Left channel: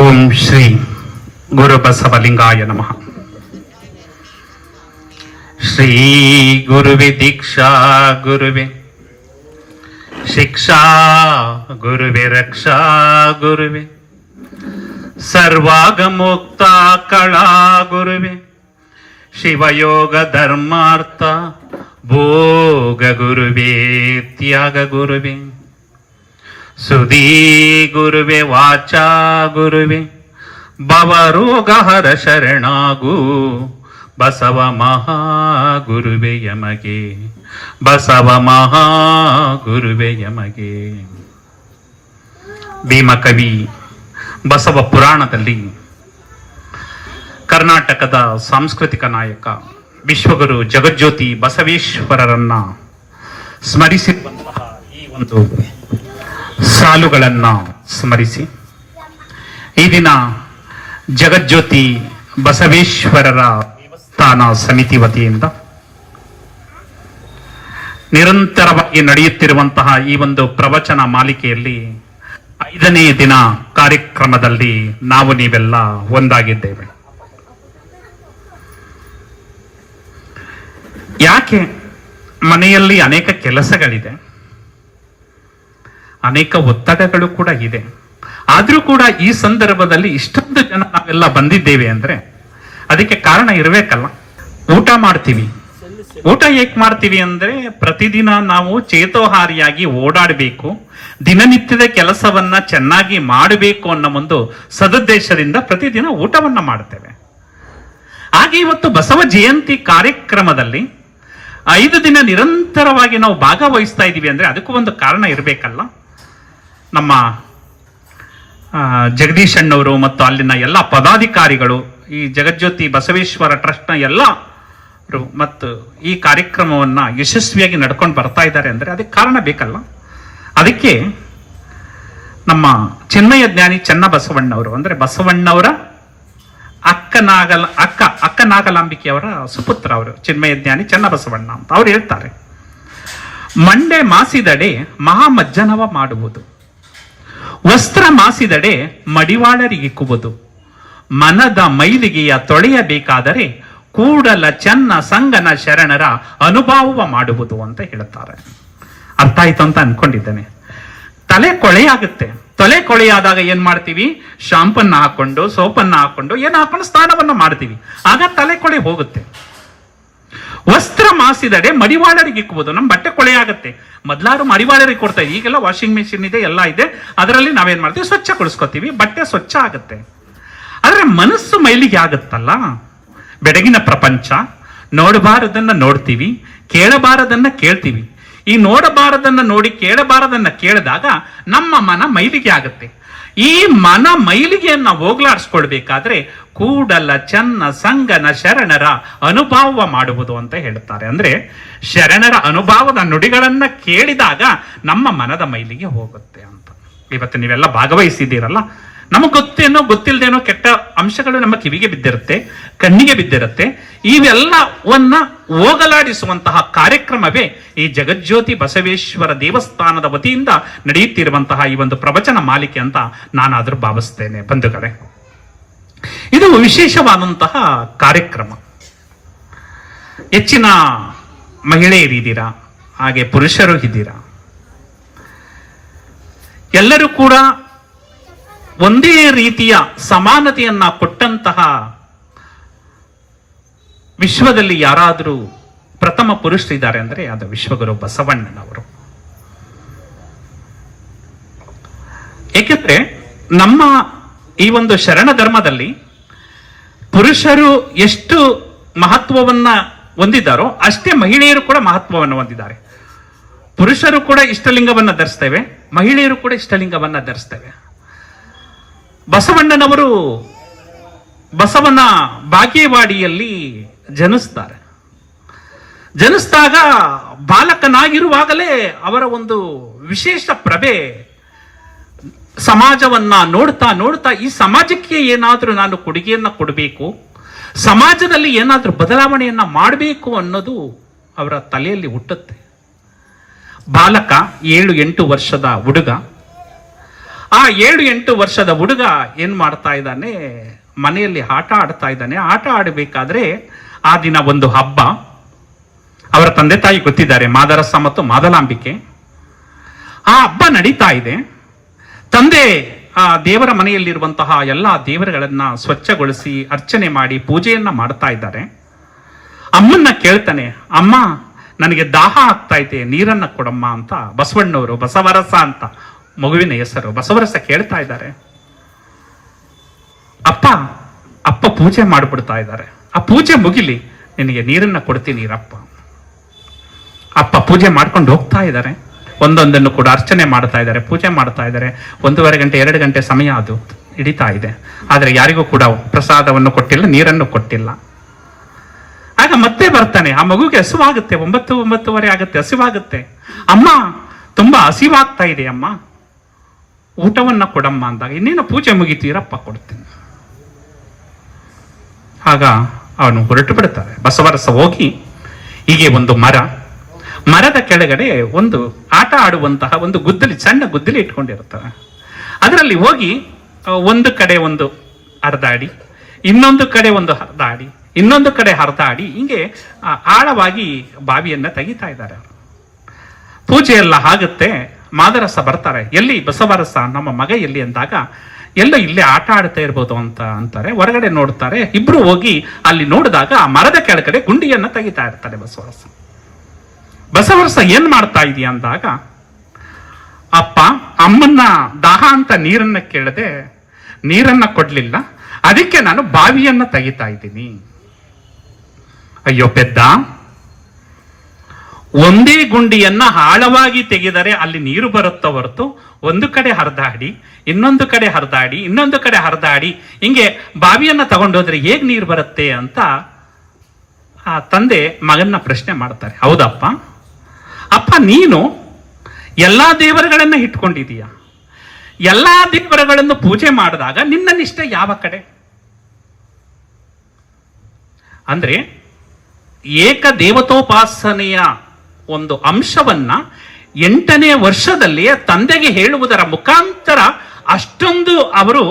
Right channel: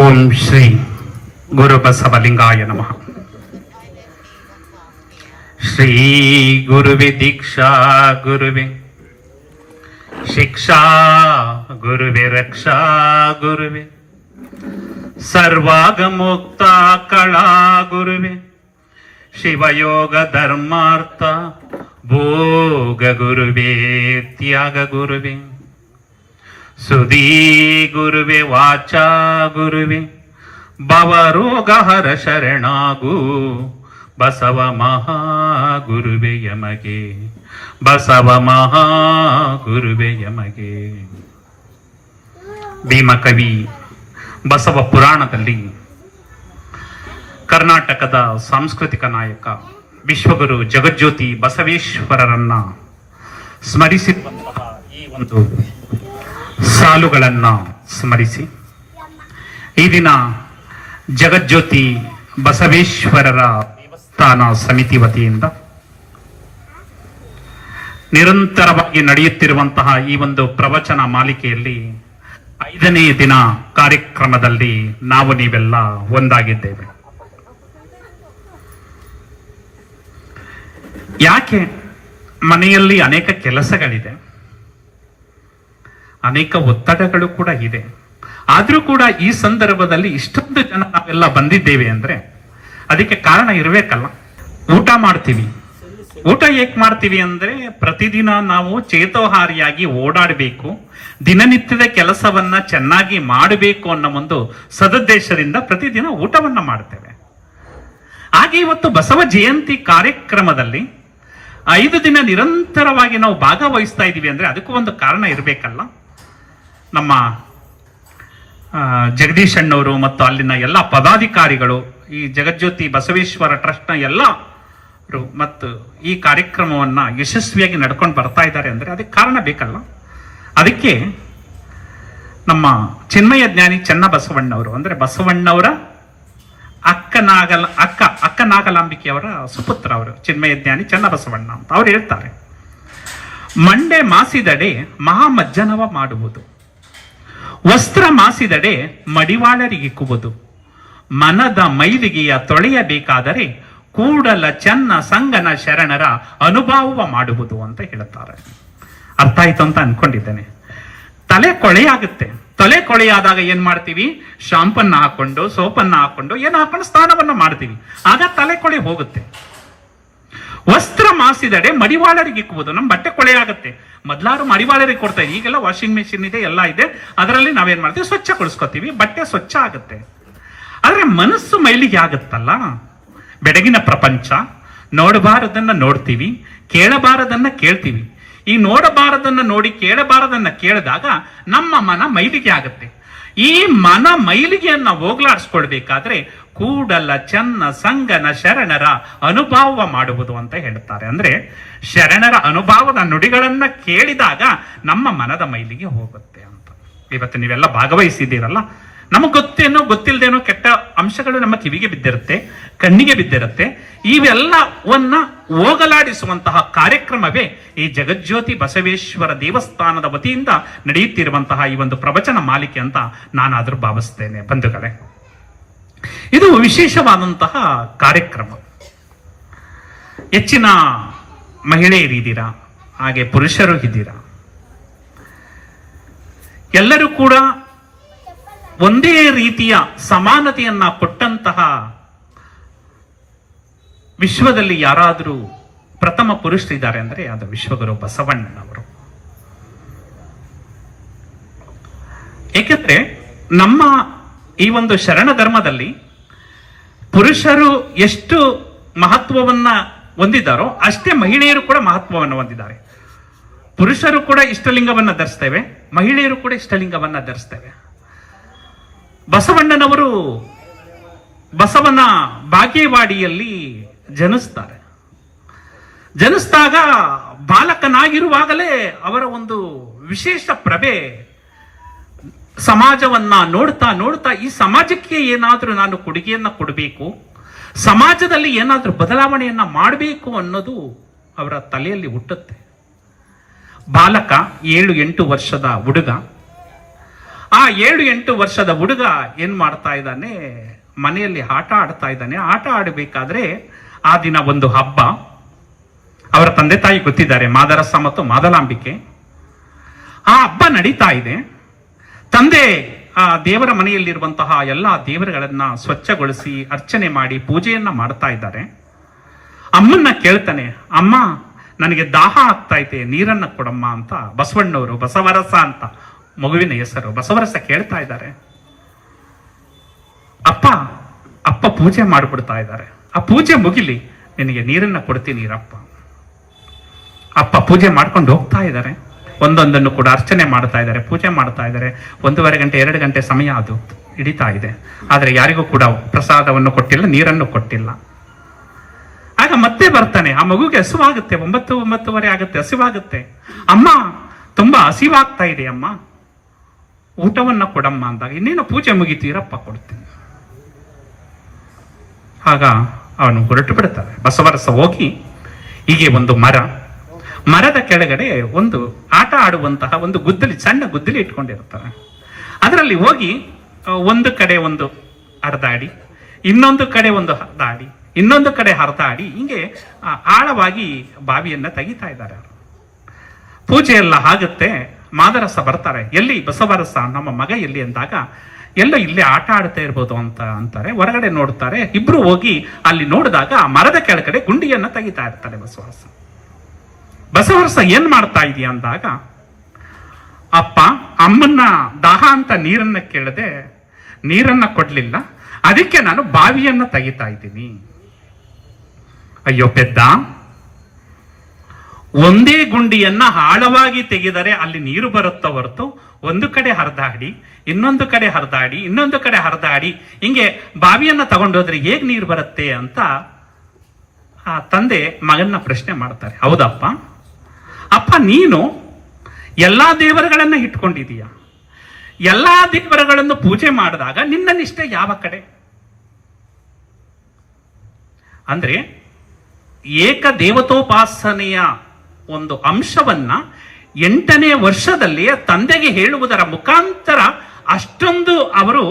ಓಂ ಶ್ರೀ ಗುರು ಬಸವಲಿಂಗಾಯ ನಮಃ. ಶ್ರೀ ಗುರುವೆ ದೀಕ್ಷಾ ಗುರುವೆ ಶಿಕ್ಷಾ ಗುರುವೆ ರಕ್ಷಾ ಗುರುವೆ ಸರ್ವಾಗಮುಕ್ತ ಕಳಾ ಗುರುವೆ ಶಿವಯೋಗ ಧರ್ಮಾರ್ಥ ಭೋಗ ಗುರುವೆ ತ್ಯಾಗ ಗುರುವೆ ಸುಧೀ ಗುರುವೆ ವಾಚಾ ಗುರುವೆ ಭವರೋಗ ಹರ ಶರಣಾಗು ಬಸವ ಮಹಾ ಗುರುವೆ ಯಮಗೆ ಬಸವ ಮಹಾ ಗುರುವೆ ಯಮಗೆ. ಭೀಮಕವಿ ಬಸವ ಪುರಾಣದಲ್ಲಿ ಕರ್ನಾಟಕದ ಸಾಂಸ್ಕೃತಿಕ ನಾಯಕ ವಿಶ್ವಗುರು ಜಗಜ್ಯೋತಿ ಬಸವೇಶ್ವರರನ್ನ ಸ್ಮರಿಸಿರುವಂತಹ ಈ ಒಂದು ಸಾಲುಗಳನ್ನ ಸ್ಮರಿಸಿ ಈ ದಿನ ಜಗಜ್ಯೋತಿ ಬಸವೇಶ್ವರರ ದೇವಸ್ಥಾನ ಸಮಿತಿ ವತಿಯಿಂದ ನಿರಂತರವಾಗಿ ನಡೆಯುತ್ತಿರುವಂತಹ ಈ ಒಂದು ಪ್ರವಚನ ಮಾಲಿಕೆಯಲ್ಲಿ 5ನೇ ದಿನ ಕಾರ್ಯಕ್ರಮದಲ್ಲಿ ನಾವು ನೀವೆಲ್ಲ ಒಂದಾಗಿದ್ದೇವೆ. ಯಾಕೆ? ಮನೆಯಲ್ಲಿ ಅನೇಕ ಕೆಲಸಗಳಿದೆ, ಅನೇಕ ಒತ್ತಡಗಳು ಕೂಡ ಇದೆ. ಆದ್ರೂ ಕೂಡ ಈ ಸಂದರ್ಭದಲ್ಲಿ ಇಷ್ಟೊಂದು ಜನ ನಾವೆಲ್ಲ ಬಂದಿದ್ದೇವೆ ಅಂದ್ರೆ ಅದಕ್ಕೆ ಕಾರಣ ಇರಬೇಕಲ್ಲ. ಊಟ ಮಾಡ್ತೀವಿ. ಊಟ ಏಕೆ ಮಾಡ್ತೀವಿ ಅಂದ್ರೆ ಪ್ರತಿದಿನ ನಾವು ಚೇತೋಹಾರಿಯಾಗಿ ಓಡಾಡಬೇಕು, ದಿನನಿತ್ಯದ ಕೆಲಸವನ್ನ ಚೆನ್ನಾಗಿ ಮಾಡಬೇಕು ಅನ್ನೋ ಒಂದು ಸದುದ್ದೇಶದಿಂದ ಪ್ರತಿದಿನ ಊಟವನ್ನ ಮಾಡ್ತೇವೆ. ಹಾಗೆ ಇವತ್ತು ಬಸವ ಜಯಂತಿ ಕಾರ್ಯಕ್ರಮದಲ್ಲಿ 5 ದಿನ ನಿರಂತರವಾಗಿ ನಾವು ಭಾಗವಹಿಸ್ತಾ ಇದ್ದೀವಿ ಅಂದ್ರೆ ಅದಕ್ಕೂ ಒಂದು ಕಾರಣ ಇರಬೇಕಲ್ಲ. ನಮ್ಮ ಜಗದೀಶ್ ಅಣ್ಣವರು ಮತ್ತು ಅಲ್ಲಿನ ಎಲ್ಲ ಪದಾಧಿಕಾರಿಗಳು, ಈ ಜಗಜ್ಯೋತಿ ಬಸವೇಶ್ವರ ಟ್ರಸ್ಟ್ನ ಎಲ್ಲರೂ ಮತ್ತು ಈ ಕಾರ್ಯಕ್ರಮವನ್ನ ಯಶಸ್ವಿಯಾಗಿ ನಡ್ಕೊಂಡು ಬರ್ತಾ ಇದ್ದಾರೆ ಅಂದ್ರೆ ಅದಕ್ಕೆ ಕಾರಣ ಬೇಕಲ್ಲ. ಅದಕ್ಕೆ ನಮ್ಮ ಚಿನ್ಮಯ ಜ್ಞಾನಿ ಚನ್ನ ಬಸವಣ್ಣವರು ಅಂದ್ರೆ ಬಸವಣ್ಣವರ ಅಕ್ಕ ನಾಗಲಾಂಬಿಕೆಯವರ ಸುಪುತ್ರ ಅವರು ಚಿನ್ಮಯ ಜ್ಞಾನಿ ಚನ್ನ ಬಸವಣ್ಣ ಅಂತ ಅವ್ರು ಹೇಳ್ತಾರೆ, ಮಂಡೆ ಮಾಸಿದಡೆ ಮಹಾಮಜ್ಜನವ ಮಾಡುವುದು, ವಸ್ತ್ರ ಮಾಸಿದಡೆ ಮಡಿವಾಳರಿಗಿಕ್ಕುವುದು, ಮನದ ಮೈಲಿಗೆಯ ತೊಳೆಯಬೇಕಾದರೆ ಕೂಡಲ ಚನ್ನ ಸಂಗನ ಶರಣರ ಅನುಭವ ಮಾಡುವುದು ಅಂತ ಹೇಳ್ತಾರೆ. ಅರ್ಥ ಆಯ್ತು ಅಂತ ಅನ್ಕೊಂಡಿದ್ದೇನೆ. ತಲೆ ಕೊಳೆಯಾಗುತ್ತೆ. ತಲೆ ಕೊಳೆಯಾದಾಗ ಏನ್ ಮಾಡ್ತೀವಿ? ಶಾಂಪನ್ನ ಹಾಕೊಂಡು ಸೋಪನ್ನ ಹಾಕೊಂಡು ಹಾಕೊಂಡು ಸ್ನಾನವನ್ನ ಮಾಡ್ತೀವಿ. ಆಗ ತಲೆ ಕೊಳೆ ಹೋಗುತ್ತೆ. ವಸ್ತ್ರ ಮಾಸಿದಡೆ ಮಡಿವಾಳರಿಗೆ ಇಕ್ಕುವುದು. ನಮ್ಮ ಬಟ್ಟೆ ಕೊಳೆ ಆಗುತ್ತೆ. ಮೊದ್ಲಾರು ಮಡಿವಾಳರಿಗೆ ಕೊಡ್ತಾ ಇದ್ದೀವಿ, ಈಗೆಲ್ಲ ವಾಷಿಂಗ್ ಮೆಷಿನ್ ಇದೆ, ಎಲ್ಲ ಇದೆ. ಅದರಲ್ಲಿ ನಾವೇನ್ ಮಾಡ್ತೀವಿ? ಸ್ವಚ್ಛ ಕೊಡಿಸ್ಕೊತೀವಿ, ಬಟ್ಟೆ ಸ್ವಚ್ಛ ಆಗುತ್ತೆ. ಆದ್ರೆ ಮನಸ್ಸು ಮೈಲಿಗೆ ಆಗುತ್ತಲ್ಲ. ಬೆಳಗಿನ ಪ್ರಪಂಚ, ನೋಡಬಾರದನ್ನ ನೋಡ್ತೀವಿ, ಕೇಳಬಾರದನ್ನ ಕೇಳ್ತೀವಿ. ಈ ನೋಡಬಾರದನ್ನ ನೋಡಿ ಕೇಳಬಾರದನ್ನ ಕೇಳಿದಾಗ ನಮ್ಮ ಮನ ಮೈಲಿಗೆ ಆಗುತ್ತೆ. ಈ ಮನ ಮೈಲಿಗೆಯನ್ನ ಹೋಗ್ಲಾಡಿಸ್ಕೊಳ್ಬೇಕಾದ್ರೆ ಕೂಡಲ ಚನ್ನ ಸಂಗನ ಶರಣರ ಅನುಭವ ಮಾಡುವುದು ಅಂತ ಹೇಳ್ತಾರೆ. ಅಂದ್ರೆ ಶರಣರ ಅನುಭವದ ನುಡಿಗಳನ್ನ ಕೇಳಿದಾಗ ನಮ್ಮ ಮನದ ಮೈಲಿಗೆ ಹೋಗುತ್ತೆ ಅಂತ. ಇವತ್ತು ನೀವೆಲ್ಲ ಭಾಗವಹಿಸಿದ್ದೀರಲ್ಲ, ನಮಗೆ ಗೊತ್ತೇನೋ ಗೊತ್ತಿಲ್ಲದೇನೋ ಕೆಟ್ಟ ಅಂಶಗಳು ನಮ್ಮ ಕಿವಿಗೆ ಬಿದ್ದಿರುತ್ತೆ, ಕಣ್ಣಿಗೆ ಬಿದ್ದಿರುತ್ತೆ. ಇವೆಲ್ಲವನ್ನ ಹೋಗಲಾಡಿಸುವಂತಹ ಕಾರ್ಯಕ್ರಮವೇ ಈ ಜಗಜ್ಯೋತಿ ಬಸವೇಶ್ವರ ದೇವಸ್ಥಾನದ ವತಿಯಿಂದ ನಡೆಯುತ್ತಿರುವಂತಹ ಈ ಒಂದು ಪ್ರವಚನ ಮಾಲಿಕೆ ಅಂತ ನಾನಾದ್ರೂ ಭಾವಿಸ್ತೇನೆ. ಬಂಧುಗಳೇ, ಇದು ವಿಶೇಷವಾದಂತಹ ಕಾರ್ಯಕ್ರಮ. ಹೆಚ್ಚಿನ ಮಹಿಳೆಯರಿದ್ದೀರಾ, ಹಾಗೆ ಪುರುಷರು ಇದ್ದೀರಾ. ಎಲ್ಲರೂ ಕೂಡ ಒಂದೇ ರೀತಿಯ ಸಮಾನತೆಯನ್ನ ಕೊಟ್ಟಂತಹ ವಿಶ್ವದಲ್ಲಿ ಯಾರಾದರೂ ಪ್ರಥಮ ಪುರುಷರಿದ್ದಾರೆ ಅಂದ್ರೆ ಅದು ವಿಶ್ವಗುರು ಬಸವಣ್ಣನವರು. ಏಕೆಂದ್ರೆ ನಮ್ಮ ಈ ಒಂದು ಶರಣ ಧರ್ಮದಲ್ಲಿ ಪುರುಷರು ಎಷ್ಟು ಮಹತ್ವವನ್ನ ಹೊಂದಿದ್ದಾರೋ ಅಷ್ಟೇ ಮಹಿಳೆಯರು ಕೂಡ ಮಹತ್ವವನ್ನು ಹೊಂದಿದ್ದಾರೆ. ಪುರುಷರು ಕೂಡ ಇಷ್ಟಲಿಂಗವನ್ನ ಧರಿಸ್ತೇವೆ, ಮಹಿಳೆಯರು ಕೂಡ ಇಷ್ಟಲಿಂಗವನ್ನ ಧರಿಸ್ತೇವೆ. ಬಸವಣ್ಣನವರು ಬಸವನ ಬಾಗೇವಾಡಿಯಲ್ಲಿ ಜನಿಸ್ತಾರೆ. ಜನಿಸಿದಾಗ ಬಾಲಕನಾಗಿರುವಾಗಲೇ ಅವರ ಒಂದು ವಿಶೇಷ ಪ್ರಭೆ ಸಮಾಜವನ್ನ ನೋಡ್ತಾ ನೋಡ್ತಾ ಈ ಸಮಾಜಕ್ಕೆ ಏನಾದ್ರೂ ನಾನು ಕೊಡುಗೆಯನ್ನ ಕೊಡಬೇಕು, ಸಮಾಜದಲ್ಲಿ ಏನಾದ್ರೂ ಬದಲಾವಣೆಯನ್ನ ಮಾಡಬೇಕು ಅನ್ನೋದು ಅವರ ತಲೆಯಲ್ಲಿ ಹುಟ್ಟುತ್ತೆ. ಬಾಲಕ 7-8 ವರ್ಷದ ಹುಡುಗ ಆ 7-8 ವರ್ಷದ ಹುಡುಗ ಏನ್ ಮಾಡ್ತಾ ಇದ್ದಾನೆ, ಮನೆಯಲ್ಲಿ ಆಟ ಆಡ್ತಾ ಇದ್ದಾನೆ. ಆಟ ಆಡಬೇಕಾದ್ರೆ ಆ ದಿನ ಒಂದು ಹಬ್ಬ. ಅವರ ತಂದೆ ತಾಯಿ ಗೊತ್ತಿದ್ದಾರೆ, ಮಾದರಸ ಮತ್ತು ಮಾದಲಾಂಬಿಕೆ. ಆ ಹಬ್ಬ ನಡೀತಾ ಇದೆ. ತಂದೆ ಆ ದೇವರ ಮನೆಯಲ್ಲಿರುವಂತಹ ಎಲ್ಲಾ ದೇವರುಗಳನ್ನ ಸ್ವಚ್ಛಗೊಳಿಸಿ ಅರ್ಚನೆ ಮಾಡಿ ಪೂಜೆಯನ್ನ ಮಾಡ್ತಾ ಇದ್ದಾರೆ. ಅಮ್ಮನ್ನ ಕೇಳ್ತಾನೆ, ಅಮ್ಮ ನನಗೆ ದಾಹ ಆಗ್ತಾ ಇದೆ, ನೀರನ್ನ ಕೊಡಮ್ಮ ಅಂತ. ಬಸವಣ್ಣವರು, ಬಸವರಸ ಅಂತ ಮಗುವಿನ ಹೆಸರು, ಬಸವರಸ ಕೇಳ್ತಾ ಇದ್ದಾರೆ. ಅಪ್ಪ ಪೂಜೆ ಮಾಡಿಬಿಡ್ತಾ ಇದ್ದಾರೆ. ಆ ಪೂಜೆ ಮುಗಿಲಿ, ನಿನಗೆ ನೀರನ್ನ ಕೊಡ್ತೀನಿ ಇರಪ್ಪ. ಅಪ್ಪ ಪೂಜೆ ಮಾಡ್ಕೊಂಡು ಹೋಗ್ತಾ ಇದ್ದಾರೆ. ಒಂದೊಂದನ್ನು ಕೂಡ ಅರ್ಚನೆ ಮಾಡ್ತಾ ಇದ್ದಾರೆ, ಪೂಜೆ ಮಾಡ್ತಾ ಇದ್ದಾರೆ. 1.5 ಗಂಟೆ 2 ಗಂಟೆ ಸಮಯ ಅದು ಹಿಡಿತಾ ಇದೆ. ಆದ್ರೆ ಯಾರಿಗೂ ಕೂಡ ಪ್ರಸಾದವನ್ನು ಕೊಟ್ಟಿಲ್ಲ, ನೀರನ್ನು ಕೊಟ್ಟಿಲ್ಲ. ಆಗ ಮತ್ತೆ ಬರ್ತಾನೆ. ಆ ಮಗುಗೆ ಹಸಿವಾಗುತ್ತೆ, 9-9:30 ಆಗುತ್ತೆ, ಹಸಿವಾಗುತ್ತೆ. ಅಮ್ಮ ತುಂಬಾ ಹಸಿವಾಗ್ತಾ ಇದೆ ಅಮ್ಮ, ಊಟವನ್ನ ಕೊಡಮ್ಮ ಅಂದಾಗ, ಇನ್ನೇನು ಪೂಜೆ ಮುಗಿತೀರಪ್ಪ ಕೊಡ್ತೀನಿ. ಆಗ ಅವನು ಹೊರಟು ಬಿಡ್ತಾರೆ. ಬಸವರಸ ಹೋಗಿ ಹೀಗೆ ಒಂದು ಮರದ ಕೆಳಗಡೆ ಒಂದು ಆಟ ಆಡುವಂತಹ ಒಂದು ಗುದ್ದಲಿ, ಸಣ್ಣ ಗುದ್ದಲಿ ಇಟ್ಕೊಂಡಿರ್ತಾರೆ. ಅದರಲ್ಲಿ ಹೋಗಿ ಒಂದು ಕಡೆ ಒಂದು ಹರಿದಾಡಿ, ಇನ್ನೊಂದು ಕಡೆ ಒಂದು ಹರಿದಾಡಿ, ಇನ್ನೊಂದು ಕಡೆ ಹರಿದಾಡಿ, ಹಿಂಗೆ ಆಳವಾಗಿ ಬಾವಿಯನ್ನ ತೆಗಿತಾ ಇದ್ದಾರೆ. ಪೂಜೆ ಎಲ್ಲ ಆಗುತ್ತೆ. ಮಾದರಸ ಬರ್ತಾರೆ. ಎಲ್ಲಿ ಬಸವರಸ, ನಮ್ಮ ಮಗ ಎಲ್ಲಿ ಅಂದಾಗ, ಎಲ್ಲೋ ಇಲ್ಲೇ ಆಟ ಆಡ್ತಾ ಇರ್ಬೋದು ಅಂತ ಅಂತಾರೆ. ಹೊರಗಡೆ ನೋಡ್ತಾರೆ. ಇಬ್ರು ಹೋಗಿ ಅಲ್ಲಿ ನೋಡಿದಾಗ ಆ ಮರದ ಕೆಳಗಡೆ ಗುಂಡಿಯನ್ನ ತೆಗಿತಾ ಇರ್ತಾರೆ ಬಸವರಸ. ಬಸವರಸ ಏನ್ ಮಾಡ್ತಾ ಇದೀಯ ಅಂದಾಗ, ಅಪ್ಪ ಅಮ್ಮನ್ನ ದಾಹ ಅಂತ ನೀರನ್ನ ಕೇಳದೆ, ನೀರನ್ನ ಕೊಡ್ಲಿಲ್ಲ, ಅದಕ್ಕೆ ನಾನು ಬಾವಿಯನ್ನ ತೆಗಿತಾ ಇದ್ದೀನಿ. ಅಯ್ಯೋ ಪೆದ್ದ, ಒಂದೇ ಗುಂಡಿಯನ್ನ ಆಳವಾಗಿ ತೆಗೆದರೆ ಅಲ್ಲಿ ನೀರು ಬರುತ್ತೋ ಹೊರತು, ಒಂದು ಕಡೆ ಹರಿದಾಡಿ, ಇನ್ನೊಂದು ಕಡೆ ಹರಿದಾಡಿ, ಇನ್ನೊಂದು ಕಡೆ ಹರಿದಾಡಿ, ಹಿಂಗೆ ಬಾವಿಯನ್ನ ತಗೊಂಡೋದ್ರೆ ಹೇಗ್ ನೀರು ಬರುತ್ತೆ ಅಂತ ಆ ತಂದೆ ಮಗನ್ನ ಪ್ರಶ್ನೆ ಮಾಡ್ತಾರೆ. ಹೌದಪ್ಪ, ಅಪ್ಪ ನೀನು ಎಲ್ಲಾ ದೇವರುಗಳನ್ನ ಇಟ್ಕೊಂಡಿದೀಯ, ಎಲ್ಲಾ ದೇವರುಗಳನ್ನು ಪೂಜೆ ಮಾಡಿದಾಗ ನಿನ್ನ ನಿಷ್ಠೆ ಯಾವ ಕಡೆ? ಅಂದ್ರೆ ಏಕ ದೇವತೋಪಾಸನೆಯ ಒಂದು ಅಂಶವನ್ನ 8ನೇ ವರ್ಷದಲ್ಲಿಯೇ ತಂದೆಗೆ ಹೇಳುವುದರ ಮುಖಾಂತರ ಅಷ್ಟೊಂದು ಅವರು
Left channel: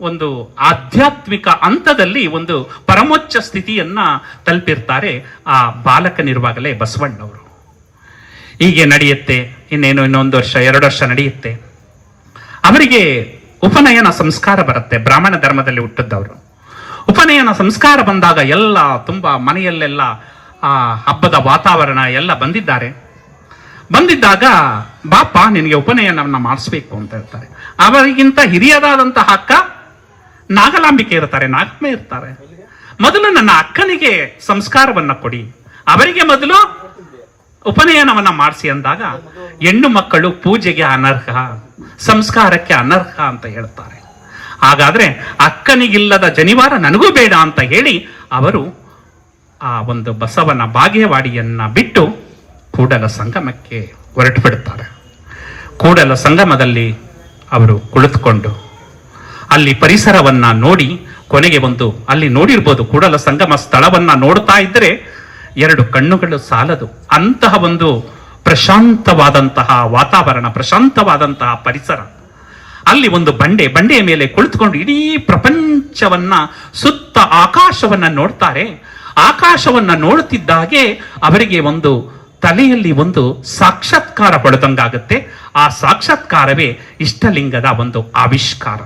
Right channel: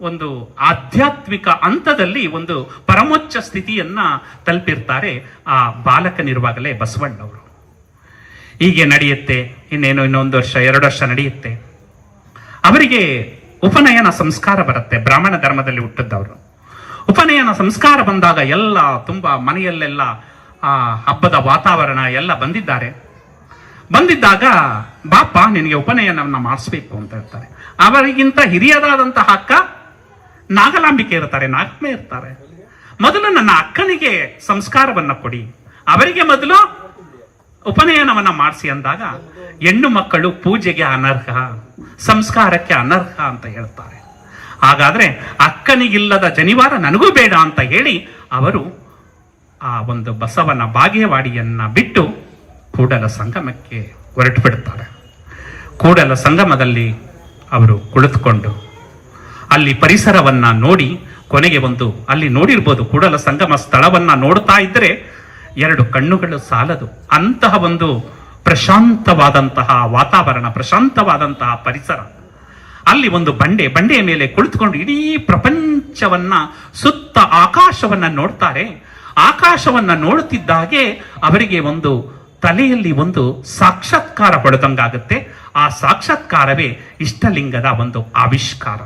ಒಂದು ಆಧ್ಯಾತ್ಮಿಕ ಹಂತದಲ್ಲಿ ಒಂದು ಪರಮೋಚ್ಚ ಸ್ಥಿತಿಯನ್ನ ತಲುಪಿರ್ತಾರೆ ಆ ಬಾಲಕನಿರುವಾಗಲೇ ಬಸವಣ್ಣವರು. ಹೀಗೆ ನಡೆಯುತ್ತೆ. ಇನ್ನೊಂದು ವರ್ಷ 2 ವರ್ಷ ನಡೆಯುತ್ತೆ. ಅವರಿಗೆ ಉಪನಯನ ಸಂಸ್ಕಾರ ಬರುತ್ತೆ. ಬ್ರಾಹ್ಮಣ ಧರ್ಮದಲ್ಲಿ ಹುಟ್ಟಿದ್ದವರು. ಉಪನಯನ ಸಂಸ್ಕಾರ ಬಂದಾಗ ಎಲ್ಲ ತುಂಬಾ ಮನೆಯಲ್ಲೆಲ್ಲ ಆ ಹಬ್ಬದ ವಾತಾವರಣ ಎಲ್ಲ ಬಂದಿದ್ದಾಗ ಬಾಪ ನಿನಗೆ ಉಪನಯನವನ್ನ ಮಾಡಿಸ್ಬೇಕು ಅಂತ ಹೇಳ್ತಾರೆ. ಅವರಿಗಿಂತ ಹಿರಿಯದಾದಂತಹ ಅಕ್ಕ ನಾಗಲಾಂಬಿಕೆ ಇರ್ತಾರೆ, ನಾಗಮ್ಮೆ ಇರ್ತಾರೆ. ಮೊದಲು ನನ್ನ ಅಕ್ಕನಿಗೆ ಸಂಸ್ಕಾರವನ್ನ ಕೊಡಿ, ಅವರಿಗೆ ಮೊದಲು ಉಪನಯನವನ್ನ ಮಾಡಿಸಿ ಅಂದಾಗ, ಹೆಣ್ಣು ಮಕ್ಕಳು ಪೂಜೆಗೆ ಅನರ್ಹ, ಸಂಸ್ಕಾರಕ್ಕೆ ಅನರ್ಹ ಅಂತ ಹೇಳ್ತಾರೆ. ಹಾಗಾದ್ರೆ ಅಕ್ಕನಿಗಿಲ್ಲದ ಜನಿವಾರ ನನಗೂ ಬೇಡ ಅಂತ ಹೇಳಿ ಅವರು ಆ ಒಂದು ಬಸವನ ಬಾಗೇವಾಡಿಯನ್ನ ಬಿಟ್ಟು ಕೂಡಲ ಸಂಗಮಕ್ಕೆ ಹೊರಟು ಬಿಡುತ್ತಾರೆ. ಕೂಡಲ ಸಂಗಮದಲ್ಲಿ ಅವರು ಕುಳಿತುಕೊಂಡು ಅಲ್ಲಿ ಪರಿಸರವನ್ನ ನೋಡಿ, ಕೊನೆಗೆ ಅಲ್ಲಿ ನೋಡಿರ್ಬೋದು, ಕೂಡಲ ಸಂಗಮ ಸ್ಥಳವನ್ನ ನೋಡ್ತಾ ಇದ್ರೆ 2 ಕಣ್ಣುಗಳು ಸಾಲದು. ಅಂತಹ ಒಂದು ಪ್ರಶಾಂತವಾದಂತಹ ವಾತಾವರಣ, ಪ್ರಶಾಂತವಾದಂತಹ ಪರಿಸರ. ಅಲ್ಲಿ ಒಂದು ಬಂಡೆಯ ಮೇಲೆ ಕುಳಿತುಕೊಂಡು ಇಡೀ ಪ್ರಪಂಚವನ್ನ, ಸುತ್ತ ಆಕಾಶವನ್ನ ನೋಡ್ತಾರೆ. ಆಕಾಶವನ್ನ ನೋಡುತ್ತಿದ್ದಾಗೆ ಅವರಿಗೆ ಒಂದು ತಲೆಯಲ್ಲಿ ಒಂದು ಸಾಕ್ಷಾತ್ಕಾರ ಪಡೆದಂಗಾಗುತ್ತೆ. ಆ ಸಾಕ್ಷಾತ್ಕಾರವೇ ಇಷ್ಟಲಿಂಗದ ಒಂದು ಆವಿಷ್ಕಾರ.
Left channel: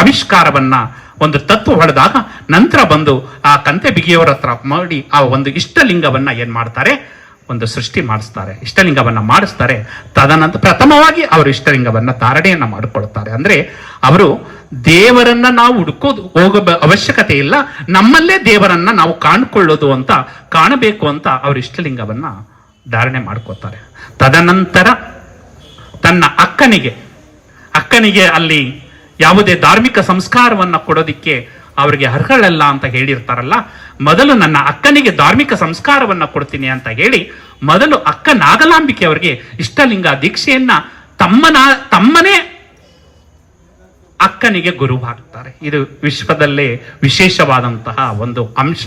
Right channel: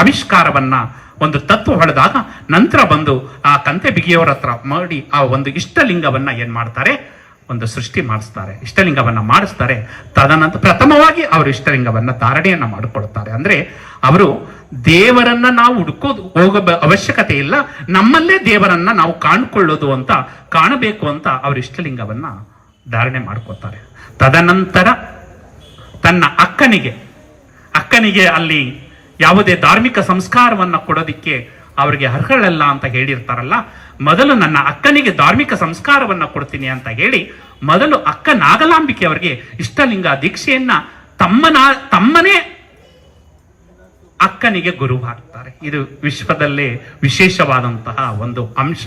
ಆವಿಷ್ಕಾರವನ್ನ ಒಂದು ತತ್ವ ಹೊಡೆದಾಗ ನಂತರ ಆ ಕಂತೆ ಬಿಗಿಯವರ ಹತ್ರ ಮಾಡಿ ಆ ಒಂದು ಇಷ್ಟಲಿಂಗವನ್ನ ಏನ್ ಮಾಡ್ತಾರೆ, ಒಂದು ಸೃಷ್ಟಿ ಮಾಡಿಸ್ತಾರೆ, ಇಷ್ಟಲಿಂಗವನ್ನ ಮಾಡಿಸ್ತಾರೆ. ತದನಂತರ ಪ್ರಥಮವಾಗಿ ಅವರು ಇಷ್ಟಲಿಂಗವನ್ನ ಧಾರಣೆಯನ್ನ ಮಾಡಿಕೊಳ್ತಾರೆ. ಅಂದ್ರೆ ಅವರು ದೇವರನ್ನ ನಾವು ಹೋಗೋ ಅವಶ್ಯಕತೆ ಇಲ್ಲ, ನಮ್ಮಲ್ಲೇ ದೇವರನ್ನ ನಾವು ಕಾಣಬೇಕು ಅಂತ ಅವರು ಇಷ್ಟಲಿಂಗವನ್ನ ಧಾರಣೆ ಮಾಡ್ಕೋತಾರೆ. ತದನಂತರ ತನ್ನ ಅಕ್ಕನಿಗೆ ಅಲ್ಲಿ ಯಾವುದೇ ಧಾರ್ಮಿಕ ಸಂಸ್ಕಾರವನ್ನ ಕೊಡೋದಿಕ್ಕೆ ಅವರಿಗೆ ಅರ್ಹಳಲ್ಲ ಅಂತ ಹೇಳಿರ್ತಾರಲ್ಲ, ಮೊದಲು ನನ್ನ ಅಕ್ಕನಿಗೆ ಧಾರ್ಮಿಕ ಸಂಸ್ಕಾರವನ್ನ ಕೊಡ್ತೀನಿ ಅಂತ ಹೇಳಿ ಮೊದಲು ಅಕ್ಕ ನಾಗಲಾಂಬಿಕೆ ಅವರಿಗೆ ಇಷ್ಟಲಿಂಗ ದೀಕ್ಷೆಯನ್ನ ತಮ್ಮನೇ ಅಕ್ಕನಿಗೆ ಗುರುವಾಗ್ತಾರೆ. ಇದು ವಿಶ್ವದಲ್ಲೇ ವಿಶೇಷವಾದಂತಹ ಒಂದು ಅಂಶ.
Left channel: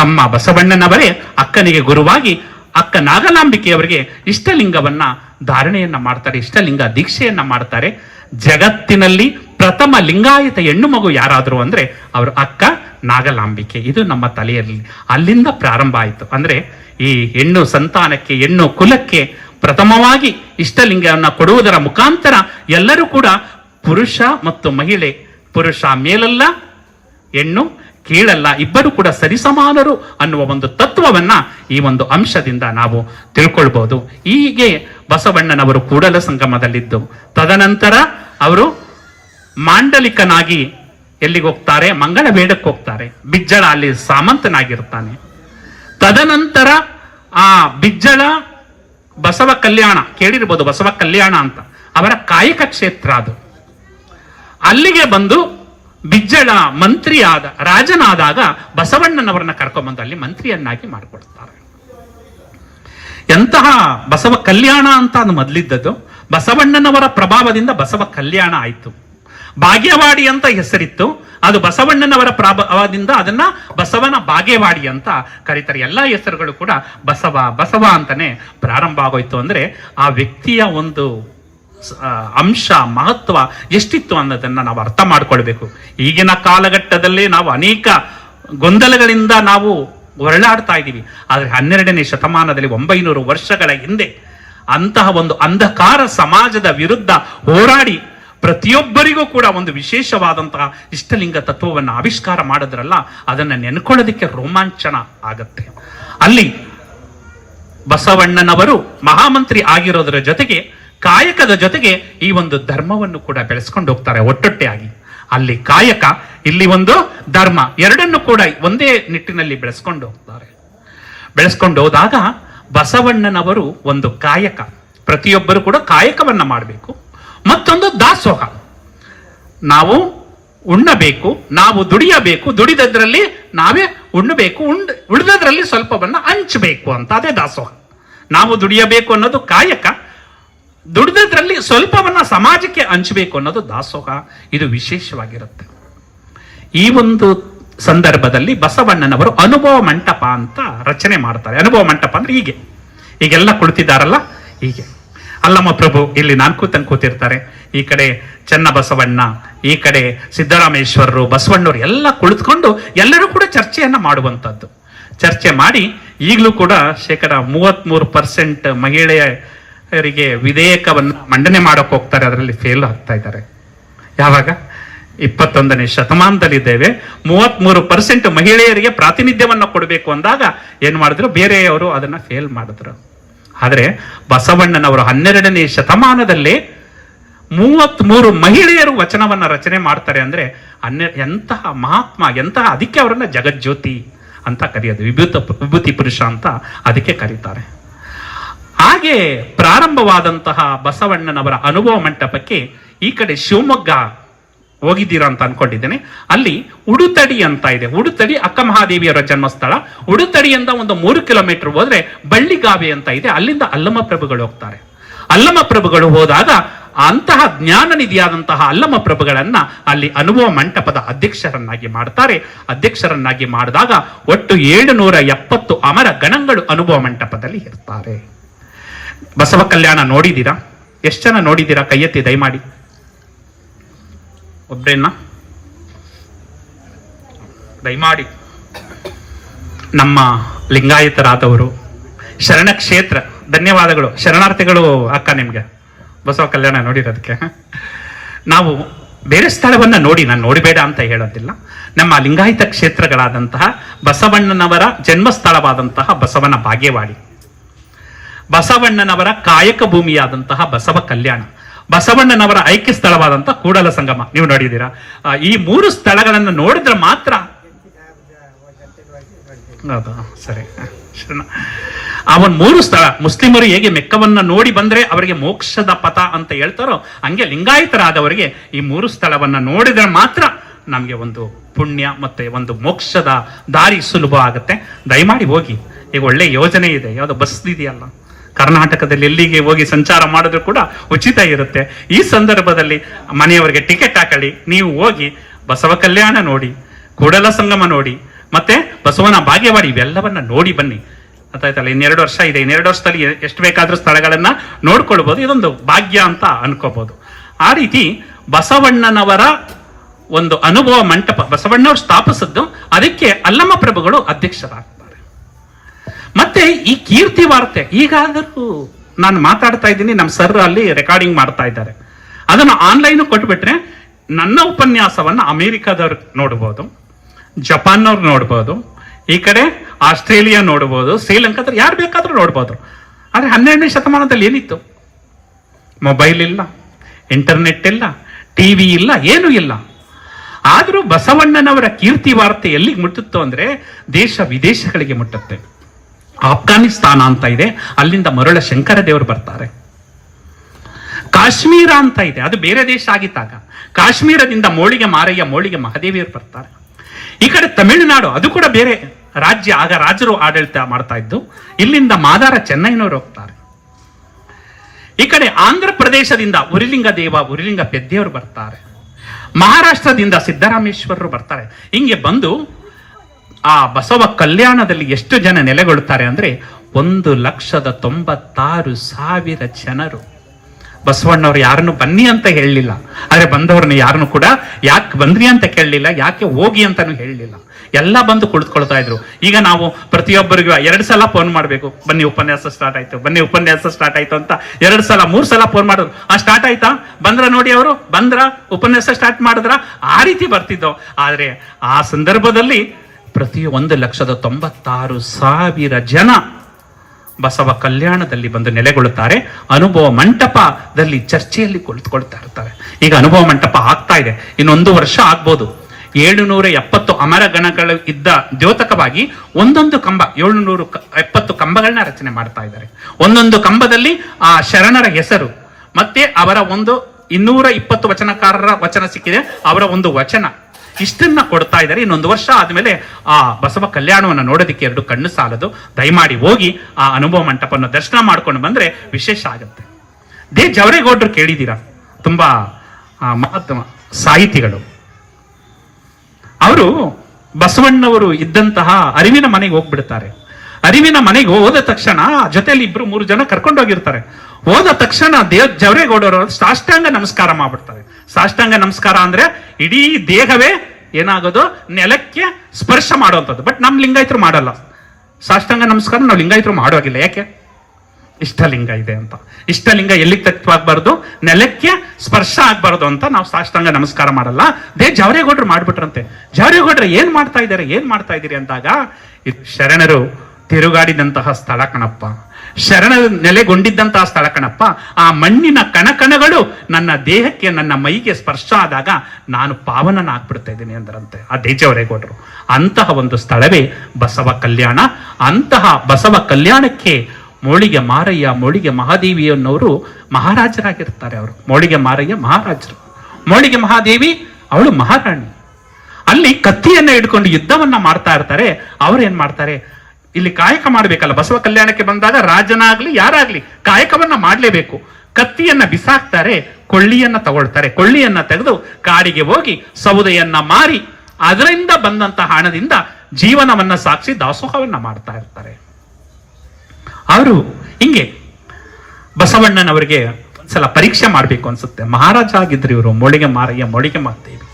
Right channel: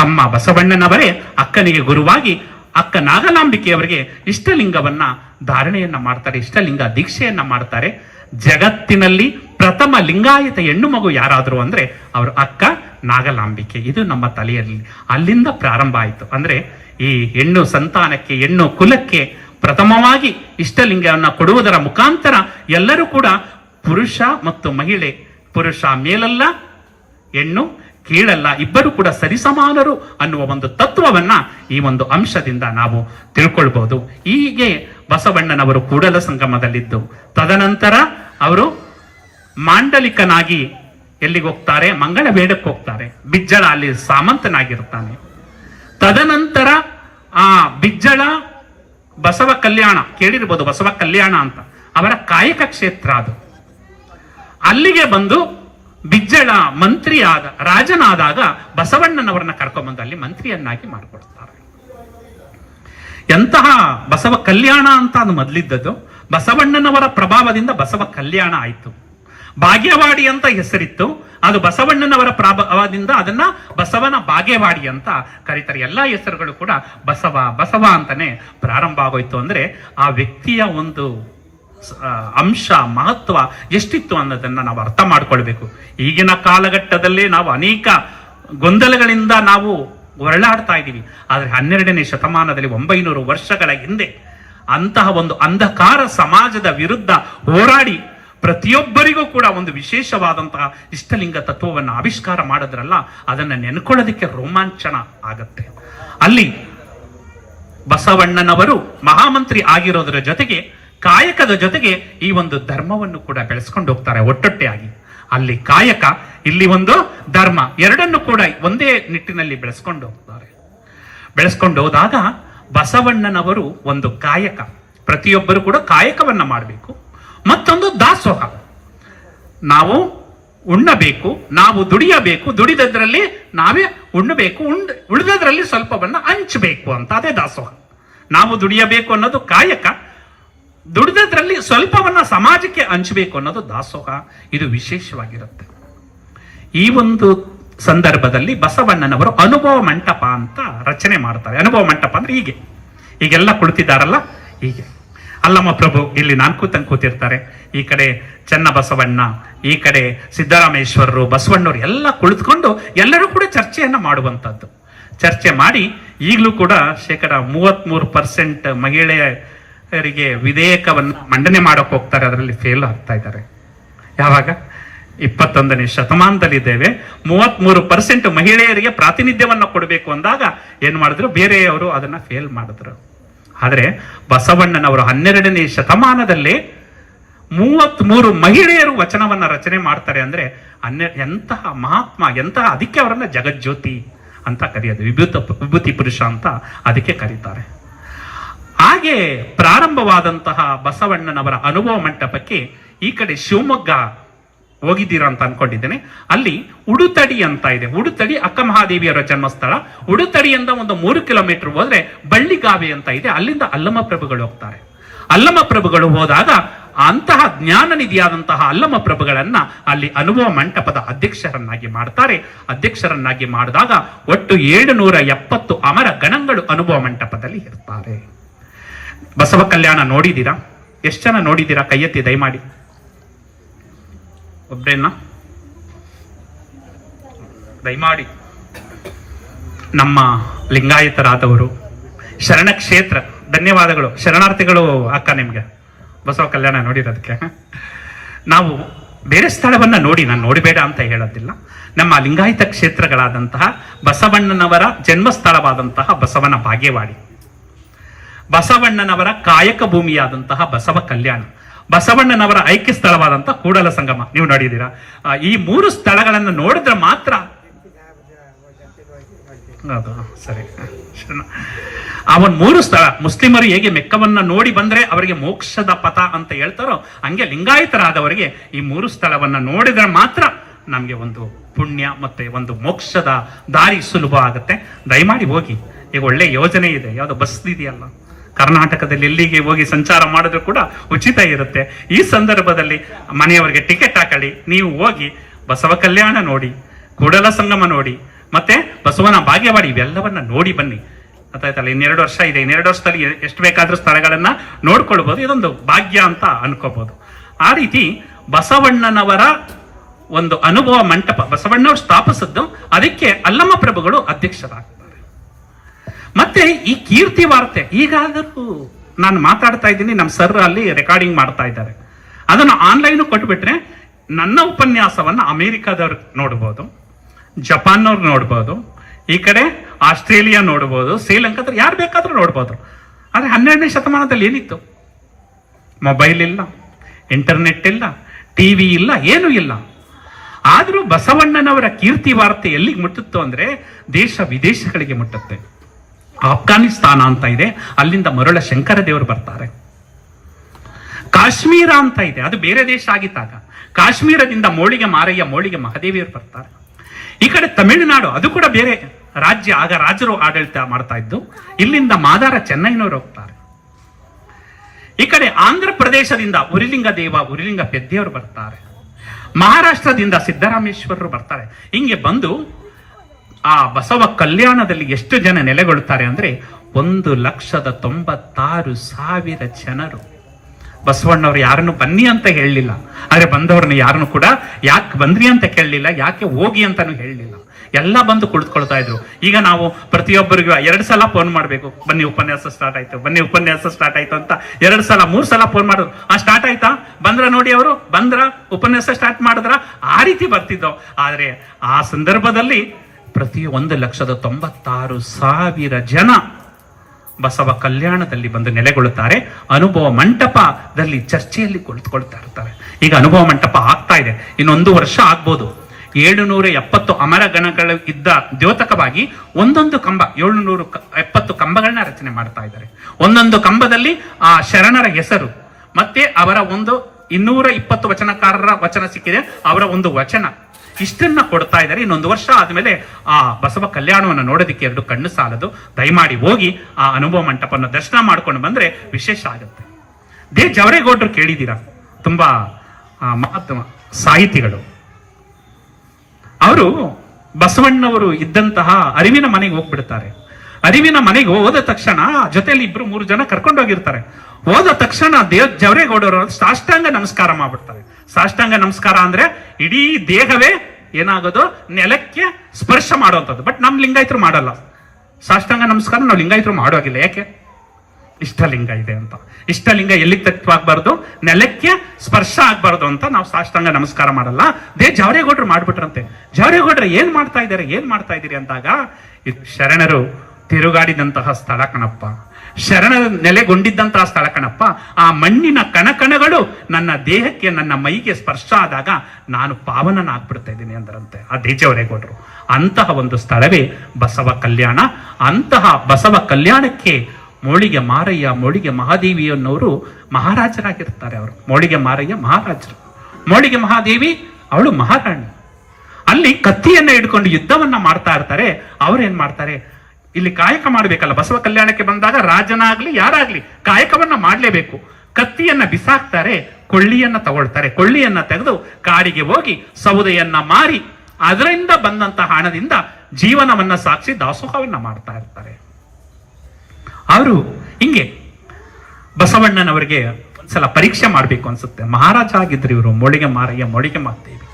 ತಮ್ಮ ಬಸವಣ್ಣನವರೇ ಅಕ್ಕನಿಗೆ ಗುರುವಾಗಿ ಅಕ್ಕ ನಾಗಲಾಂಬಿಕೆಯವರಿಗೆ ಇಷ್ಟಲಿಂಗವನ್ನ ಧಾರಣೆಯನ್ನ ಮಾಡ್ತಾರೆ, ಇಷ್ಟಲಿಂಗ ದೀಕ್ಷೆಯನ್ನ ಮಾಡ್ತಾರೆ. ಜಗತ್ತಿನಲ್ಲಿ ಪ್ರಥಮ ಲಿಂಗಾಯತ ಹೆಣ್ಣು ಮಗು ಯಾರಾದರೂ ಅಂದ್ರೆ ಅವರು ಅಕ್ಕ ನಾಗಲಾಂಬಿಕೆ. ಇದು ನಮ್ಮ ತಲೆಯಲ್ಲಿ ಅಲ್ಲಿಂದ ಪ್ರಾರಂಭ ಆಯಿತು. ಅಂದ್ರೆ ಈ ಹೆಣ್ಣು ಸಂತಾನಕ್ಕೆ, ಹೆಣ್ಣು ಕುಲಕ್ಕೆ ಪ್ರಥಮವಾಗಿ ಇಷ್ಟಲಿಂಗವನ್ನು ಕೊಡುವುದರ ಮುಖಾಂತರ ಎಲ್ಲರೂ ಕೂಡ ಪುರುಷ ಮತ್ತು ಮಹಿಳೆ, ಪುರುಷ ಮೇಲಲ್ಲ ಹೆಣ್ಣು ಕೀಳಲ್ಲ, ಇಬ್ಬರು ಕೂಡ ಸರಿಸಮಾನರು ಅನ್ನುವ ಒಂದು ತತ್ವವನ್ನ ಈ ಒಂದು ಅಂಶದಿಂದ ನಾವು ತಿಳ್ಕೊಳ್ಬಹುದು. ಹೀಗೆ ಬಸವಣ್ಣನವರು ಕೂಡಲ ಸಂಗಮದಲ್ಲಿದ್ದು ತದನಂತರ ಅವರು ಮಾಂಡಲಿಕನಾಗಿ ಎಲ್ಲಿಗೆ ಹೋಗ್ತಾರೆ? ಮಂಗಳ ಬೇಡಕ್ಕೆ ಹೋಗ್ತಾರೆ. ಬಿಜ್ಜಳ ಅಲ್ಲಿ ಸಾಮಂತನಾಗಿರ್ತಾನೆ. ತದನಂತರ ಆ ಬಿಜ್ಜಳ ಬಸವ ಕಲ್ಯಾಣ ಕೇಳಿರ್ಬೋದು, ಬಸವ ಕಲ್ಯಾಣ ಅಂತ ಅವರ ಕಾಯಕ ಕ್ಷೇತ್ರ ಅದು. ಅಲ್ಲಿಗೆ ಬಂದು ಬಿಜ್ಜಳ ರಾಜನಾದಾಗ ಬಸವಣ್ಣನವರನ್ನ ಕರ್ಕೊಂಡ್ಬಂದು ಅಲ್ಲಿ ಮಂತ್ರಿಯನ್ನಾಗಿ ಮಾಡಿಕೊಡ್ತಾರೆ. ಎಂತಹ ಬಸವ ಕಲ್ಯಾಣ ಅಂತ ಅದು ಮೊದಲಿದ್ದದ್ದು. ಬಸವಣ್ಣನವರ ಪ್ರಭಾವದಿಂದ ಬಸವ ಕಲ್ಯಾಣ ಆಯಿತು. ಭಾಗ್ಯವಾಡಿ ಅಂತ ಹೆಸರಿತ್ತು, ಅದು ಬಸವಣ್ಣನವರ ಪ್ರಭಾವದಿಂದ ಅದನ್ನ ಬಸವನ ಭಾಗ್ಯವಾಡಿ ಅಂತ ಕರೀತಾರೆ. ಎಲ್ಲಾ ಹೆಸರುಗಳು ಕೂಡ ಬಸವ ಬಸವ ಅಂತಾನೆ ಪ್ರಾರಂಭ ಆಗೋಯ್ತು. ಅಂದ್ರೆ ಆ ವ್ಯಕ್ತಿಯ ಒಂದು ಅಂಶ, ಮಹತ್ವ ಎಷ್ಟಿತ್ತು ಅನ್ನೋದನ್ನ ನಾವು ಅರ್ಥ ಮಾಡ್ಕೊಳ್ಬೇಕು. ಈಗಿನ ಕಾಲಘಟ್ಟದಲ್ಲೇ ನಾವು ಅನೇಕ ಗೊಂದಲಗಳಿಂದ ನಾವು ಹೊರಳಾಡ್ತಾ ಇದ್ದೀವಿ. ಆದ್ರೆ 12ನೇ ಶತಮಾನದಲ್ಲಿ 900 ವರ್ಷಗಳ ಹಿಂದೆ ಅಂತಹ ಒಂದು ಅಂಧಕಾರ ಸಮಾಜದ ವಿರುದ್ಧ ಹೋರಾಡಿ ಪ್ರತಿಯೊಬ್ಬರಿಗೂ ಕೂಡ ಒಂದು ವಿಶೇಷವಾದಂತಹ ಇಷ್ಟಲಿಂಗ ತತ್ವವನ್ನು ಆವಿಷ್ಕಾರ ಮಾಡಿದ್ರಲ್ಲ, ಅದನ್ನ ನೆನ್ಕೊಳ್ಳೋದಕ್ಕೆ ರೋಮಾಂಚನ ಆಗತ್ತೆ. ಅಲ್ಲಿ ಬಸವಣ್ಣನವರು ಮಹಾಮಂತ್ರಿ ಆಗಿರೋದರ ಜೊತೆಗೆ ಕಾಯಕದ ಜೊತೆಗೆ ಈ ಒಂದು ಧರ್ಮವನ್ನು ಕೂಡ ಬೆಳೆಸ್ಕೊಂಡು ಹೋಗ್ತಾರೆ ಒಟ್ಟೊಟ್ಟೆಯಾಗಿ. ಅಲ್ಲಿ ಕಾಯಕ, ಇಲ್ಲಿ ಒಂದು ಧರ್ಮ, ಎರಡನ್ನು ಕೂಡ ಒಂದೇ ನಿಟ್ಟಿನಲ್ಲಿ ಬೆಳೆಸ್ಕೊಂಡು ಹೋಗ್ತಾರೆ. ಬೆಳೆಸ್ಕೊಂಡು ಹೋದಾಗ ಬಸವಣ್ಣನವರು ಒಂದು ಕಾಯಕ, ಪ್ರತಿಯೊಬ್ಬರು ಕೂಡ ಕಾಯಕವನ್ನ ಮಾಡಬೇಕು. ಮತ್ತೊಂದು ದಾಸೋಹ, ನಾವು ಉಣ್ಣಬೇಕು, ನಾವು ದುಡಿಯಬೇಕು, ದುಡಿದದ್ರಲ್ಲಿ ನಾವೇ ಉಣ್ಣಬೇಕು, ಉಳಿದದ್ರಲ್ಲಿ ಸ್ವಲ್ಪವನ್ನ ಹಂಚಬೇಕು ಅಂತ, ಅದೇ ದಾಸೋಹ. ನಾವು ದುಡಿಯಬೇಕು ಅನ್ನೋದು ಕಾಯಕ, ದುಡಿದದ್ರಲ್ಲಿ ಸ್ವಲ್ಪವನ್ನ ಸಮಾಜಕ್ಕೆ ಹಂಚಬೇಕು ಅನ್ನೋದು ದಾಸೋಹ. ಇದು ವಿಶೇಷವಾಗಿರುತ್ತೆ. ಈ ಒಂದು ಸಂದರ್ಭದಲ್ಲಿ ಬಸವಣ್ಣನವರು ಅನುಭವ ಮಂಟಪ ಅಂತ ರಚನೆ ಮಾಡ್ತಾರೆ. ಅನುಭವ ಮಂಟಪ ಅಂದ್ರೆ ಹೀಗೆಲ್ಲ ಕುಳಿತಿದ್ದಾರಲ್ಲ, ಹೀಗೆ ಅಲ್ಲಮ್ಮ ಪ್ರಭು ಇಲ್ಲಿ ನಾಲ್ಕು ಕೂತಿರ್ತಾರೆ. ಈ ಕಡೆ ಚನ್ನಬಸವಣ್ಣ, ಈ ಕಡೆ ಸಿದ್ದರಾಮೇಶ್ವರರು, ಬಸವಣ್ಣವರು ಎಲ್ಲ ಕುಳಿತುಕೊಂಡು ಎಲ್ಲರೂ ಕೂಡ ಚರ್ಚೆಯನ್ನ ಮಾಡುವಂತದ್ದು. ಚರ್ಚೆ ಮಾಡಿ ಈಗಲೂ ಕೂಡ 33% ಮಹಿಳೆಯರಿಗೆ ವಿಧೇಯಕವನ್ನ ಮಂಡನೆ ಮಾಡಕ್ ಹೋಗ್ತಾರೆ, ಅದರಲ್ಲಿ ಫೇಲ್ ಆಗ್ತಾ ಇದ್ದಾರೆ. ಯಾವಾಗ 21ನೇ ಶತಮಾನದಲ್ಲಿದ್ದೇವೆ, 33% ಮಹಿಳೆಯರಿಗೆ ಪ್ರಾತಿನಿಧ್ಯವನ್ನ ಕೊಡಬೇಕು ಅಂದಾಗ ಏನ್ ಮಾಡಿದ್ರು, ಬೇರೆಯವರು ಅದನ್ನ ಫೇಲ್ ಮಾಡಿದ್ರು. ಆದ್ರೆ ಬಸವಣ್ಣನವರು 12ನೇ ಶತಮಾನದಲ್ಲೇ 33 ಮಹಿಳೆಯರು ವಚನವನ್ನ ರಚನೆ ಮಾಡ್ತಾರೆ. ಅಂದ್ರೆ ಎಂತಹ ಮಹಾತ್ಮ, ಎಂತಹ, ಅದಕ್ಕೆ ಅವರನ್ನ ಜಗಜ್ಯೋತಿ ಅಂತ ಕರೆಯೋದು, ವಿಭೂತಿ ಪುರುಷ ಅಂತ ಅದಕ್ಕೆ ಕರೀತಾರೆ. ಹಾಗೆ ಪ್ರಾರಂಭವಾದಂತಹ ಬಸವಣ್ಣನವರ ಅನುಭವ ಮಂಟಪಕ್ಕೆ ಈ ಕಡೆ ಶಿವಮೊಗ್ಗ ಹೋಗಿದ್ದೀರಾ ಅಂತ ಅನ್ಕೊಂಡಿದ್ದೇನೆ. ಅಲ್ಲಿ ಉಡುತಡಿ ಅಂತ ಇದೆ. ಉಡುತಡಿ ಅಕ್ಕ ಮಹಾದೇವಿಯವರ ಜನ್ಮಸ್ಥಳ. ಉಡುತಡಿಯಿಂದ ಒಂದು 3 ಕಿಲೋಮೀಟರ್ ಹೋದ್ರೆ ಬಳ್ಳಿಗಾವೆ ಅಂತ ಇದೆ. ಅಲ್ಲಿಂದ ಅಲ್ಲಮ ಪ್ರಭುಗಳು ಹೋಗ್ತಾರೆ. ಅಲ್ಲಮ ಪ್ರಭುಗಳು ಹೋದಾಗ ಅಂತಹ ಜ್ಞಾನ ನಿಧಿಯಾದಂತಹ ಅಲ್ಲಮ ಪ್ರಭುಗಳನ್ನ ಅಲ್ಲಿ ಅನುಭವ ಮಂಟಪದ ಅಧ್ಯಕ್ಷರನ್ನಾಗಿ ಮಾಡ್ತಾರೆ. ಅಧ್ಯಕ್ಷರನ್ನಾಗಿ ಮಾಡಿದಾಗ ಒಟ್ಟು 770 ಅಮರ ಗಣಗಳು ಅನುಭವ ಮಂಟಪದಲ್ಲಿ ಇರ್ತಾರೆ. ಬಸವ ಕಲ್ಯಾಣ ನೋಡಿದ್ದೀರಾ? ಎಷ್ಟು ಜನ ನೋಡಿದ್ದೀರಾ? ಕೈ ಎತ್ತಿ ದಯಮಾಡಿ. ಒಬ್ರೇನ ದಯಮಾಡಿ. ನಮ್ಮ ಲಿಂಗಾಯತರಾದವರು ಶರಣ ಕ್ಷೇತ್ರ, ಧನ್ಯವಾದಗಳು ಶರಣಾರ್ಥಿಗಳು ಅಕ್ಕ ನಿಮ್ಗೆ ಬಸವ ಕಲ್ಯಾಣ ನೋಡಿರೋದಕ್ಕೆ. ನಾವು ಬೇರೆ ಸ್ಥಳವನ್ನ ನೋಡಿ, ನಾನು ನೋಡಿಬೇಡ ಅಂತ ಹೇಳೋದಿಲ್ಲ. ನಮ್ಮ ಲಿಂಗಾಯತ ಕ್ಷೇತ್ರಗಳಾದಂತಹ ಬಸವಣ್ಣನವರ ಜನ್ಮಸ್ಥಳವಾದಂತಹ ಬಸವನ ಬಾಗೇವಾಡಿ, ಬಸವಣ್ಣನವರ ಕಾಯಕ ಭೂಮಿಯಾದಂತಹ ಬಸವ ಕಲ್ಯಾಣ, ಬಸವಣ್ಣನವರ ಐಕ್ಯ ಸ್ಥಳವಾದಂತಹ ಕೂಡಲ ಸಂಗಮ ನೀವು ನೋಡಿದ್ದೀರಾ? ಈ 3 ಸ್ಥಳಗಳನ್ನು ನೋಡಿದ್ರೆ ಮಾತ್ರ ಸರಿ. ಅವನ್ 3 ಸ್ಥಳ, ಮುಸ್ಲಿಮರು ಹೇಗೆ ಮೆಕ್ಕವನ್ನ ನೋಡಿ ಬಂದ್ರೆ ಅವರಿಗೆ ಮೋಕ್ಷದ ಪಥ ಅಂತ ಹೇಳ್ತಾರೋ, ಹಂಗೆ ಲಿಂಗಾಯತರಾದವರಿಗೆ ಈ 3 ಸ್ಥಳವನ್ನ ನೋಡಿದ್ರೆ ಮಾತ್ರ ನಮ್ಗೆ ಒಂದು ಪುಣ್ಯ ಮತ್ತೆ ಒಂದು ಮೋಕ್ಷದ ದಾರಿ ಸುಲಭ ಆಗುತ್ತೆ. ದಯಮಾಡಿ ಹೋಗಿ. ಈಗ ಒಳ್ಳೆ ಯೋಜನೆ ಇದೆ, ಯಾವ್ದೋ ಬಸ್ ಇದೆಯಲ್ಲ, ಕರ್ನಾಟಕದಲ್ಲಿ ಎಲ್ಲಿಗೆ ಹೋಗಿ ಸಂಚಾರ ಮಾಡಿದ್ರು ಕೂಡ ಉಚಿತ ಇರುತ್ತೆ. ಈ ಸಂದರ್ಭದಲ್ಲಿ ಮನೆಯವರಿಗೆ ಟಿಕೆಟ್ ಹಾಕಳಿ, ನೀವು ಹೋಗಿ ಬಸವ ಕಲ್ಯಾಣ ನೋಡಿ, ಕೂಡಲ ಸಂಗಮ ನೋಡಿ, ಮತ್ತೆ ಬಸವನ ಬಾಗೇವಾಡಿ, ಇವೆಲ್ಲವನ್ನ ನೋಡಿ ಬನ್ನಿ. ಗೊತ್ತಾಯ್ತಲ್ಲ, ಇನ್ನೆರಡು ವರ್ಷ ಇದೆ, ಇನ್ನೆರಡು ವರ್ಷದಲ್ಲಿ ಎಷ್ಟು ಬೇಕಾದ್ರೂ ಸ್ಥಳಗಳನ್ನ ನೋಡ್ಕೊಳ್ಬಹುದು. ಇದೊಂದು ಭಾಗ್ಯ ಅಂತ ಅನ್ಕೋಬಹುದು. ಆ ರೀತಿ ಬಸವಣ್ಣನವರ ಒಂದು ಅನುಭವ ಮಂಟಪ ಬಸವಣ್ಣವ್ರು ಸ್ಥಾಪಿಸಿದ್ದು, ಅದಕ್ಕೆ ಅಲ್ಲಮ ಪ್ರಭುಗಳು ಅಧ್ಯಕ್ಷರಾಗ್ತಾರೆ. ಮತ್ತೆ ಈ ಕೀರ್ತಿ ವಾರ್ತೆ ಈಗಾದರೂ ನಾನು ಮಾತಾಡ್ತಾ ಇದ್ದೀನಿ, ನಮ್ಮ ಸರ್ ಅಲ್ಲಿ ರೆಕಾರ್ಡಿಂಗ್ ಮಾಡ್ತಾ ಇದ್ದಾರೆ. ಅದನ್ನು ಆನ್ಲೈನ್ ಕೊಟ್ಬಿಟ್ರೆ ನನ್ನ ಉಪನ್ಯಾಸವನ್ನ ಅಮೆರಿಕಾದವ್ರು ನೋಡ್ಬೋದು, ಜಪಾನ್ನವ್ರು ನೋಡ್ಬೋದು, ಈ ಕಡೆ ಆಸ್ಟ್ರೇಲಿಯಾ ನೋಡ್ಬೋದು, ಶ್ರೀಲಂಕಾದವ್ರು ಯಾರು ಬೇಕಾದ್ರೂ ನೋಡ್ಬೋದು. ಆದ್ರೆ 12ನೇ ಶತಮಾನದಲ್ಲಿ ಏನಿತ್ತು? ಮೊಬೈಲ್ ಇಲ್ಲ, ಇಂಟರ್ನೆಟ್ ಇಲ್ಲ, ಟಿವಿ ಇಲ್ಲ, ಏನೂ ಇಲ್ಲ. ಆದ್ರೂ ಬಸವಣ್ಣನವರ ಕೀರ್ತಿ ವಾರ್ತೆ ಎಲ್ಲಿಗೆ ಮುಟ್ಟುತ್ತೋ ಅಂದ್ರೆ ದೇಶ ವಿದೇಶಗಳಿಗೆ ಮುಟ್ಟುತ್ತೆ. ಆಫ್ಘಾನಿಸ್ತಾನ ಅಂತ ಇದೆ, ಅಲ್ಲಿಂದ ಮರುಳ ಶಂಕರ ದೇವರು ಬರ್ತಾರೆ. ಕಾಶ್ಮೀರ ಅಂತ ಇದೆ, ಅದು ಬೇರೆ ದೇಶ ಆಗಿದ್ದಾಗ ಕಾಶ್ಮೀರದಿಂದ ಮೋಳಿಗೆ ಮಾರಯ್ಯ, ಮೋಳಿಗೆ ಮಹಾದೇವಿಯವರು ಬರ್ತಾರೆ. ಈ ಕಡೆ ತಮಿಳುನಾಡು, ಅದು ಕೂಡ ಬೇರೆ ರಾಜ್ಯ, ಆಗ ರಾಜರು ಆಡಳಿತ ಮಾಡ್ತಾ ಇದ್ದು, ಇಲ್ಲಿಂದ ಮಾದಾರ ಚೆನ್ನೈನವರು ಹೋಗ್ತಾರೆ. ಈ ಕಡೆ ಆಂಧ್ರ ಪ್ರದೇಶದಿಂದ ಉರಿಲಿಂಗ ದೇವ, ಉರಿಲಿಂಗ ಪೆದ್ದೆಯವರು ಬರ್ತಾರೆ. ಮಹಾರಾಷ್ಟ್ರದಿಂದ ಸಿದ್ದರಾಮೇಶ್ವರರು ಬರ್ತಾರೆ. ಹಿಂಗೆ ಬಂದು ಆ ಬಸವ ಕಲ್ಯಾಣದಲ್ಲಿ ಎಷ್ಟು ಜನ ನೆಲೆಗೊಳ್ಳುತ್ತಾರೆ ಅಂದ್ರೆ 1,96,000 ಜನರು. ಬಸವಣ್ಣವ್ರು ಯಾರನ್ನು ಬನ್ನಿ ಅಂತ ಹೇಳಲಿಲ್ಲ, ಆದ್ರೆ ಬಂದವ್ರನ್ನ ಯಾರನ್ನು ಕೂಡ ಯಾಕೆ ಬಂದ್ರಿ ಅಂತ ಕೇಳಲಿಲ್ಲ, ಯಾಕೆ ಹೋಗಿ ಅಂತಾನು ಹೇಳಲಿಲ್ಲ. ಎಲ್ಲ ಬಂದು ಕುಳಿತುಕೊಳ್ತಾ ಇದ್ರು. ಈಗ ನಾವು ಪ್ರತಿಯೊಬ್ಬರಿಗೂ 2 ಸಲ ಫೋನ್ ಮಾಡ್ಬೇಕು, ಬನ್ನಿ ಉಪನ್ಯಾಸ ಸ್ಟಾರ್ಟ್ ಆಯ್ತು, ಬನ್ನಿ ಉಪನ್ಯಾಸ ಸ್ಟಾರ್ಟ್ ಆಯ್ತು ಅಂತ 2 ಸಲ 3 ಸಲ ಫೋನ್ ಮಾಡೋದು. ಸ್ಟಾರ್ಟ್ ಆಯ್ತಾ, ಬಂದ್ರ ನೋಡಿ, ಅವರು ಬಂದ್ರ, ಉಪನ್ಯಾಸ ಸ್ಟಾರ್ಟ್ ಮಾಡಿದ್ರ, ಆ ರೀತಿ ಬರ್ತಿದ್ದೋ. ಆದ್ರೆ ಆ ಸಂದರ್ಭದಲ್ಲಿ ಪ್ರತಿ 1,96,000 ಜನ ಬಸವ ಕಲ್ಯಾಣದಲ್ಲಿ ಬಂದು ನೆಲೆಗೊಳ್ಳುತ್ತಾರೆ. ಅನುಭವ ಮಂಟಪದಲ್ಲಿ ಚರ್ಚೆಯಲ್ಲಿ ಕುಳಿತುಕೊಳ್ತಾ ಇರ್ತಾರೆ. ಈಗ ಅನುಭವ ಮಂಟಪ ಆಗ್ತಾ ಇದೆ, ಇನ್ನೊಂದು ವರ್ಷ ಆಗ್ಬೋದು. 770 ಅಮರಗಣಗಳು ಇದ್ದ ದ್ಯೋತಕವಾಗಿ ಒಂದೊಂದು ಕಂಬ, 770 ಕಂಬಗಳನ್ನ ರಚನೆ ಮಾಡ್ತಾ ಇದ್ದಾರೆ. ಒಂದೊಂದು ಕಂಬದಲ್ಲಿ ಆ ಶರಣರ ಹೆಸರು, ಮತ್ತೆ ಅವರ ಒಂದು 220 ವಚನಕಾರರ ವಚನ ಸಿಕ್ಕಿದೆ, ಅವರ ಒಂದು ವಚನ, ಇಷ್ಟನ್ನ ಕೊಡ್ತಾ ಇದ್ದಾರೆ. ಇನ್ನೊಂದು ವರ್ಷ ಆದ್ಮೇಲೆ ಆ ಬಸವ ಕಲ್ಯಾಣವನ್ನು ನೋಡೋದಕ್ಕೆ 2 ಕಣ್ಣು ಸಾಲದು. ದಯಮಾಡಿ ಹೋಗಿ ಆ ಅನುಭವ ಮಂಟಪವನ್ನು ದರ್ಶನ ಮಾಡ್ಕೊಂಡು ಬಂದ್ರೆ ವಿಶೇಷ ಆಗುತ್ತೆ. ಜವರೇಗೌಡರು ಕೇಳಿದ್ದೀರಾ, ತುಂಬಾ ಮಹತ್ವ ಸಾಹಿತಿಗಳು. ಅವರು ಬಸವಣ್ಣವರು ಇದ್ದಂತಹ ಅರಿವಿನ ಮನೆಗೆ ಹೋಗ್ಬಿಡ್ತಾರೆ. ಅರಿವಿನ ಮನೆಗೆ ಹೋದ ತಕ್ಷಣ ಜೊತೆಯಲ್ಲಿ 2-3 ಜನ ಕರ್ಕೊಂಡೋಗಿರ್ತಾರೆ. ಹೋದ ತಕ್ಷಣ ಜವರೇಗೌಡರು ಸಾಷ್ಟಾಂಗ ನಮಸ್ಕಾರ ಮಾಡ್ಬಿಡ್ತಾರೆ. ಸಾಷ್ಟಾಂಗ ನಮಸ್ಕಾರ ಅಂದ್ರೆ ಇಡೀ ದೇಹವೇ ಏನಾಗೋದು, ನೆಲಕ್ಕೆ ಸ್ಪರ್ಶ ಮಾಡುವಂಥದ್ದು. ಬಟ್ ನಮ್ ಲಿಂಗಾಯತರು ಮಾಡಲ್ಲ ಸಾಷ್ಟಾಂಗ ನಮಸ್ಕಾರ, ನಾವು ಲಿಂಗಾಯತರು ಮಾಡುವಾಗಿಲ್ಲ. ಯಾಕೆ? ಇಷ್ಟಲಿಂಗ ಇದೆ ಅಂತ. ಇಷ್ಟಲಿಂಗ ಎಲ್ಲಿಗೆ ತತ್ವಾಗಬಾರ್ದು, ನೆಲಕ್ಕೆ ಸ್ಪರ್ಶ ಆಗ್ಬಾರ್ದು ಅಂತ ನಾವು ಸಾಷ್ಟಾಂಗ ನಮಸ್ಕಾರ ಮಾಡಲ್ಲ. ಜವರೇಗೌಡರು ಮಾಡ್ಬಿಟ್ರಂತೆ. ಜವರೇಗೌಡರು ಏನ್ ಮಾಡ್ತಾ ಇದ್ದೀರಿ ಅಂದಾಗ, ಶರಣರು ತಿರುಗಾಡಿದಂತಹ ಸ್ಥಳ ಕಣಪ್ಪ, ಶರಣರ ನೆಲೆಗೊಂಡಿದ್ದಂತಹ ಸ್ಥಳ ಕಣಪ್ಪ, ಆ ಮಣ್ಣಿನ ಕಣಕಣಗಳು ನನ್ನ ದೇಹಕ್ಕೆ, ನನ್ನ ಮೈಗೆ ಸ್ಪರ್ಶ ಆದಾಗ ನಾನು ಪಾವನನಾಗ್ಬಿಡ್ತಾ ಇದ್ದೀನಿ ಅಂದ್ರಂತೆ ಆ ದೇಜವರೇಗೌಡರು. ಅಂತಹ ಒಂದು ಸ್ಥಳವೇ ಬಸವ ಕಲ್ಯಾಣ. ಅಂತಹ ಬಸವ ಕಲ್ಯಾಣಕ್ಕೆ ಮೋಳಿಗೆ ಮಾರಯ್ಯ, ಮೋಳಿಗೆ ಮಹಾದೇವಿಯನ್ನವರು ಮಹಾರಾಜರಾಗಿರ್ತಾರೆ. ಅವರು ಮೋಳಿಗೆ ಮಾರಯ್ಯ ಮಹಾರಾಜರು, ಮೋಳಿಗೆ ಮಹಾದೇವಿ ಅವಳು ಮಹಾರಾಣಿ. ಅಲ್ಲಿ ಕತ್ತಿಯನ್ನ ಹಿಡ್ಕೊಂಡು ಯುದ್ಧವನ್ನ ಮಾಡ್ತಾ ಇರ್ತಾರೆ. ಅವ್ರೇನ್ ಮಾಡ್ತಾರೆ, ಇಲ್ಲಿ ಕಾಯಕ ಮಾಡ್ಬೇಕಲ್ಲ, ಬಸವ ಕಲ್ಯಾಣಕ್ಕೆ ಬಂದಾಗ ರಾಜನಾಗ್ಲಿ ಯಾರಾಗ್ಲಿ ಕಾಯಕವನ್ನ ಮಾಡ್ಲೇಬೇಕು. ಕತ್ತಿಯನ್ನ ಬಿಸಾಕ್ತಾರೆ, ಕೊಳ್ಳಿಯನ್ನ ತಗೊಳ್ತಾರೆ. ಕೊಳ್ಳಿಯನ್ನ ತೆಗೆದು ಕಾಡಿಗೆ ಹೋಗಿ ಸೌದೆಯನ್ನ ಮಾರಿ ಅದರಿಂದ ಬಂದಂತಹ ಹಣದಿಂದ ಜೀವನವನ್ನ ಸಾಗಿಸಿ ದಾಸೋಹವನ್ನ ಮಾಡ್ತಾ ಇರ್ತಾರೆ. ಅವರು ಹಿಂಗೆ ಬಸವಣ್ಣನವರಿಗೆ ಒಂದ್ಸಲ ಪರೀಕ್ಷೆ ಮಾಡ್ಬೇಕು ಅನ್ಸುತ್ತೆ. ಮಹಾರಾಜ ಆಗಿದ್ರು ಇವರು, ಮೋಳಿಗೆ ಮಾರಯ್ಯ, ಮೋಳಿಗೆ ಮಹಾದೇವಿ.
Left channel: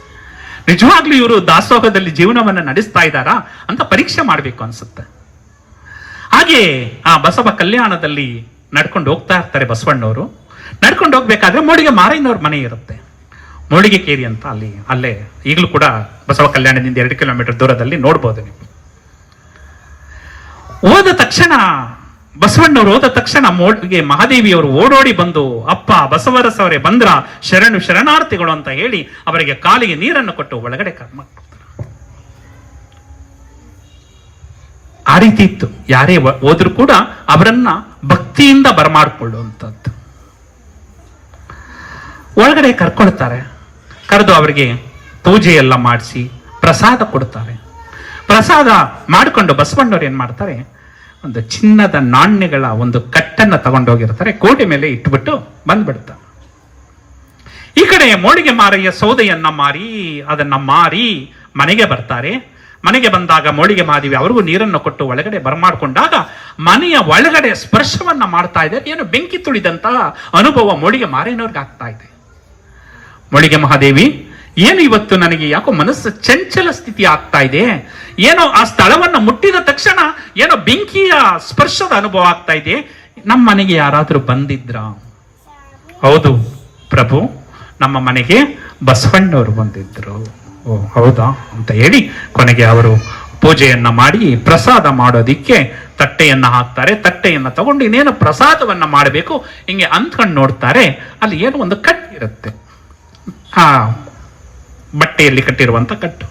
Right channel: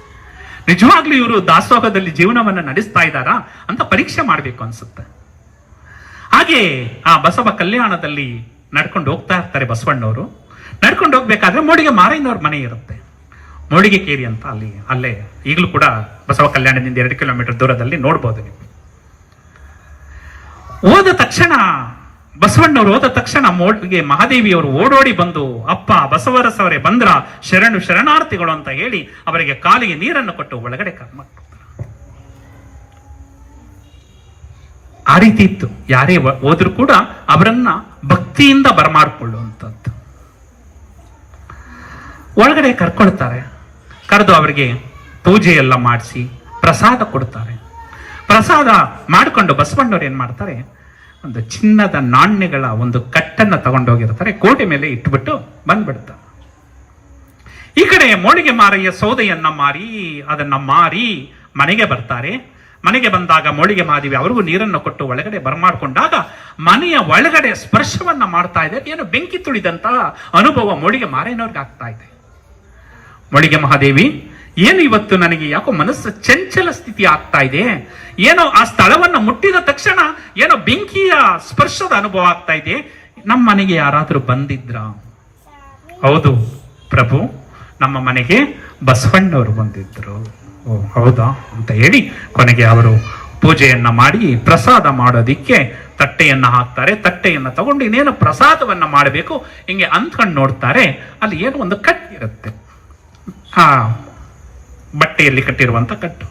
ನಿಜವಾಗ್ಲೂ ಇವರು ದಾಸೋಹದಲ್ಲಿ ಜೀವನವನ್ನ ನಡೆಸ್ತಾ ಇದ್ದಾರಾ ಅಂತ ಪರೀಕ್ಷೆ ಮಾಡ್ಬೇಕು ಅನ್ಸುತ್ತೆ. ಹಾಗೆ ಆ ಬಸವ ಕಲ್ಯಾಣದಲ್ಲಿ ನಡ್ಕೊಂಡು ಹೋಗ್ತಾ ಇರ್ತಾರೆ ಬಸವಣ್ಣವರು. ನಡ್ಕೊಂಡು ಹೋಗ್ಬೇಕಾದ್ರೆ ಮೋಳಿಗೆ ಮಾರಯ್ಯನವ್ರ ಮನೆ ಇರುತ್ತೆ, ಮೋಳಿಗೆ ಕೇರಿ ಅಂತ. ಅಲ್ಲೇ ಈಗಲೂ ಕೂಡ ಬಸವ ಕಲ್ಯಾಣದಿಂದ 2 ಕಿಲೋಮೀಟರ್ ದೂರದಲ್ಲಿ ನೋಡ್ಬೋದು ನೀವು. ಬಸವಣ್ಣವರು ಹೋದ ತಕ್ಷಣ ಮೋಳಿಗೆ ಮಹಾದೇವಿಯವರು ಓಡೋಡಿ ಬಂದು, ಅಪ್ಪ ಬಸವರಸವರೇ ಬಂದ್ರ, ಶರಣಾರ್ಥಿಗಳು ಅಂತ ಹೇಳಿ ಅವರಿಗೆ ಕಾಲಿಗೆ ನೀರನ್ನು ಕೊಟ್ಟು ಒಳಗಡೆ ಕರ್ಮ. ಆ ರೀತಿ ಇತ್ತು. ಯಾರೇ ಹೋದ್ರೂ ಕೂಡ ಅವರನ್ನ ಭಕ್ತಿಯಿಂದ ಬರಮಾಡಿಕೊಳ್ಳುವಂಥದ್ದು. ಒಳಗಡೆ ಕರ್ಕೊಳ್ತಾರೆ. ಕರೆದು ಅವರಿಗೆ ಪೂಜೆ ಎಲ್ಲ ಮಾಡಿಸಿ ಪ್ರಸಾದ ಕೊಡ್ತಾರೆ. ಪ್ರಸಾದ ಮಾಡಿಕೊಂಡು ಬಸವಣ್ಣವ್ರು ಏನ್ ಮಾಡ್ತಾರೆ, ಒಂದು ಚಿನ್ನದ ನಾಣ್ಯಗಳ ಒಂದು ಕಟ್ಟನ್ನ ತಗೊಂಡೋಗಿರ್ತಾರೆ, ಕೋಟೆ ಮೇಲೆ ಇಟ್ಬಿಟ್ಟು ಬಂದ್ಬಿಡ್ತಾರೆ. ಈ ಕಡೆ ಮೋಳಿಗೆ ಮಾರಯ್ಯ ಸೌದೆಯನ್ನ ಮಾರಿ ಅದನ್ನ ಮಾರಿ ಮನೆಗೆ ಬರ್ತಾರೆ. ಮನೆಗೆ ಬಂದಾಗ ಮೋಳಿಗೆ ಮಹಾದೇವಿ ಅವ್ರಿಗೂ ನೀರನ್ನು ಕೊಟ್ಟು ಒಳಗಡೆ ಬರಮಾಡ್ಕೊಂಡಾಗ ಮನೆಯ ಒಳಗಡೆ ಸ್ಪರ್ಶವನ್ನ ಮಾಡ್ತಾ ಇದೆ. ಏನು ಬೆಂಕಿ ತುಳಿದಂತಹ ಅನುಭವ ಮೋಳಿಗೆ ಮಾರೇನವ್ರಿಗೆ ಆಗ್ತಾ ಇದೆ. ಮೋಳಿಗೆ ಮಹಾದೇವಿ, ಏನು ಇವತ್ತು ನನಗೆ ಯಾಕೋ ಮನಸ್ಸು ಚಂಚಲ ಸ್ಥಿತಿ ಆಗ್ತಾ ಇದೆ, ಏನೋ ಆ ಸ್ಥಳವನ್ನ ಮುಟ್ಟಿದ ತಕ್ಷಣ ಏನೋ ಬೆಂಕಿಯ ಸ್ಪರ್ಶದ ಅನುಭವ ಆಗ್ತಾ ಇದೆ, ನಮ್ಮ ಮನೆಗೆ ಯಾರಾದ್ರೂ ಬಂದಿದ್ರ? ಹೌದು ಪ್ರಭು, ನಮ್ಮ ಮನೆಗೆ ಬಸವಣ್ಣವರು ಬಂದಿದ್ರು. ಓ ಹೌದಾ ಅಂತ ಹೇಳಿ ಕೊನೆಗೆ ಅವರು ಪೂಜೆಯನ್ನ ಮಾಡಿ ಪ್ರಸಾದ ಮಾಡೋದಿಕ್ಕೆ ತಟ್ಟೆಯನ್ನ ಹಾಕ್ತಾರೆ. ತಟ್ಟೆಯನ್ನ ತಗೊಂಡು ಇನ್ನೇನು ಪ್ರಸಾದವನ್ನ ಮಾಡಬೇಕು ಹಿಂಗೆ ಅಂದ್ಕೊಂಡು ನೋಡ್ತಾರೆ, ಅಲ್ಲಿ ಏನೋ ಒಂದು ಕಟ್ಟು ಇರುತ್ತೆ, ಆ ಬಟ್ಟೆಯಲ್ಲಿ ಕಟ್ಟಿರುವಂತ ಕಟ್ಟು.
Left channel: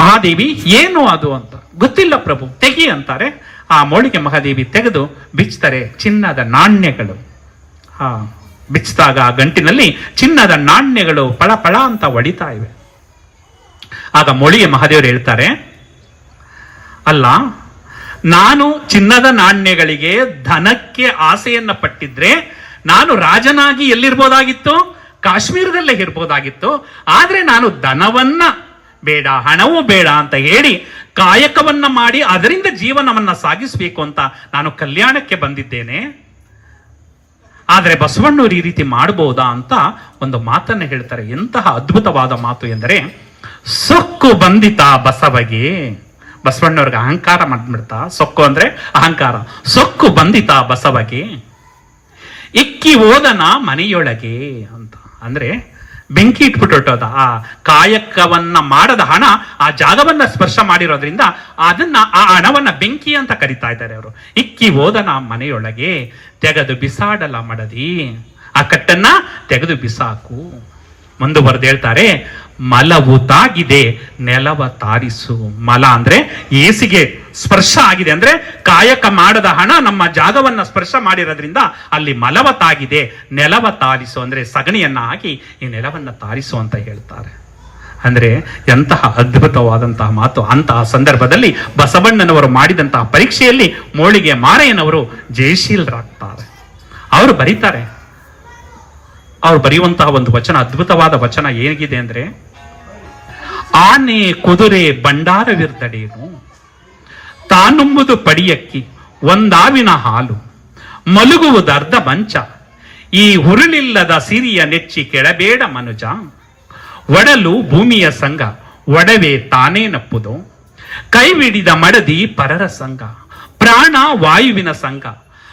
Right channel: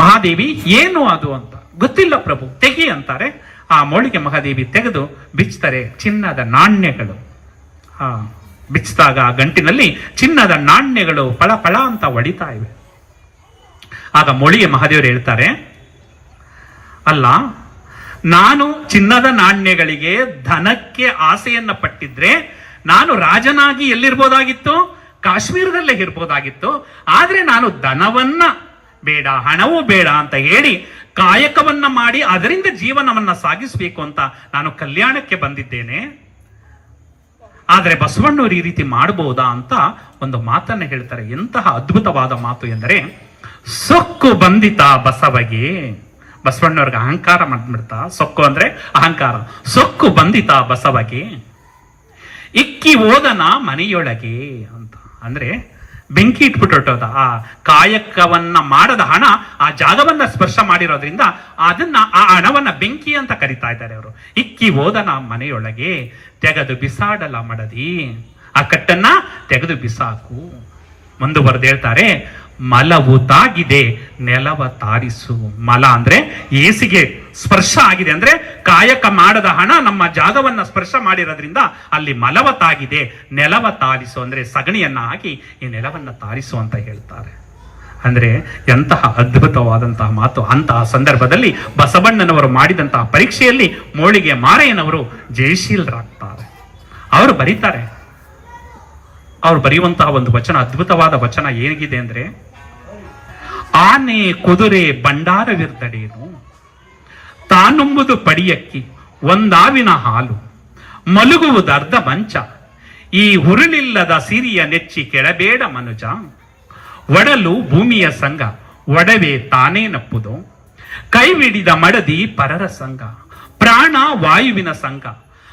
ಮಹಾದೇವಿ ಏನು ಅದು ಅಂತ ಗೊತ್ತಿಲ್ಲ ಪ್ರಭು, ತೆಗಿ ಅಂತಾರೆ. ಆ ಮೋಳಿಗೆ ಮಹಾದೇವಿ ತೆಗೆದು ಬಿಚ್ತಾರೆ. ಚಿನ್ನದ ನಾಣ್ಯಗಳು. ಬಿಚ್ಚಿದಾಗ ಗಂಟಿನಲ್ಲಿ ಚಿನ್ನದ ನಾಣ್ಯಗಳು ಪಳ ಪಳ ಅಂತ ಹೊಡಿತಾ ಇವೆ. ಆಗ ಮೋಳಿಗೆ ಮಹಾದೇವರು ಹೇಳ್ತಾರೆ, ಅಲ್ಲ, ನಾನು ಚಿನ್ನದ ನಾಣ್ಯಗಳಿಗೆ ಧನಕ್ಕೆ ಆಸೆಯನ್ನ ಪಟ್ಟಿದ್ರೆ ನಾನು ರಾಜನಾಗಿ ಎಲ್ಲಿರ್ಬೋದಾಗಿತ್ತು? ಕಾಶ್ಮೀರದಲ್ಲೇ ಇರ್ಬೋದಾಗಿತ್ತು. ಆದ್ರೆ ನಾನು ಧನವನ್ನ ಬೇಡ, ಹಣವೂ ಬೇಡ ಅಂತ ಹೇಳಿ ಕಾಯಕವನ್ನ ಮಾಡಿ ಅದರಿಂದ ಜೀವನವನ್ನ ಸಾಗಿಸಬೇಕು ಅಂತ ನಾನು ಕಲ್ಯಾಣಕ್ಕೆ ಬಂದಿದ್ದೇನೆ. ಆದ್ರೆ ಬಸವಣ್ಣವರು ಈ ರೀತಿ ಮಾಡಬಹುದಾ ಅಂತ ಒಂದು ಮಾತನ್ನ ಹೇಳ್ತಾರೆ. ಎಂತಹ ಅದ್ಭುತವಾದ ಮಾತು ಎಂದರೆ, ಸೊಕ್ಕು ಬಂದಿತ ಬಸವಗೆ. ಬಸವಣ್ಣವ್ರಿಗೆ ಅಹಂಕಾರ ಮಾಡ್ಬಿಡ್ತಾ. ಸೊಕ್ಕು ಅಂದ್ರೆ ಅಹಂಕಾರ. ಸೊಕ್ಕು ಬಂದಿತ ಬಸವಗೆ, ಇಕ್ಕಿ ಓದನ ಮನೆಯೊಳಗೆ ಅಂತ. ಅಂದ್ರೆ ಬೆಂಕಿ ಇಟ್ಬಿಟ್ಟೋದ ಆ ಕಾಯಕವನ್ನ ಮಾಡದ ಹಣ ಆ ಜಾಗವನ್ನ ಸ್ಪರ್ಶ ಮಾಡಿರೋದ್ರಿಂದ ಆ ಹಣವನ್ನ ಬೆಂಕಿ ಅಂತ ಕರಿತಾ ಇದ್ದಾರೆ ಅವರು. ಇಕ್ಕಿ ಓದನ ಮನೆಯೊಳಗೆ ತೆಗೆದು ಬಿಸಾಡಲ ಮಡದಿ, ಆ ಕಟ್ಟನ್ನ ತೆಗೆದು ಬಿಸಾಕು. ಮುಂದುವರೆದು ಹೇಳ್ತಾರೆ, ಮಲವು ತಾಗಿದೆ ನೆಲವ ತಾರಿಸು. ಮಲ ಅಂದ್ರೆ ಏಸಿಗೆ ಸ್ಪರ್ಶ ಆಗಿದೆ, ಅಂದ್ರೆ ಕಾಯಕ ಮಾಡದ ಹಣ ನಮ್ಮ ಜಾಗವನ್ನ ಸ್ಪರ್ಶ ಮಾಡಿರೋದ್ರಿಂದ ಅಲ್ಲಿ ಮಲವ ತಾಗಿದೆ, ನೆಲವ ತಾರಿಸು ಅಂದ್ರೆ ಸಗಣಿಯನ್ನ ಹಾಕಿ ಈ ನೆಲವನ್ನ ತಾರಿಸು ಅಂತ ಹೇಳ್ತಾರೆ. ಅಂದ್ರೆ ಎಂತಹ ಅದ್ಭುತವಾದಂತಹ ಮಾತು. ಅಂತಹ ಸಂದರ್ಭದಲ್ಲಿ ಬಸವಣ್ಣನವರು ಮಾಡಿದಂತಹ ಪರೀಕ್ಷೆಯಲ್ಲಿ ಮೋಳಿಗೆ ಮಾರೆಯನವರು ಜಯಶೀಲರಾಗ್ತಾರೆ. ಅವರು ಬರೀತಾರೆ, ಅವ್ರು ಬರೆಯುವಂತಹ ಒಂದು ವಚನ, ಅದ್ಭುತವಾದ ವಚನ ಹೇಗಿದೆ ಅಂದ್ರೆ, ಆನೆ ಕುದುರೆ ಬಂಡಾರವಿರ್ದಡೇನು, ತಾನುಂಬುದು ಪಡಿಯಕ್ಕಿ ಒಂದಾವಿನ ಹಾಲು, ಮಲಗುವುದರ್ಧ ಮಂಚ, ಈ ಹುರುಳಿಲ್ಲದ ಸಿರಿಯ ನೆಚ್ಚಿ ಕೆಳಬೇಡ ಮನುಜ, ಒಡಲು ಭೂಮಿಯ ಸಂಘ ಒಡವೆ ತಾನೇ ನಪ್ಪುದು, ಕೈವಿಡಿದ ಮಡದಿ ಪರರ ಸಂಘ, ಪ್ರಾಣ ವಾಯುವಿನ ಸಂಘ,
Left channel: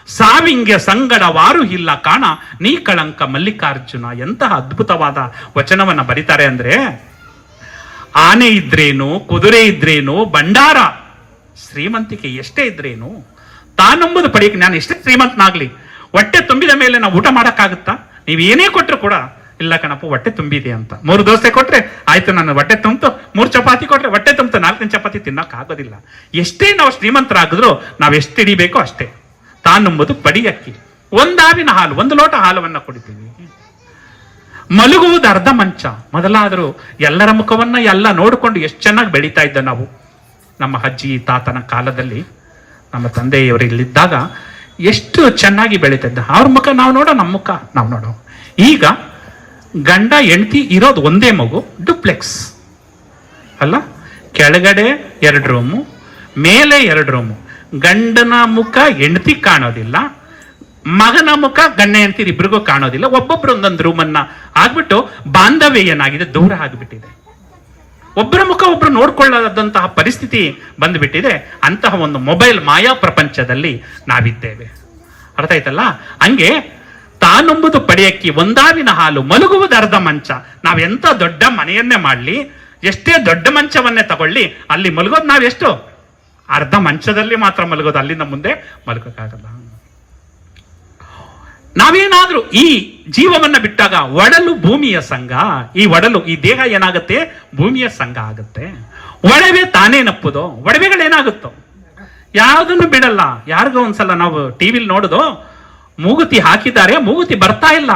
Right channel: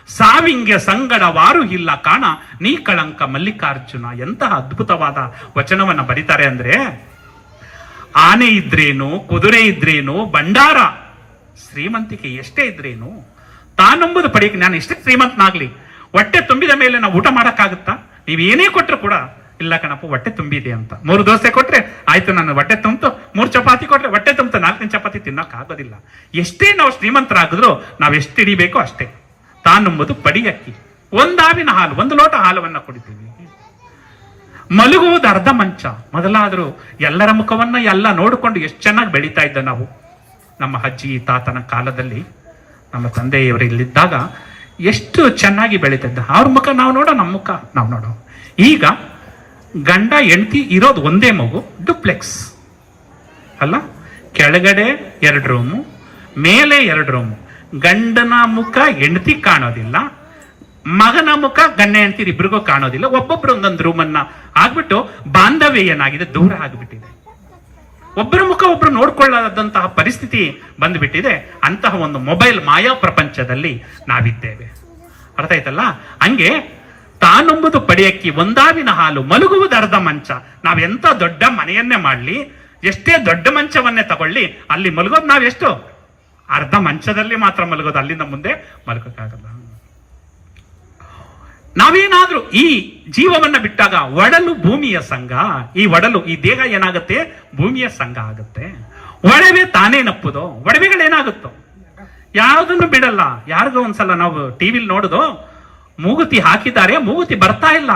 ಸಾವಿಂಗ ಸಂಗಡವಾರು ಇಲ್ಲ ಕಾಣ ನೀ ಕಳಂಕ ಮಲ್ಲಿಕಾರ್ಜುನ. ಎಂತಹ ಅದ್ಭುತವಾದ ವಚನವನ್ನ ಬರೀತಾರೆ ಅಂದ್ರೆ, ಆನೆ ಇದ್ರೇನು, ಕುದುರೆ ಇದ್ರೇನು, ಭಂಡಾರ ಶ್ರೀಮಂತಿಕೆ ಎಷ್ಟೇ ಇದ್ರೇನು, ತಾನಂಬುದು ಪಡೆಯಕ್ಕೆ ನಾನು ಎಷ್ಟೇ ಶ್ರೀಮಂತನಾಗ್ಲಿ, ಹೊಟ್ಟೆ ತುಂಬಿದ ಮೇಲೆ ನಾವು ಊಟ ಮಾಡಕ್ಕಾಗುತ್ತಾ? ನೀವ್ ಏನೇ ಕೊಟ್ರು ಕೂಡ, ಇಲ್ಲ ಕಣಪ್ಪ ಹೊಟ್ಟೆ ತುಂಬಿದೆ ಅಂತ 3 ದೋಸೆ ಕೊಟ್ರೆ ಆಯ್ತು ನನ್ನ ಹೊಟ್ಟೆ ತುಂಬಿತು, 3 ಚಪಾತಿ ಕೊಟ್ರೆ ಹೊಟ್ಟೆ ತುಂಬಿತು, 4 ಚಪಾತಿ ತಿನ್ನಕ್ ಆಗೋದಿಲ್ಲ. ಎಷ್ಟೇ ನಾವು ಶ್ರೀಮಂತರಾಗಿದ್ರು ನಾವ್ ಎಷ್ಟು ಹಿಡಿಬೇಕೋ ಅಷ್ಟೇ. ತಾನುಂಬುದು ಪಡಿಯಕ್ಕಿ ಒಂದಾವಿನ ಹಾಲು, 1 ಲೋಟ ಹಾಲವನ್ನ ಕುಡಿತೀವಿ. ಮಲಗುವುದು ಅರ್ಧ ಮಂಚ. ಮೊದಲಾದರೂ ಎಲ್ಲರ ಮುಖವನ್ನ ಎಲ್ಲ ನೋಡಿಕೊಂಡು ಎಷ್ಟು ಚೆನ್ನಾಗಿ ಬೆಳೀತಾ ಇದ್ದ ನಾವು. ನಮ್ಮ ಅಜ್ಜಿ ತಾತನ ಕಾಲದಲ್ಲಿ ನಮ್ಮ ತಂದೆಯವರು ಇಲ್ಲಿದ್ದಾಗ ಎಷ್ಟು ಚೆನ್ನಾಗಿ ಬೆಳೀತಿದ್ದ. ಅವ್ರ ಮುಖ ನಾವು ನೋಡೋ, ನಮ್ಮ ಮುಖ ನಾವು ನೋಡೋ. ಈಗ ಗಂಡ ಹೆಂಡತಿ ಇರೋದು ಒಂದೇ ಮಗು, ಡುಪ್ಲೆಕ್ಸ್ ಅಲ್ಲ, ಕೆಳಗಡೆ 2 ರೂಮು, ಮೇಲೆ 2 ರೂಮು. ಗಂಡನ ಮುಖ ಹೆಂಡತಿ ಕಾಣೋದಿಲ್ಲ, ಮಗನ ಮುಖ ಗಂಡ ಹೆಂಡತಿ ಇಬ್ರಿಗೂ ಕಾಣೋದಿಲ್ಲ. ಒಬ್ಬೊಬ್ರು ಒಂದೊಂದು ರೂಮನ್ನ ಆಗ್ಬಿಟ್ಟು ಬಾಂಧವ್ಯ ಏನಾಗಿದೆ, ದೂರ ಆಗಿಬಿಟ್ಟಿದೆ. ಒಬ್ಬರ ಮುಖ ಒಬ್ರು ನೋಡ್ಕೊಳ್ಳದಂತಹ ಪರಿಸ್ಥಿತಿ ಬಂದ್ಬಿಟ್ಟಿದೆ. ಅಂತಹ ಒಂದು ಮೊಬೈಲ್ ಮಾಯಾ ಪ್ರಪಂಚದಲ್ಲಿ ನಾವಿದ್ದೇವೆ. ಅರ್ಥ ಆಯ್ತಲ್ಲ? ಹಂಗೆ ತಾನೊಂಬುದು ಪಡೆಯಕ್ಕಿ ಒಂದಾವಿನ ಹಾಲು, ಮಲಗುವುದು ಅರ್ಧ ಮಂಚ. ನಾವೆಂತ ದೊಡ್ಡ ಮನೆಯನ್ನೇ ಮಾಡ್ಲಿ, ಎಷ್ಟೇ ದೊಡ್ಡ ಮಂಚವನ್ನೇ ತಗೊಳ್ಳಿ, ಅಲ್ಲಿ ಮಲಗೋದು ನಾವೆಷ್ಟು ಅರ್ಧ ಮಂಚದಲ್ಲಿ ಮಾತ್ರ ಮಲಗೋದು, ಅಲ್ಲಿಂದ ಮುಂದೆ ಮಲಗೋಕ್ಕಾಗಲ್ಲ. ನಾವೇನಾದ್ರೂ ಈ ಜೀವವನ್ನ ಬಿಟ್ಟಾಗ ಒಡಲು ಭೂಮಿಯ ಸಂಘ, ಈ ಒಡಲು ಈ ದೇಹ ಏನಾಗುತ್ತೆ, ಭೂಮಿಯ ಸಂಘ ಆಗುತ್ತೆ. ಒಡವೆ ತಾನೇ ನಪ್ಪುದು. ಒಡವೆಗಳೇನಾಗುತ್ತೋ ಯಾವುದನ್ನು ಬಿಡಲ್ಲ. ಯಾರಿಗೋ ಒಂದ್ಸಲ ನಾವು ಟಿವಿಲಿ ನೋಡುದು, ಮೂಗುತಿ ಹಾಕಿದ್ದಾರೆ, ಮೂಗುತಿ ಬರ್ತಾ ಇಲ್ಲ,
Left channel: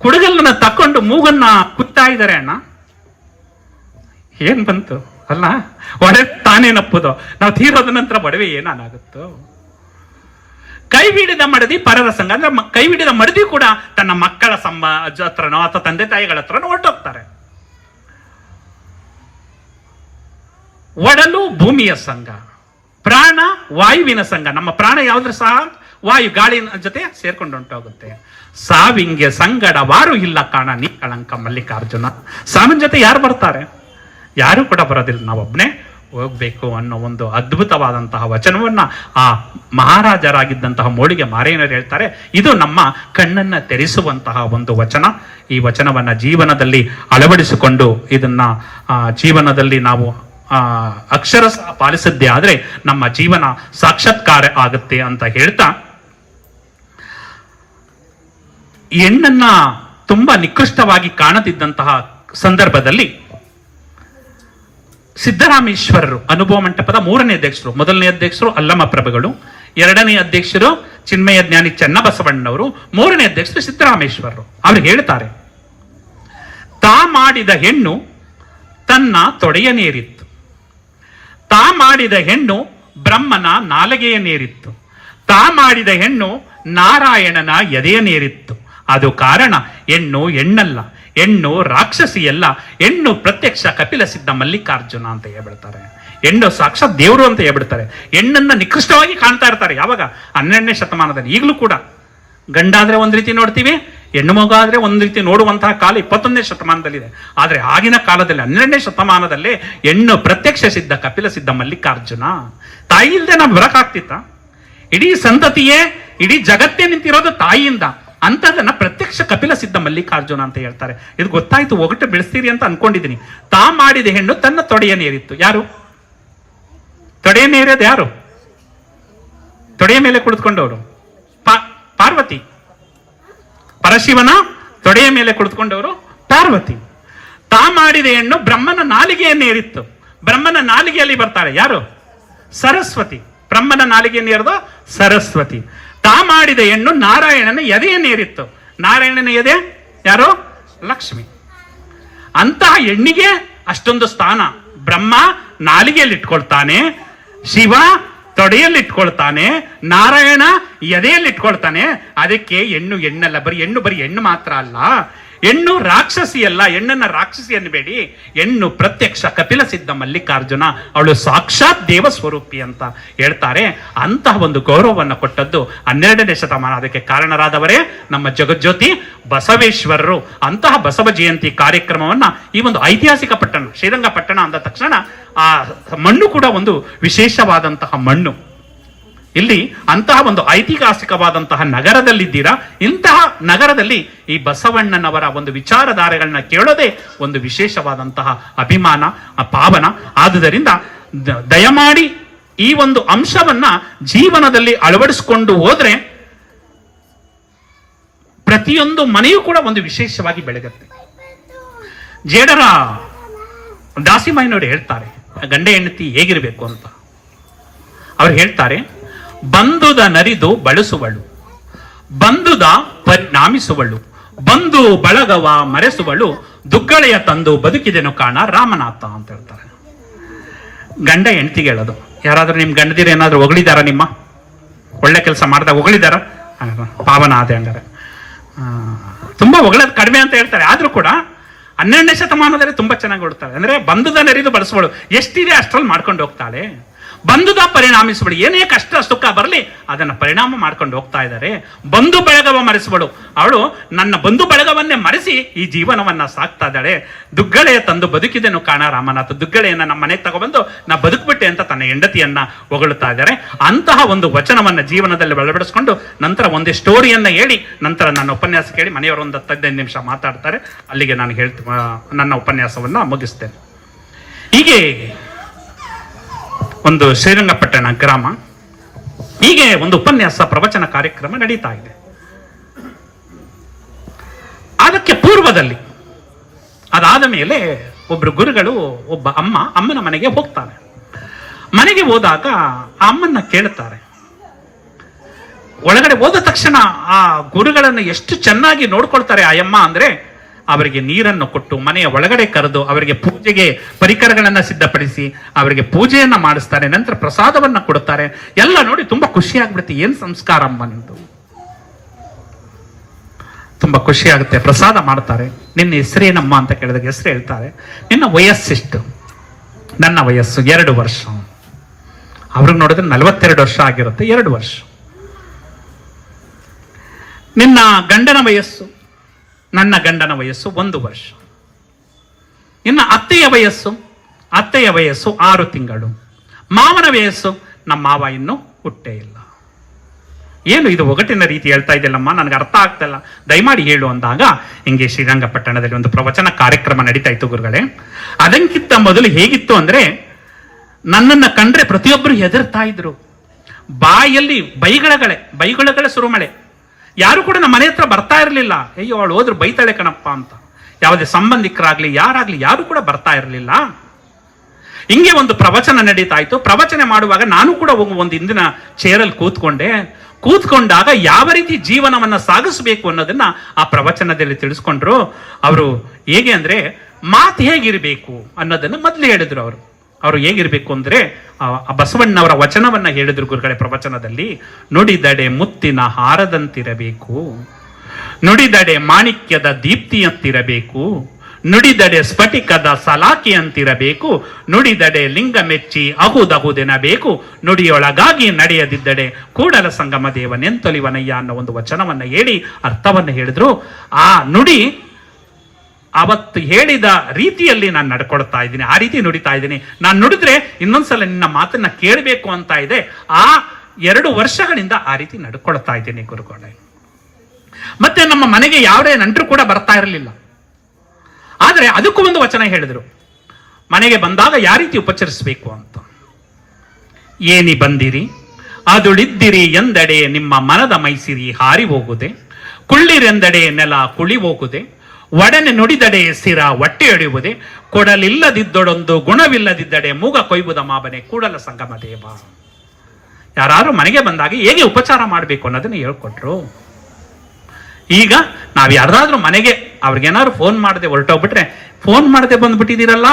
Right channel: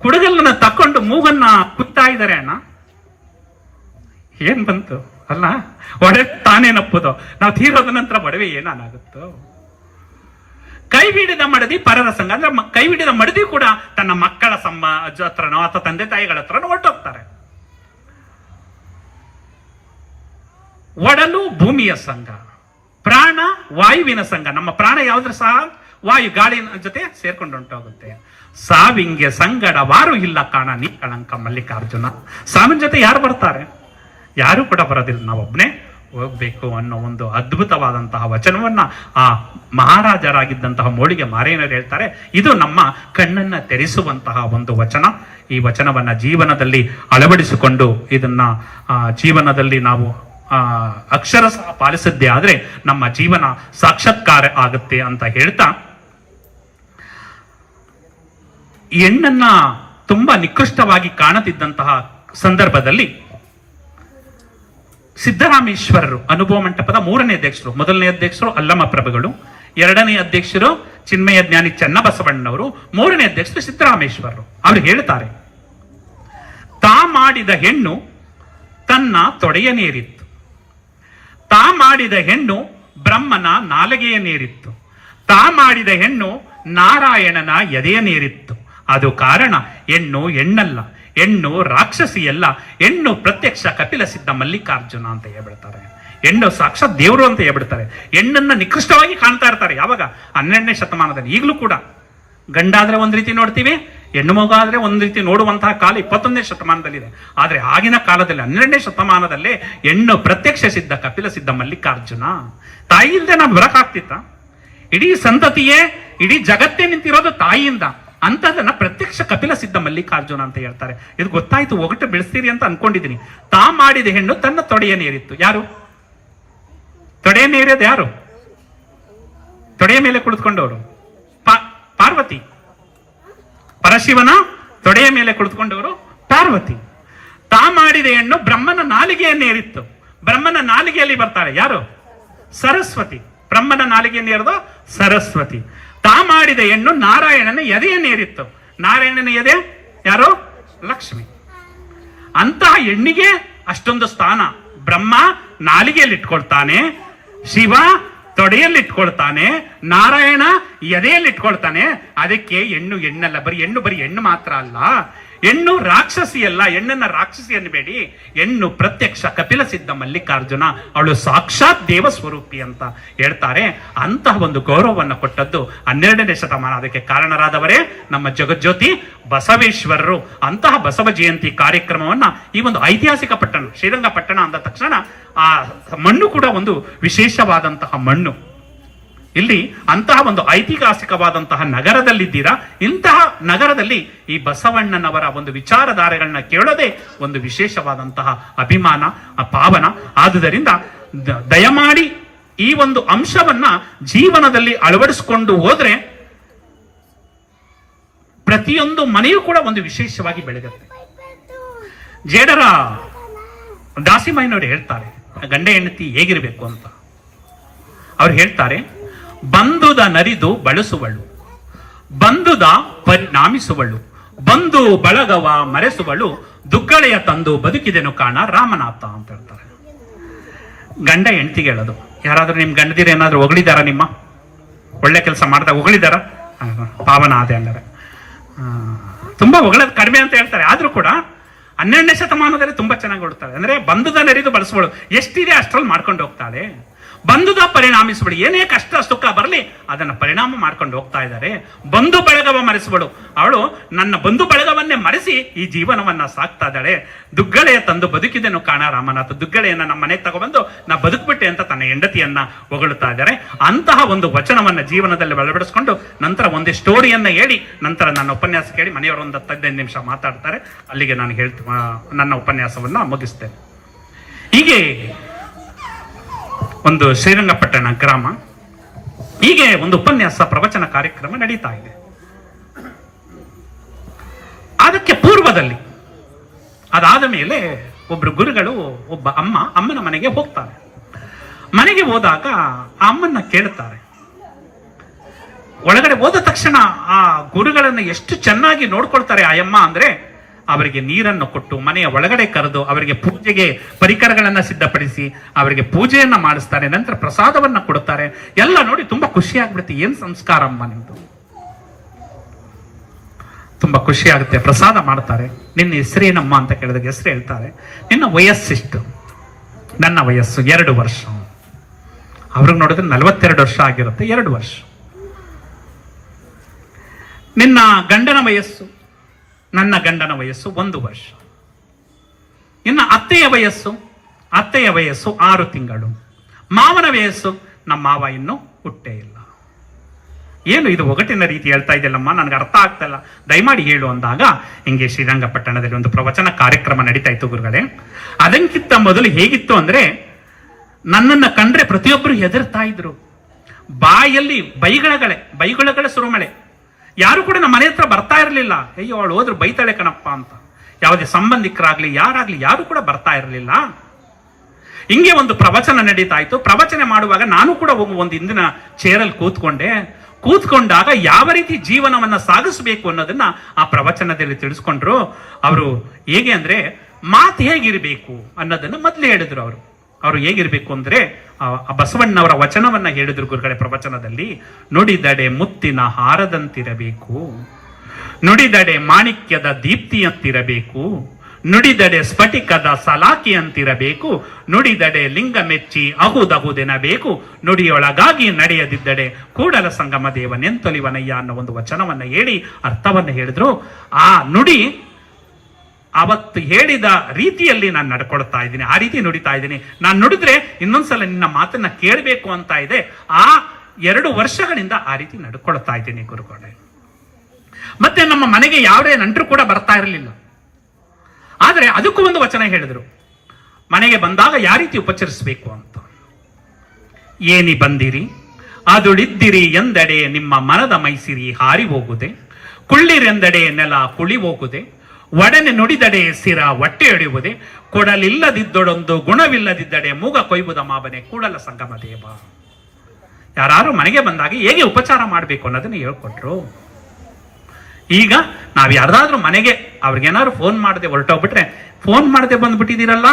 ಕುಡಗಲ್ಲನ್ನ ತಕೊಂಡು ಮೂಗನ್ನ ಕುತ್ತಾ ಇದ್ದಾರೆ. ಅಣ್ಣ ಏನ್ ಬಂತು ಅಲ್ಲ, ಒಡವೆ ತಾನೇ ನಪ್ಪುದು. ನಾವು ತೀರೋದ ನಂತರ ಒಡವೆ ಏನಾಗುತ್ತೋ. ಕೈ ಬಿಡಿದ ಮಡದಿ ಪರರ ಸಂಘ ಅಂದ್ರೆ ಕೈ ಬಿಡಿದ ಮಡದಿ ಕೂಡ ತನ್ನ ಮಕ್ಕಳ ಹತ್ರನೋ ಅಥವಾ ತಂದೆ ತಾಯಿಗಳ ಹತ್ರನೋ ಹೊರಟೋಗ್ತಾರೆ. ಒಡಲು ಭೂಮಿಯ ಸಂಘ, ಪ್ರಾಣ ವಾಯುವಿನ ಸಂಘ. ನಮ್ಮ ಪ್ರಾಣ ಯಾವ್ದ್ರ ಸಹ ವಾಯು ಗಾಳಿ ಜೊತೆ ಸೇರ್ಕೊಂಡು ಹೊಂಟೋಗುತ್ತೆ. ಸಾವಿಂಗೆ ಸಂಗಡವಾರು ಇಲ್ಲ ಕಾಣ ನೀ ಕಳಂಕ ಮಲ್ಲಿಕಾರ್ಜುನ. ಸಾವಿನ ಜೊತೆ ಯಾರು ಬರ್ತಾರೆ? ಯಾರು ಕೂಡ ಬರೋದಿಲ್ಲ, ನಾವೊಬ್ನೇ ಹೋಗ್ಬೇಕು ಅನ್ನೋ ಒಂದು ಅದ್ಭುತವಾದಂತಹ ವಚನವನ್ನ ಆ ಮಹಾರಾಜರಾಗಿದ್ದಂತಹ ಮೋಳಿಗೆ ಮಾರೇನರು ಹೇಳ್ತಾರೆ. ಇದು ನಮ್ಮ ಕಣ್ಣನ್ನ ತೆರೆಸುವಂತಹ ಒಂದು ವಚನ. ಈ ವಚನವನ್ನ ಜೀವನದಲ್ಲಿ ಅಳವಡಿಸಿಕೊಂಡು ಇದನ್ನ ಜೀವನದಲ್ಲಿ ನಾವು ಅಕ್ಷರಶಃ ಪಾಲಿಸದ್ದೇ ಆದ್ರೆ ನಮ್ಮ ಜೀವನ ಸಾಕ್ಷಾತ್ಕಾರ ಆಗುತ್ತೆ ಅಂತ ಹೇಳ್ತಾ, ಹೆಣ್ಣನ್ನ ತುಂಬಾ ನಿಕೃಷ್ಟವಾಗಿ ಕಾಣದಿದ್ದಂತಹ ಸಂದರ್ಭದಲ್ಲಿ ಸಿದ್ದರಾಮೇಶ್ವರರು ಅನುಭವ ಮಂಟಪದ 3ನೇ ಅಧ್ಯಕ್ಷರು, 1ನೇ ಅಧ್ಯಕ್ಷರು ಅಲ್ಲಮ ಪ್ರಭುಗಳು, 2ನೇ ಅಧ್ಯಕ್ಷರು ಚಿನ್ಮಯ ಜ್ಞಾನಿ ಚನ್ನಬಸವಣ್ಣವರು, 3ನೇ ಅಧ್ಯಕ್ಷರು ಸಿದ್ದರಾಮೇಶ್ವರರು. ಅವರು ಹೇಳ್ತಾರೆ, ತಾ ಮಾಡಿದ ಹೆಣ್ಣು ತನ್ನ ತೊಡೆಯನೇರಿತ್ತು, ತಾ ಮಾಡಿದ ಹೆಣ್ಣು ಬ್ರಹ್ಮನ ನಾಲಗೆಯನೇರಿತ್ತು, ತಾ ಮಾಡಿದ ಹೆಣ್ಣು ನಾರಾಯಣನ ಎದೆಯನೇರಿತ್ತು. ಅದು ಕಾರಣ ಹೆಣ್ಣು ಹೆಣ್ಣಲ್ಲ, ಹೆಣ್ಣು ರಾಕ್ಷಸಿಯಲ್ಲ, ಹೆಣ್ಣು ಪ್ರತ್ಯಕ್ಷ ಕಪಿಲ ಸಿದ್ಧ ಮಲ್ಲಿಕಾರ್ಜುನ ಅಂತ ಹೇಳ್ಬಿಡ್ತಾರೆ. ಹೆಣ್ಣು ಸಾಕ್ಷಾತ್ ದೇವರು ಅಂತ ಹೇಳ್ಬಿಡ್ತಾರೆ. ಹೆಣ್ಣನ್ನ ನಿಕೃಷ್ಟವಾಗಿ ಕಾಣ್ತಾ ಇರ್ತಾರೆ. ಯಾವಾಗ? 12ನೇ ಶತಮಾನದಲ್ಲಿ. ಈಗಲೂ ಕೂಡ ಗಂಡಾದ್ರೆ ಒಂದ್ ರೀತಿ ನೋಡ್ತೀವಿ, ಹೆಣ್ಣು ಮಗ ಆದ್ರೆ ಒಂದ್ ರೀತಿ ನೋಡುವಂತಹ ಕಾಲ 21ನೇ ಶತಮಾನದಲ್ಲಿದೆ. ಆದ್ರೆ ಆಗಿನ ಕಾಲದಲ್ಲಿ 12ನೇ ಶತಮಾನದಲ್ಲೇ ಹೆಣ್ಣು ಪ್ರತ್ಯಕ್ಷ ಸಿದ್ಧ ಕಪಿಲ ಸಿದ್ಧ ಮಲ್ಲಿಕಾರ್ಜುನ. ತಾಯಿ ಇಲ್ದೆ ನಾವು ಬರಕಾಗ್ತಿತ್ತ? ಇಡೀ ಸಂತತಿಯೇ, ಇಡೀ ಜಗತ್ತೇ ನಿಂತಿರೋದು ತಾಯಿಯಿಂದ. ಅಂತದನ್ನ ಪ್ರತ್ಯಕ್ಷ ಕಪಿಲ ಸಿದ್ಧ ಮಲ್ಲಿಕಾರ್ಜುನ ಅಂತ ಹೇಳ್ತಾರೆ. ಇದು ಗೊತ್ತಾಯ್ತು, ಒಗಟು ಬೆಳೆಸ್ತೀರಿ ಅಂತ ಅನ್ಕೊಂಡಿದ್ದೀನಿ. ತಾ ಮಾಡಿದ ಹೆಣ್ಣು ತನ್ನ ತೊಡೆಯನೇರಿತ್ತು. ಯಾರು ತೊಡೆಯನೇರೋದು? ಯಾರು ತೊಡೆಯ ಮೇಲೆ ಕುಳಿತುಕೊಂಡವರು? ಪಾರ್ವತಿ. ಪರಶಿವನ ತೊಡೆಯ ಮೇಲೆ ಕುಳಿತುಕೊಂಡವರು ಪಾರ್ವತಿ. ತಾ ಮಾಡಿದ ಹೆಣ್ಣು ಬ್ರಹ್ಮನ ನಾಲಿಗೆಯನ್ನೇರಿತ್ತು. ಬ್ರಹ್ಮನ ನಾಲಿಗೆಯಲ್ಲಿ ಬರ್ತಾಳೆ ಯಾರು? ಸರಸ್ವತಿ. ಬ್ರಹ್ಮನ ನಾಲಿಗೆಯನ್ನೇರಿದ ಸರಸ್ವತಿ. ತಾ ಮಾಡಿದ ಹೆಣ್ಣು ನಾರಾಯಣನ ಎದೆಯನ್ನೇರಿತ್ತು. ನಾರಾಯಣನ ಎದೆ ಯಾರು? ಲಕ್ಷ್ಮಿ. ಅಂತಹ ಹೆಣ್ಣಿಗೆ ಅಷ್ಟೊಂದು ಸ್ಥಾನ. ಬ್ರಹ್ಮ ನಾಲಿಗೆಯಲ್ಲಿ ಇಟ್ಕೊಳ್ತಾನೆ, ಶಿವ ತೊಡೆಯಲ್ಲಿ ಇಟ್ಕೊಳ್ತಾನೆ, ನಾರಾಯಣ ಎದೆಯಲ್ಲಿ ಇಟ್ಕೊಳ್ತಾನೆ. ಅದಕ್ಕೆ ಹೆಣ್ಣು ಹೆಣ್ಣಲ್ಲ, ಬರೀ ಹೆಣ್ಣು ಮಾತ್ರ ಅಲ್ಲ, ಹೆಣ್ಣು ರಾಕ್ಷಸಿ ಅಲ್ಲ. ಹೆಣ್ಣನ್ನ ರಾಕ್ಷಸಿ ಅನ್ನಬೇಡಿ, ಹೆಣ್ಣು ಪ್ರತ್ಯಕ್ಷ ಕಪಿಲ ಸಿದ್ಧ ಮಲ್ಲಿಕಾರ್ಜುನ, ಅವಳು ಸಾಕ್ಷಾತ್ ದೇವ ಸ್ವರೂಪಿ ಅಂತ ಹೇಳ್ತಾರೆ. ಅಂತಹ ಒಂದು ಗೌರವವನ್ನು ಕೊಟ್ಟದ್ದು 12ನೇ ಶತಮಾನ. ಅದಕ್ಕೆ ಕಾರಣರಾದವರೇ ನಮ್ಮ ಜಗಜ್ಯೋತಿ ಬಸವೇಶ್ವರರು. ಅಂತಹ ಬಸವ ಜಯಂತಿ ಕಾರ್ಯಕ್ರಮವನ್ನ ಈ ಒಂದು ಐತಿಹಾಸಿಕ ಪಟ್ಟಣ ಶ್ರೀರಂಗಪಟ್ಟಣ ಅಂದ ತಕ್ಷಣ ಆ ಮಣ್ಣು ಕೂಡ ಒಂದು ವಿಶೇಷವಾದಂತಹ ಮಣ್ಣು. ಇಲ್ಲಿ ಅಂತಹ ಒಂದು ಐತಿಹಾಸಿಕವಾದಂತಹ ನಗರದಲ್ಲಿದ್ದೀರಾ. ಇಂತಹ ನಗರದಲ್ಲಿ ಈ ಬಸವಣ್ಣನವರ ಒಂದು ವಿಚಾರಧಾರೆಗಳನ್ನ ಕೇಳೋದೇ ಒಂದು ವಿಶೇಷವಾದಂತಹ ಅಭಿಮಾನ, ಪಾವನ. ಆದುದರಿಂದ ದಯಮಾಡಿ ಈ ಒಂದು ಅಂಶವನ್ನ ಜೀವನದಲ್ಲಿ ಅಳವಡಿಸಿಕೊಂಡು ಹೋದ್ರೆ ಪ್ರತಿಯೊಂದು ಮನೆಯೂ ಕೂಡ ಒಂದು ವಿಶೇಷವಾಗಿ ಬೆಳಗುತ್ತೆ. ಜೇಡರ ದಾಸಿಮಯ್ಯನವರು ಹೇಳ್ತಾರೆ ಗಂಡ ಹೆಂಡತಿ ಹೇಗಿರಬೇಕು ಅಂತ. ಅವ್ರು ಹೇಳ್ತಾರೆ, ಬಂಧುದ ನರಿದು ಬಳಸುವಳು, ಬಂಧುದ ಪರಿಣಾಮಿಸುವಳು, ಬಂಧು ಬಳಗವ ಮರೆಸುವಳು, ದುಗ್ಗಳೆಯ ತಂದು ಬದುಕಿದೆನು ಕಾಣ ರಾಮನಾಥ ಅಂತ ಹೇಳ್ತಾರೆ. ಗಂಡ ಹೆಂಡತಿಗೆ ಹೇಳೋದು. ಯಾರಾದ್ರೂ ನಿಮ್ ಗಂಡದಿರ ಏನಾದ್ರೂ ಹೊಗಳಿದಾರ? ನಿಮ್ಮ ಒಳ್ಳೆ ಕೆಲಸ ಮಾಡಿದಾಗ ಹೊಗಳಿದಾರ? ಪಾವನ ಆದೆ ಅಂದರೆ ತುಂಬಾ ಹೊಗಳೋದು ಕಡಿಮೆ ಅಂತ ಹೇಳ್ತಾರೆ. ಆದ್ರೂ ಕೂಡ 12ನೇ ಶತಮಾನದಲ್ಲಿ ತುಂಬಾ ಚೆನ್ನಾಗಿ ಹೊಡ್ತಾರೆ. ಅಂದ್ರೆ ಬಂಧುದ ನರಿದು ಬಳಸುವಳು, ಎಷ್ಟಿದೆ ಅಷ್ಟ್ರಲ್ಲಿ ಮಾಡ್ಕೊಂಡು ಹೋಗ್ತಾಳೆ. ಬಂಧುದ ಪರಿಣಾಮಿಸಬೇಡಿ, ಏನೇ ಕಷ್ಟ ಸುಖ ಬರಲಿ ಅದನ್ನ ಪರಿಣಾಮ ಮಾಡ್ಕೊಂಡು ಹೋಗ್ತಾ ಇದ್ದಾರೆ. ಬಂಧು ಬಳಗವ ಮರೆಸಬೇಡು, ಅವಳು ನನ್ನ ಬಂಧು ಬಳಗವನ್ನೇ ಮರೆಸಿ ಈ ಜೀವನವನ್ನ ಸಾಕ್ತಾ ಇದ್ದಾಳೆ. ದುಗ್ಗಳೆಯ ತಂದು ಬದುಕಿದೆನು ಕಾಣ ರಾಮನಾಥ. ದುಗ್ಗಳೆಯನ್ನ ನಮ್ಮ ಮನೆಗೆ ತಗೊಬಂದು ನಾ ಬದುಕ್ಬಿಟ್ಟೆ ಅಂತ ತನ್ನ ಹೆಂಡತಿಯನ್ನ ಹೊಗಳುತ್ತಾ ಇದ್ದಾರೆ. ಅಂತಹ ಒಂದು ವಚನವನ್ನ ಜೀವನದಲ್ಲಿ ಅಳವಡಿಸಿಕೊಂಡು ನಂತರ ಒಂದೇ ಸ್ಟೋರಿಯನ್ನ ಹೇಳಿ ನಂತರ ನನ್ನ ಉಪನ್ಯಾಸ ಕೇಳಿ ಮನೆಯವರು ಒಂದು 15 ನಿಮಿಷ ಮಾತಾಡ್ತಾರೆ. ಅಲ್ಲಿಗೆ ನಾನು ನನ್ನ ಉಪನ್ಯಾಸವನ್ನ ಮುಗಿಸ್ತೇನೆ. ಹೀಗೆ ಒಂದು ಶ್ರೀರಂಗಪಟ್ಟಣ ಗ್ರಾಮ, ಹೀಗೆ ಒಂದು ಉಪನ್ಯಾಸ ಪ್ರವಚನ ಕಾರ್ಯಕ್ರಮ ನಡೀತಾ ಇದೆ. ಅದಕ್ಕೆ ಪೂರ್ವದಲ್ಲಿ ಅದಾದ ಮೇಲೆ ಒಬ್ರು ಗುರುಗಳು ಒಬ್ಬ ಅಮ್ಮನ ಮನೆಗೆ ಹೋಗ್ತಾರೆ. ಮನೆಗೆ ಹೋದಾಗ ಆ ಅಮ್ಮನ್ನ ಕೇಳುತ್ತಾರೆ. ಒಳಗಡೆ ಹೋದ ತಕ್ಷಣ ಆ ಗುರುಗಳನ್ನು ಎಷ್ಟು ಚೆನ್ನಾಗಿ ನೋಡ್ಕೊಳ್ತಾರೆ ಆ ಅಮ್ಮ ಅಂದ್ರೆ, ಅವರಿಗೆ ನೀರನ್ನು ಕೊಟ್ಟು ಮನೆಯ ಒಳಗಡೆ ಕರೆದು ಅವರಿಗೆ ಪೂಜೆಗೆ ಪರಿಕರಗಳನ್ನ ಸಿದ್ಧಪಡಿಸಿ ಅವರಿಗೆ ಪೂಜೆಯನ್ನ ಮಾಡಿಸ್ತಾರೆ. ನಂತರ ಪ್ರಸಾದವನ್ನ ಕೊಡುತ್ತಾರೆ. ಎಲ್ಲ ನೋಡಿ ತುಂಬಾ ಖುಷಿ ಆಗ್ಬಿಡುತ್ತೆ. ಏನ್ ಸಂಸ್ಕಾರ ಅಮ್ಮನಂತ ತುಂಬಾ ಖುಷಿ ಆಗುತ್ತೆ. ಪ್ರಸಾದ ಮಾಡ್ತಾರೆ. ನಿನ್ನ ಹೆಸರೇನಮ್ಮ ಅಂತ ಕೇಳಿದಾಗ ಹೆಸರು ಹೇಳ್ತಾರೆ. ನಿನ್ನ ವಯಸ್ಸೆಷ್ಟು? ನನ್ನ ವಯಸ್ಸು 2 ವರ್ಷ. ಅವ್ರಿಗೆ ನೋಡಿದ್ರೆ 42 ವರ್ಷ ಆಗಿರುತ್ತೆ. 2 ವರ್ಷ. ನಿನ್ನ ಗಂಡನ ವಯಸ್ಸು, ನನ್ನ ಗಂಡನ ವಯಸ್ಸು 1 ವರ್ಷ. ಇನ್ನು ಅತ್ತೆಯ ವಯಸ್ಸು 6 ತಿಂಗಳು. ಮಾವನ ವಯಸ್ಸು, ನಮ್ಮ ಮಾವ ಇನ್ನೂ ಹುಟ್ಟೇ ಇಲ್ಲ. ಏನು ಇದು ಒಗಟಿನ ರೀತಿ ಹೇಳ್ತಾ ಇದೆಯಲ್ಲಮ್ಮ, ನನಗೆ ಅರ್ಥ ಆಗ್ತಲ್ಲ, ದಯಮಾಡಿ ಹೇಳು ಅಂದಾಗ, ಹಿಂಗೆ ಶ್ರೀರಂಗಪಟ್ಟಣದಲ್ಲಿ ಒಂದು ಪ್ರವಚನ ಕಾರ್ಯಕ್ರಮ ನಡೀತಾ ಇತ್ತು ಗುರುಗಳೇ. ಅದಕ್ಕಿಂತ ಮೊದಲು ಹೇಗಿತ್ತು ಅಂದ್ರೆ, ನನ್ನನ್ನು ಕಂಡ್ರೆ ಪ್ರತಿಯೊಬ್ಬರು ಹೆದರ್ತಾ ಇದ್ರು. ಬಾಯಲ್ಲಿ ಬೈಗಳಗಳೇ ಸುರುಮಳೆ. ಯಾರು ಕೂಡ ನಮ್ಮ ಮನೆ ಹತ್ರ ಬರ್ತಾ ಇರಲಿಲ್ಲ. ಅಯ್ಯೋ ಅವಳು ಹೋದ್ರು ಬೈತಾಳೆ ಕಣಪ್ಪ ಅಂತ. ಯಾವುದೇ ಸಂಬಂಧಿಕರಾಗ್ಲಿ ಯಾರು ಕೂಡ ಬರ್ತಾ ಇರಲಿಲ್ಲ. ಹಿಂಗೆ ಒಂದು ಪ್ರವಚನ ನಡೀತಾ ಇತ್ತು. ಪ್ರವಚನ ಮಾಡುವಾಗ ನಾನು ಕೂಡ ಒಂದು ಹಿಂದಿನ ಚೇರಲ್ಲಿ ಕೂತ್ಕೊಂಡಾಗ ಯಾವ ರೀತಿ ಜೀವನವನ್ನ ಸಾಗಿಸಬೇಕು ಅನ್ನೋದನ್ನ ಆ ಪ್ರವಚನದಲ್ಲಿ ತಿಳಿಸ್ಕೊಂಡ್ರು. ಅವರು ಹೇಗೆ ಅಂದ್ರೆ, ಮಾತು ಹೇಗಿರ್ಬೇಕು ಅನ್ನೋದನ್ನ ಮೊದಲು ಹೇಳಿದ್ರು. ಅವರು ಹೇಗಿರ್ಬೇಕು ಅಂದ್ರೆ, ಬಸವಣ್ಣವರ ವಚನವನ್ನ ಹೇಳಿದ್ರು ಗುರುಗಳೇ ಪ್ರವಚನದಲ್ಲಿ. ನುಡಿದಡೆ ಮುತ್ತಿನ ಹಾರದಂತಿರಬೇಕು, ನುಡಿದಡೆ ಮಾಣಿಕ್ಯದ ದೀಪ್ತಿಯಂತಿರಬೇಕು, ನುಡಿದಡೆ ಸ್ಫಟಿಕದ ಸಲಾಕಿಯಂತಿರಬೇಕು, ನುಡಿದಡೆ ಲಿಂಗ ಮೆಚ್ಚಿ ಅಹುದಹುದೆನಬೇಕು, ನುಡಿಯೊಳಗಾಗಿ ನಡೆಯದಿದ್ದಡೆ ಕೂಡಲ ಸಂಗಮ ದೇವನೆಂತೊಲಿವನಯ್ಯ ಅನ್ನೋ ಒಂದು ವಚನವನ್ನ ಹೇಳಿ ಅರ್ಥವನ್ನ ಹೇಳಿದ್ರು. ಆ ನುಡಿ ಅವತ್ತು ಹೇಳಿದ ರೀತಿಯಲ್ಲಿ ನಾನು ನಡ್ಕೊಳ್ತಾ ಇದ್ದೀನಿ, ಆ ರೀತಿ ನುಡಿತಾ ಇದ್ದೀನಿ. ನಾನು ನುಡಿದ್ರೆ ಇನ್ನೊಂದ್ಸಲ ನಿನ್ನ ಮಾತನ್ನ ಕೇಳಬೇಕು ಅಂತ ಇದೆ. ಆ 2 ವರ್ಷಗಳಿಂದ ಆ ರೀತಿ ನಡ್ಕೊಳ್ತಾ ಇದ್ದೀನಿ ಗುರುಗಳೇ. ಮತ್ತೆ ನಮ್ಮ ಮನೆಗೆ ಯಾವುದೇ ನೆಂಟರು ಕೂಡ ಬರ್ತಾ ಇರಲಿಲ್ಲ. ಆದರೆ ಅದಕ್ಕೂ ಒಂದು ವಚನ ಹೇಳಿದ್ರು, ಮನೆಗೆ ಬಂದಾಗ ಯಾವ ರೀತಿ ಉಪಚರಿಸಬೇಕು ಅಂತ. ಏನಿ ಬಂದಿರಿ ಅದುಳಿದ್ದಿರಿ ಎಂದಡೆ ನಿಮ್ಮ ಮನದ ಮೈಸಿರಿ ಹಾರಿ ಹೋಗುದೆ, ಕುಳ್ಳಿರೆಂದಡೆ ನೆಲ ಕುಳಿ ಹೋಗುದೆ, ಒಡನೆ ನುಡಿದಡೆ ಸಿರ ಹೊಟ್ಟೆ ಹೊಡೆಯುವುದೇ, ಕೊಡಲಿಲ್ಲದಿದ್ದೊಡೊಂದು ಗುಣವಿಲ್ಲದಿದ್ದಡೆ ಮೂಗ ಕೊಯ್ಬುದ ಮಾಬನೆ ಕೂಡಲ ಸಂಗಮ ದೇವ. ಯಾರು ಮನೆಗೆ ಬಂದಾಗ ಹೇಗೆ ಉಪಚಾರ ಮಾಡಬೇಕು ಅನ್ನೋದನ್ನ ಹೇಳ್ಕೊಟ್ರು. ಈಗ ನಾವ್ ಯಾರ್ದಾದ್ರೂ ಮನೆಗೆ ಅವ್ರಿಗೇನಾದ್ರು ಫೋನ್ ಮಾಡದೆ ಹೊರಟೋಗ್ಬಿಟ್ರೆ, ಫೋನ್ ಮಾಡದೆ ಬಂದ್ಬಿಟ್ಟಿದ್ದೀರಲ್ಲ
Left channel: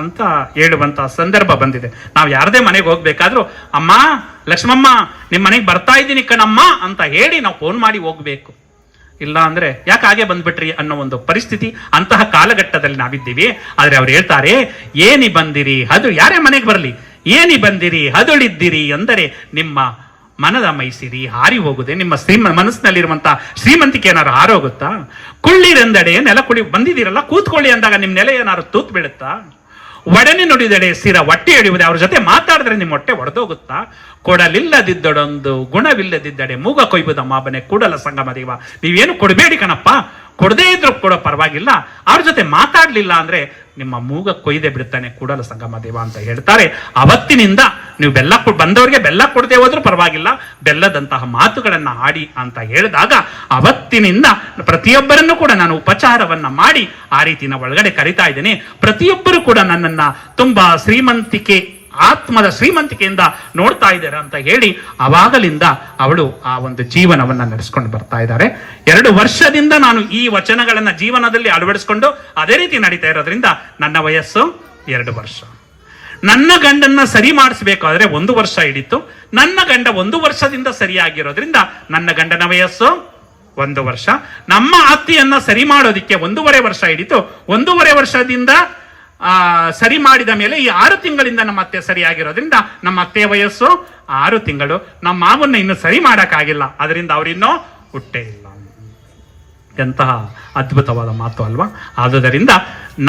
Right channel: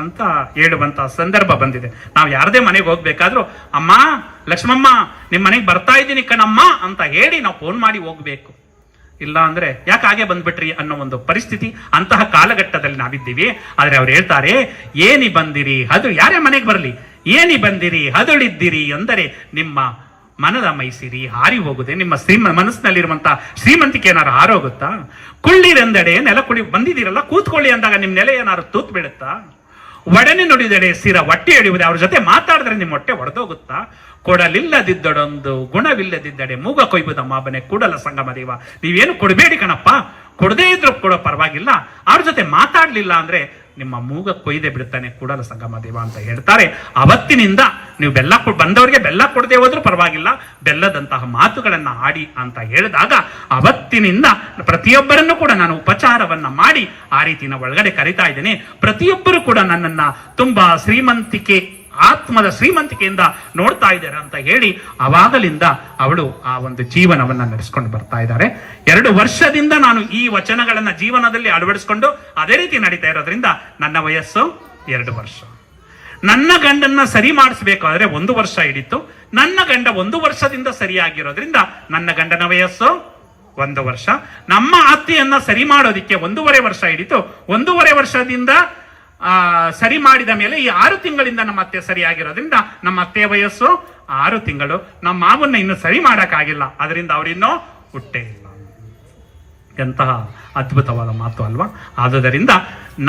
ಅಂತ ಹೇಳುವಂತ ಸಂದರ್ಭ ಬಂದಿದೆ. ನಾವು ಯಾರದೇ ಮನೆಗೆ ಹೋಗ್ಬೇಕಾದ್ರೂ, ಅಮ್ಮ ಲಕ್ಷ್ಮಮ್ಮ ನಿಮ್ ಮನೆಗೆ ಬರ್ತಾ ಇದ್ದೀನಿ ಕಣಮ್ಮ ಅಂತ ಹೇಳಿ ನಾವು ಫೋನ್ ಮಾಡಿ ಹೋಗ್ಬೇಕು. ಇಲ್ಲ ಅಂದ್ರೆ ಯಾಕೆ ಹಾಗೆ ಬಂದ್ಬಿಟ್ರಿ ಅನ್ನೋ ಒಂದು ಪರಿಸ್ಥಿತಿ, ಅಂತಹ ಕಾಲಘಟ್ಟದಲ್ಲಿ ನಾವಿದ್ದೀವಿ. ಆದ್ರೆ ಅವ್ರು ಹೇಳ್ತಾರೆ, ಏನಿ ಬಂದಿರಿ ಅದು ಯಾರೇ ಮನೆಗೆ ಬರಲಿ, ಏನಿ ಬಂದಿರಿ ಹದುಳಿದ್ದಿರಿ ಅಂದರೆ ನಿಮ್ಮ ಮನದ ಮೈಸಿರಿ ಹಾರಿ ಹೋಗುದೆ, ನಿಮ್ಮ ಮನಸ್ಸಿನಲ್ಲಿರುವಂತಹ ಶ್ರೀಮಂತಿಕೆ ಏನಾರು ಹಾರೋಗುತ್ತಾ, ಕುಳ್ಳಿರೆಂದಡೆ ನೆಲ ಕುಳಿ ಬಂದಿದ್ದೀರಲ್ಲ ಕೂತ್ಕೊಳ್ಳಿ ಅಂದಾಗ ನಿಮ್ ನೆಲೆ ಏನಾದ್ರು ತೂತ್ ಬೀಳುತ್ತಾ, ಒಡನೆ ನುಡಿದಡೆ ಸಿರ ಹೊಟ್ಟೆ ಹಿಡಿಯುವುದೇ, ಅವ್ರ ಜೊತೆ ಮಾತಾಡಿದ್ರೆ ನಿಮ್ಮ ಹೊಟ್ಟೆ ಒಡೆದೋಗುತ್ತಾ, ಕೊಡಲಿಲ್ಲದಿದ್ದಡೊಂದು ಗುಣವಿಲ್ಲದಿದ್ದಡೆ ಮೂಗ ಕೊಯ್ಬುದ ಮಾಬನೆ ಕೂಡಲ ಸಂಗಮ ದೇವ. ನೀವೇನು ಕೊಡಬೇಡಿ ಕಣಪ್ಪ, ಕೊಡದೇ ಇದ್ರು ಕೂಡ ಪರವಾಗಿಲ್ಲ, ಅವ್ರ ಜೊತೆ ಮಾತಾಡ್ಲಿಲ್ಲ ಅಂದ್ರೆ ನಿಮ್ಮ ಮೂಗ ಕೊಯ್ದೆ ಬಿಡುತ್ತಾನೆ ಕೂಡಲ ಸಂಗಮ ದೇವ ಅಂತ ಹೇಳ್ತಾರೆ. ಅವತ್ತಿನಿಂದ ನೀವು ಬಂದವರಿಗೆ ಬೆಲ್ಲ ಕೊಡದೆ ಹೋದ್ರೂ ಪರವಾಗಿಲ್ಲ, ಬೆಲ್ಲದಂತಹ ಮಾತುಗಳನ್ನ ಆಡಿ ಅಂತ ಹೇಳಿದಾಗ ಅವತ್ತಿನಿಂದ ಪ್ರತಿಯೊಬ್ಬರನ್ನು ಕೂಡ ನಾನು ಉಪಚಾರವನ್ನ ಮಾಡಿ ಆ ರೀತಿ ನಾವು ಒಳಗಡೆ ಕರಿತಾ ಇದ್ದೇನೆ. ಪ್ರತಿಯೊಬ್ಬರು ಕೂಡ ನನ್ನನ್ನ ತುಂಬಾ ಆತ್ಮದ ಶ್ರೀಮಂತಿಕೆಯಿಂದ ನೋಡ್ತಾ ಇದ್ದಾರೆ ಅಂತ ಹೇಳಿ ಅವಾಗಲಿಂದ ಅವಳು ಆ ಒಂದು ಜೀವನವನ್ನ ನಡೆಸ್ಕೊಂಡು ಬರ್ತಾ ಇದ್ದಾರೆ. 2 ವರ್ಷದಿಂದ ನಾನು ಈ ವಚನಗಳನ್ನ ಜೀವನದಲ್ಲಿ ಅಳವಡಿಸ್ಕೊಂಡು ಅದೇ ರೀತಿ ನಡೀತಾ ಇರೋದ್ರಿಂದ ನನ್ನ ವಯಸ್ಸು 2 ವರ್ಷ. ನನ್ನ ಗಂಡನ್ನ ಸರಿ ಮಾಡಿಸ್ಬೇಕಾದ್ರೆ 1 ವರ್ಷ ಹಿಡಿತು. ನನ್ನ ಗಂಡ 1 ವರ್ಷದಿಂದ ಸರಿಯಾಗಿರೋದ್ರಿಂದ ನನ್ನ ಗಂಡನ ವಯಸ್ಸು 1 ವರ್ಷ. ನಮ್ಮ ಅತ್ತೆಯನ್ನ ಸರಿ ಮಾಡೋದಿಕ್ಕೆ 1.5 ವರ್ಷ ಹಿಡಿತು. 1.5 ವರ್ಷದಿಂದ ಸರಿ ಮಾಡಿದ ಮೇಲೆ ಈ 6 ತಿಂಗಳಿಂದ ನಮ್ಮ ಅತ್ತೆ ಸರಿಯಾಗಿರೋದ್ರಿಂದ ನಮ್ಮ ಅತ್ತೆಯ ವಯಸ್ಸು 6 ತಿಂಗಳು. ನಮ್ಮ ಮಾವನ್ನ ಇನ್ನು ಸರಿ ಮಾಡಕ್ಕಾಗಿಲ್ಲ, ಅದರಿಂದ ಅವರಿನ್ನೂ ಹುಟ್ಟೇ ಇಲ್ಲ. ಎಂತಹ ಅದ್ಭುತವಾದ ಮಾತು ಅಲ್ವಾ? ಆದುದರಿಂದ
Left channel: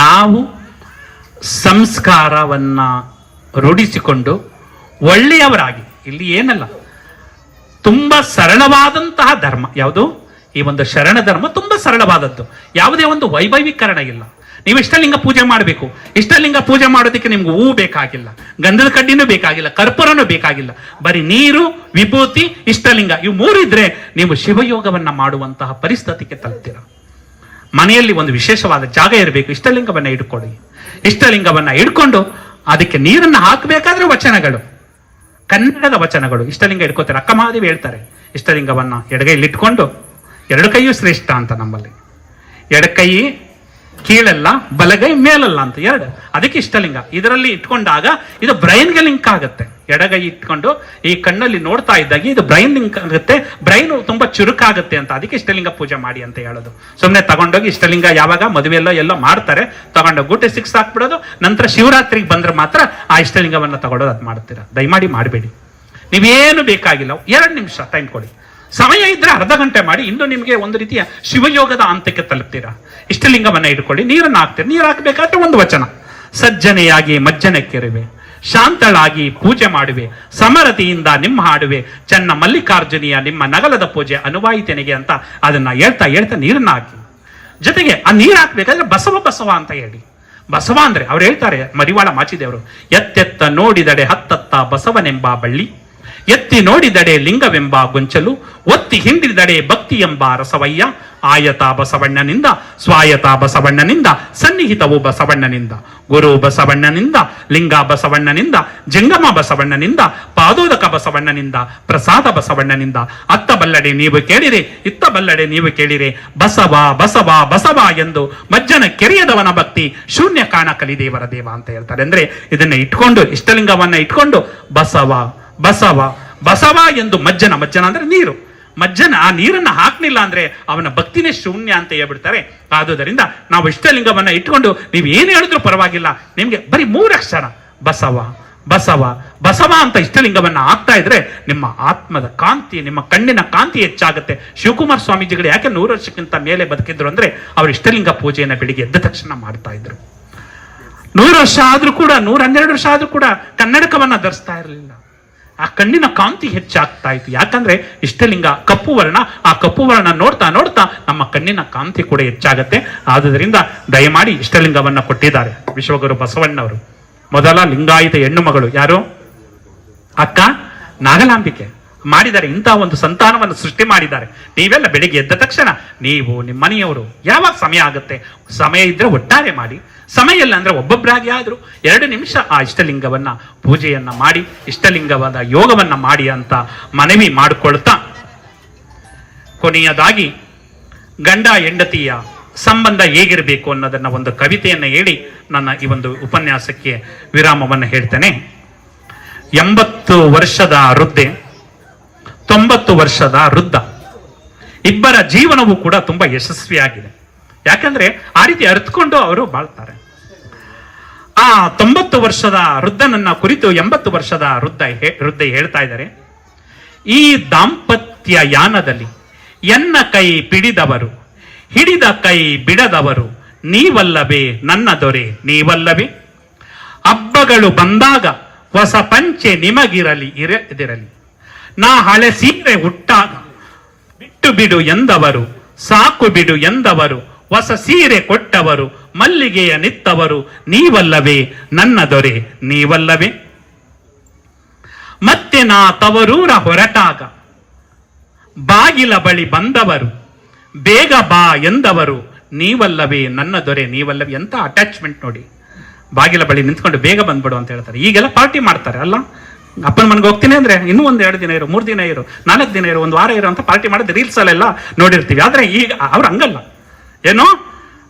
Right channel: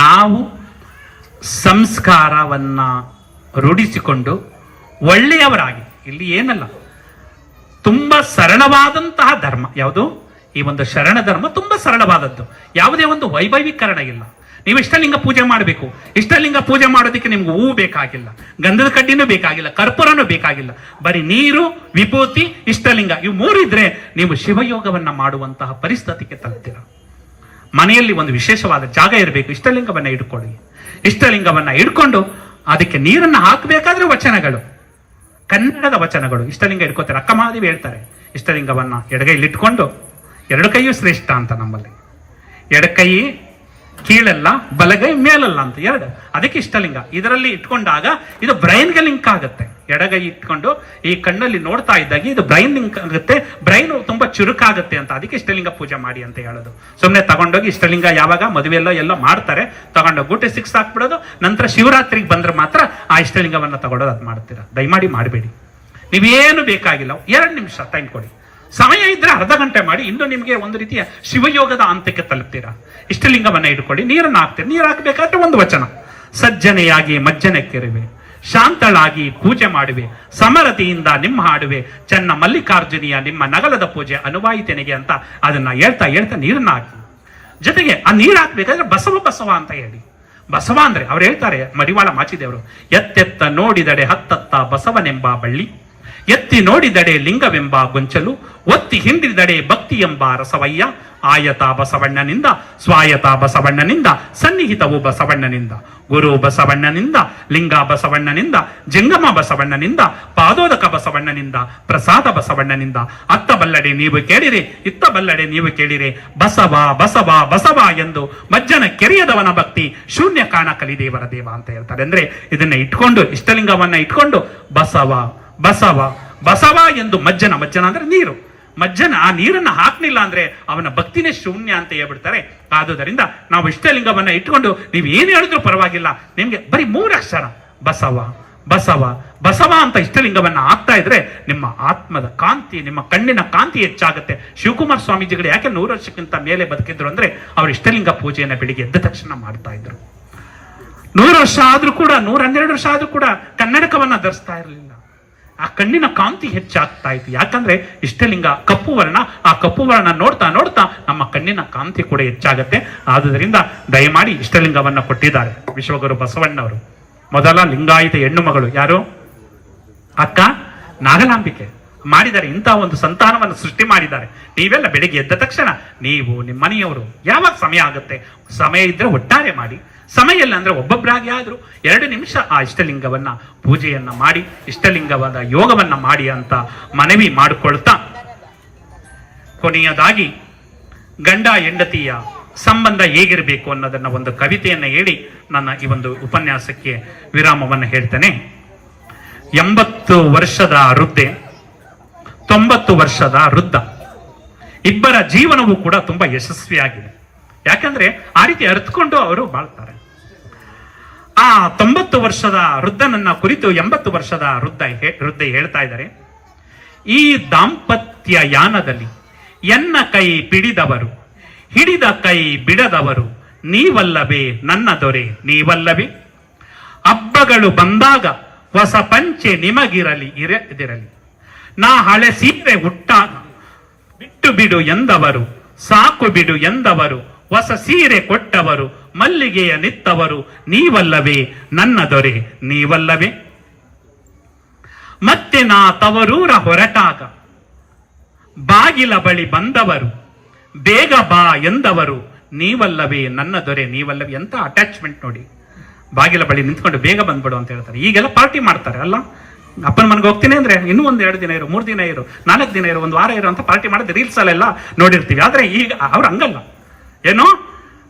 ನಾವು ಸಂಸ್ಕಾರವನ್ನ ರೂಢಿಸಿಕೊಂಡು ಒಳ್ಳೆಯವರಾಗಿ, ಇಲ್ಲಿ ಏನಲ್ಲ, ತುಂಬಾ ಸರಳವಾದಂತಹ ಧರ್ಮ ಯಾವುದು? ಈ ಒಂದು ಶರಣ ಧರ್ಮ ತುಂಬಾ ಸರಳವಾದದ್ದು. ಯಾವುದೇ ಒಂದು ವೈಭವೀಕರಣ ಇಲ್ಲ. ನೀವು ಇಷ್ಟಲಿಂಗ ಪೂಜೆ ಮಾಡಬೇಕು, ಇಷ್ಟಲಿಂಗ ಪೂಜೆ ಮಾಡೋದಕ್ಕೆ ನಿಮ್ಗೆ ಹೂವು ಬೇಕಾಗಿಲ್ಲ, ಗಂಧದ ಕಡ್ಡಿನೂ ಬೇಕಾಗಿಲ್ಲ, ಕರ್ಪೂರನೂ ಬೇಕಾಗಿಲ್ಲ. ಬರೀ ನೀರು, ವಿಭೂತಿ, ಇಷ್ಟಲಿಂಗ ಇವು 3 ಇದ್ರೆ ನೀವು ಶಿವಯೋಗವನ್ನ ಮಾಡುವಂತಹ ಪರಿಸ್ಥಿತಿಗೆ ತಲುಪ್ತೀರ. ಮನೆಯಲ್ಲಿ ಒಂದು ವಿಶೇಷವಾದ ಜಾಗ ಇರಬೇಕು, ಇಷ್ಟಲಿಂಗವನ್ನ ಇಟ್ಕೊಳ್ಳಿ. ಇಷ್ಟಲಿಂಗವನ್ನ ಇಟ್ಕೊಂಡು ಅದಕ್ಕೆ ನೀರನ್ನ ಹಾಕಬೇಕಾದ್ರೆ ವಚನಗಳು, ಕನ್ನಡದ ವಚನಗಳು. ಇಷ್ಟಲಿಂಗ ಇಟ್ಕೋತಾರೆ, ಅಕ್ಕ ಮಹಾದೇವಿ ಹೇಳ್ತಾರೆ, ಇಷ್ಟಲಿಂಗವನ್ನ ಎಡಗೈಲಿ ಇಟ್ಕೊಂಡು, 2 ಕೈಯೂ ಶ್ರೇಷ್ಠ ಅಂತ ನಮ್ಮಲ್ಲಿ, ಎಡಕೈ ಕೀಳಲ್ಲ ಬಲಗೈ ಮೇಲಲ್ಲ ಅಂತ 2, ಅದಕ್ಕೆ ಇಷ್ಟಲಿಂಗ. ಇದರಲ್ಲಿ ಇಟ್ಕೊಂಡಾಗ ಇದು ಬ್ರೈನ್ಗೆ ಲಿಂಕ್ ಆಗುತ್ತೆ. ಎಡಗೈ ಇಟ್ಕೊಂಡು ಈ ಕಣ್ಣಲ್ಲಿ ನೋಡ್ತಾ ಇದ್ದಾಗ ಇದು ಬ್ರೈನ್ ಲಿಂಕ್ ಆಗುತ್ತೆ, ಬ್ರೈನ್ ತುಂಬಾ ಚುರುಕಾಗುತ್ತೆ ಅಂತ, ಅದಕ್ಕೆ ಇಷ್ಟಲಿಂಗ ಪೂಜೆ ಮಾಡಿ ಅಂತ ಹೇಳೋದು. ಸುಮ್ಮನೆ ತಗೊಂಡೋಗಿ ಇಷ್ಟಲಿಂಗ ಯಾವಾಗ ಮದುವೆಯಲ್ಲೋ ಎಲ್ಲೋ ಮಾಡ್ತಾರೆ, ತಗೊಂಡೋಗಿ ಗುಟ್ಟೆ 6 ಹಾಕ್ಬಿಡೋದು, ನಂತರ ಶಿವರಾತ್ರಿಗೆ ಬಂದ್ರೆ ಮಾತ್ರ ಆ ಇಷ್ಟಲಿಂಗವನ್ನ ತಗೊಳ್ಳೋದು, ಅದು ಮಾಡ್ತೀರಾ. ದಯಮಾಡಿ ಮಾಡಬೇಡಿ. ನೀವೇನು ಬೇಕಾಗಿಲ್ಲ, 2 ನಿಮಿಷ ಟೈಮ್ ಕೊಡಿ. ಸಮಯ ಇದ್ರೆ ಅರ್ಧ ಗಂಟೆ ಮಾಡಿ, ಇನ್ನು ನಿಮಗೆ ಒಂದು ರೀತಿಯ ಶಿವಯೋಗದ ಹಂತಕ್ಕೆ ತಲುಪ್ತೀರಾ. ಇಷ್ಟಲಿಂಗವನ್ನ ಇಟ್ಕೊಳ್ಳಿ, ನೀರನ್ನು ಹಾಕ್ತೀರಿ. ನೀರು ಹಾಕಬೇಕಾದ್ರೆ ಒಂದು ವಚನ: ಸಜ್ಜನೆಯಾಗಿ ಮಜ್ಜನಕ್ಕೆರುವೆ, ಶಾಂತಳಾಗಿ ಪೂಜೆ ಮಾಡುವೆ, ಸಮರತಿಯಿಂದ ನಿಮ್ಮ ಹಾಡುವೆ, ಚನ್ನ ಮಲ್ಲಿಕಾರ್ಜುನಿಯ ನಿಮ್ಮ ನಗಲದ ಪೂಜೆ ಅನುವಾಯಿತನಿಗೆ ಅಂತ ಅದನ್ನ ಹೇಳ್ತಾ ಹೇಳ್ತಾ ನೀರನ್ನ ಹಾಕಿ. ಜೊತೆಗೆ ಆ ನೀರು ಹಾಕ್ಬೇಕಾದ್ರೆ ಬಸವ ಬಸವ ಅಂತ ಹೇಳಿ. ಬಸವ ಅಂದ್ರೆ ಅವ್ರು ಹೇಳ್ತಾರೆ, ಮರಿವಾಳ ಮಾಚಿದೇವರು, ಎತ್ತೆತ್ತ ನೋಡಿದಡೆ ಹತ್ತತ್ತ ಬಸವನೆಂಬ ಬಳ್ಳಿ, ಎತ್ತಿ ನೋಡಿದಡೆ ಲಿಂಗವೆಂಬ ಗೊಂಚಲು, ಒತ್ತಿ ಹಿಂಡಿದಡೆ ಭಕ್ತಿ ಎಂಬ ರಸವಯ್ಯ, ಆಯತ ಬಸವಣ್ಣನಿಂದ ಸ್ವಾಯತ ಬಸವಣ್ಣನಿಂದ ಸನ್ನಿಹಿತವು ಬಸವಣ್ಣನಿಂದ, ಗುರು ಬಸವಣ್ಣನಿಂದ ಲಿಂಗ ಬಸವಣ್ಣನಿಂದ ಜಂಗಮ ಬಸವಣ್ಣನಿಂದ ಪಾದೋದಕ ಬಸವಣ್ಣನಿಂದ ಪ್ರಸಾದ ಬಸವಣ್ಣನಿಂದ, ಅತ್ತ ಬಲ್ಲಡೆ ನೀವು ಕೇಳಿರೆ ಇತ್ತ ಬಲ್ಲಡೆ ನೀವು ಕೇಳಿರೆ, ಬಸವ ಬಸವ ಬಸವ ಎಂದು ಮಜ್ಜನ ಕೆರೆಯದವನ ಭಕ್ತಿ ಶೂನ್ಯ ಕಾಣ ಕಲಿದೇವರ ದೇವ ಅಂತ ಹೇಳ್ತಾರೆ. ಅಂದ್ರೆ ಇದನ್ನ ಇಟ್ಕೊಂಡು, ಇಷ್ಟಲಿಂಗವನ್ನ ಇಟ್ಕೊಂಡು ಬಸವ ಬಸವ ಬಸವ ಎಂದು ಮಜ್ಜನ ಅಂದ್ರೆ ನೀರು, ಮಜ್ಜನ ಆ ನೀರನ್ನ ಹಾಕ್ಲಿಲ್ಲ ಅಂದ್ರೆ ಅವನ ಭಕ್ತಿನೇ ಶೂನ್ಯ ಅಂತ ಹೇಳ್ಬಿಡ್ತಾರೆ. ಆದುದರಿಂದ ನಾವು ಇಷ್ಟಲಿಂಗವನ್ನ ಇಟ್ಕೊಂಡು ನೀವು ಏನ್ ಹೇಳಿದ್ರು ಪರವಾಗಿಲ್ಲ, ನಿಮ್ಗೆ ಬರೀ 3 ಅಕ್ಷರ ಬಸವ ಬಸವ ಬಸವ ಅಂತ ಇಷ್ಟಲಿಂಗವನ್ನ ಹಾಕ್ತಾ ಇದ್ರೆ ನಿಮ್ಮ ಆತ್ಮದ ಕಾಂತಿ, ನಿಮ್ಮ ಕಣ್ಣಿನ ಕಾಂತಿ ಹೆಚ್ಚಾಗುತ್ತೆ. ಶಿವಕುಮಾರ ಸ್ವಾಮೀಜಿಗಳು ಯಾಕೆ 100 ವರ್ಷಕ್ಕಿಂತ ಮೇಲೆ ಬದುಕಿದ್ರು ಅಂದ್ರೆ ಅವರು ಇಷ್ಟಲಿಂಗ ಪೂಜೆಯನ್ನ ಬೆಳಿಗ್ಗೆ ಎದ್ದ ತಕ್ಷಣ ಮಾಡ್ತಾ ಇದ್ರು. 100 ವರ್ಷ ಆದ್ರೂ ಕೂಡ, 112 ವರ್ಷ ಆದ್ರೂ ಕೂಡ ಕನ್ನಡಕವನ್ನ ಧರಿಸ್ತಾ ಇರಲಿಲ್ಲ. ಆ ಕಣ್ಣಿನ ಕಾಂತಿ ಹೆಚ್ಚಾಗ್ತಾ ಇತ್ತು. ಯಾಕಂದ್ರೆ ಇಷ್ಟಲಿಂಗ ಕಪ್ಪು ವರ್ಣ, ಆ ಕಪ್ಪು ವರ್ಣ ನೋಡ್ತಾ ನೋಡ್ತಾ ನಮ್ಮ ಕಣ್ಣಿನ ಕಾಂತಿ ಕೂಡ ಹೆಚ್ಚಾಗತ್ತೆ. ಆದುದರಿಂದ ದಯಮಾಡಿ ಇಷ್ಟಲಿಂಗವನ್ನ ಕೊಟ್ಟಿದ್ದಾರೆ ವಿಶ್ವಗುರು ಬಸವಣ್ಣವರು. ಮೊದಲ ಲಿಂಗಾಯತ ಹೆಣ್ಣು ಮಗಳು ಯಾರು? ಅಕ್ಕ ನಾಗಲಾಂಬಿಕೆ ಮಾಡಿದ್ದಾರೆ. ಇಂತಹ ಒಂದು ಸಂತಾನವನ್ನು ಸೃಷ್ಟಿ ಮಾಡಿದ್ದಾರೆ. ನೀವೆಲ್ಲ ಬೆಳಿಗ್ಗೆ ಎದ್ದ ತಕ್ಷಣ ನೀವು ನಿಮ್ಮ ಮನೆಯವರು ಯಾವಾಗ ಸಮಯ ಆಗುತ್ತೆ, ಸಮಯ ಇದ್ರೆ ಒಟ್ಟಾರೆ ಮಾಡಿ, ಸಮಯ ಇಲ್ಲ ಅಂದ್ರೆ ಒಬ್ಬೊಬ್ಬರಾಗಿ ಆದ್ರೂ 2 ನಿಮಿಷ ಆ ಇಷ್ಟಲಿಂಗವನ್ನ ಪೂಜೆಯನ್ನ ಮಾಡಿ, ಇಷ್ಟಲಿಂಗವಾದ ಯೋಗವನ್ನ ಮಾಡಿ ಅಂತ ಮನವಿ ಮಾಡಿಕೊಳ್ತಾ, ಕೊನೆಯದಾಗಿ ಗಂಡ ಹೆಂಡತಿಯ ಸಂಬಂಧ ಹೇಗಿರಬೇಕು ಅನ್ನೋದನ್ನ ಒಂದು ಕವಿತೆಯನ್ನ ಹೇಳಿ ನನ್ನ ಈ ಒಂದು ಉಪನ್ಯಾಸಕ್ಕೆ ವಿರಾಮವನ್ನು ಹೇಳ್ತೇನೆ. 80 ವರ್ಷದ ವೃದ್ಧೆ, 90 ವರ್ಷದ ವೃದ್ಧ, ಇಬ್ಬರ ಜೀವನವೂ ಕೂಡ ತುಂಬಾ ಯಶಸ್ವಿಯಾಗಿದೆ. ಯಾಕಂದ್ರೆ ಆ ರೀತಿ ಅರ್ಥಕೊಂಡು ಅವರು ಬಾಳ್ತಾರೆ. ಆ 90 ವರ್ಷದ ವೃದ್ಧನನ್ನ ಕುರಿತು 80 ವರ್ಷದ ವೃದ್ಧೆ ಹೇಳ್ತಾ ಇದ್ದಾರೆ, ಈ ದಾಂಪತ್ಯ ಯಾನದಲ್ಲಿ ಎನ್ನ ಕೈ ಪಿಡಿದವರು, ಹಿಡಿದ ಕೈ ಬಿಡದವರು, ನೀವಲ್ಲವೇ ನನ್ನ ದೊರೆ ನೀವಲ್ಲವೇ, ಹಬ್ಬಗಳು ಬಂದಾಗ ಹೊಸ ಪಂಚೆ ನಿಮಗಿರಲಿ ಇರದಿರಲಿ, ನಾ ಹಳೆ ಸೀರೆ ಹುಟ್ಟಾಗ ಬಿಟ್ಟು ಬಿಡು ಎಂದವರು, ಸಾಕು ಬಿಡು ಎಂದವರು, ಹೊಸ ಸೀರೆ ಕೊಟ್ಟವರು, ಮಲ್ಲಿಗೆಯ ನಿತ್ತವರು, ನೀವಲ್ಲವೇ ನನ್ನ ದೊರೆ ನೀವಲ್ಲವೇ, ಮತ್ತೆ ನಾ ತವರೂರ ಹೊರಟಾಗ ಬಾಗಿಲ ಬಳಿ ಬಂದವರು, ಬೇಗ ಬಾ ಎಂದವರು, ನೀವಲ್ಲವೇ ನನ್ನ ದೊರೆ ನೀವಲ್ಲವೇ. ಎಂತ ಅಟ್ಯಾಚ್ಮೆಂಟ್ ನೋಡಿ, ಬಾಗಿಲ ಬಳಿ ನಿಂತ್ಕೊಂಡು ಬೇಗ ಬಂದ್ಬಿಡು ಅಂತ ಹೇಳ್ತಾರೆ. ಈಗೆಲ್ಲ ಪಾರ್ಟಿ ಮಾಡ್ತಾರೆ ಅಲ್ಲ, ಅಪ್ಪನ ಮನೆಗೆ ಹೋಗ್ತೀನಿ ಅಂದ್ರೆ ಇನ್ನೂ 1-2 ದಿನ ಇರು, 3 ದಿನ ಇರು, 4 ದಿನ ಇರು, 1 ವಾರ ಇರು ಅಂತ ಪಾರ್ಟಿ ಮಾಡೋದು ರೀಲ್ಸ್ ಅಲ್ಲೆಲ್ಲ ನೋಡಿರ್ತೀವಿ. ಆದ್ರೆ ಈಗ ಅವ್ರು ಹಂಗಲ್ಲ. ಏನೋ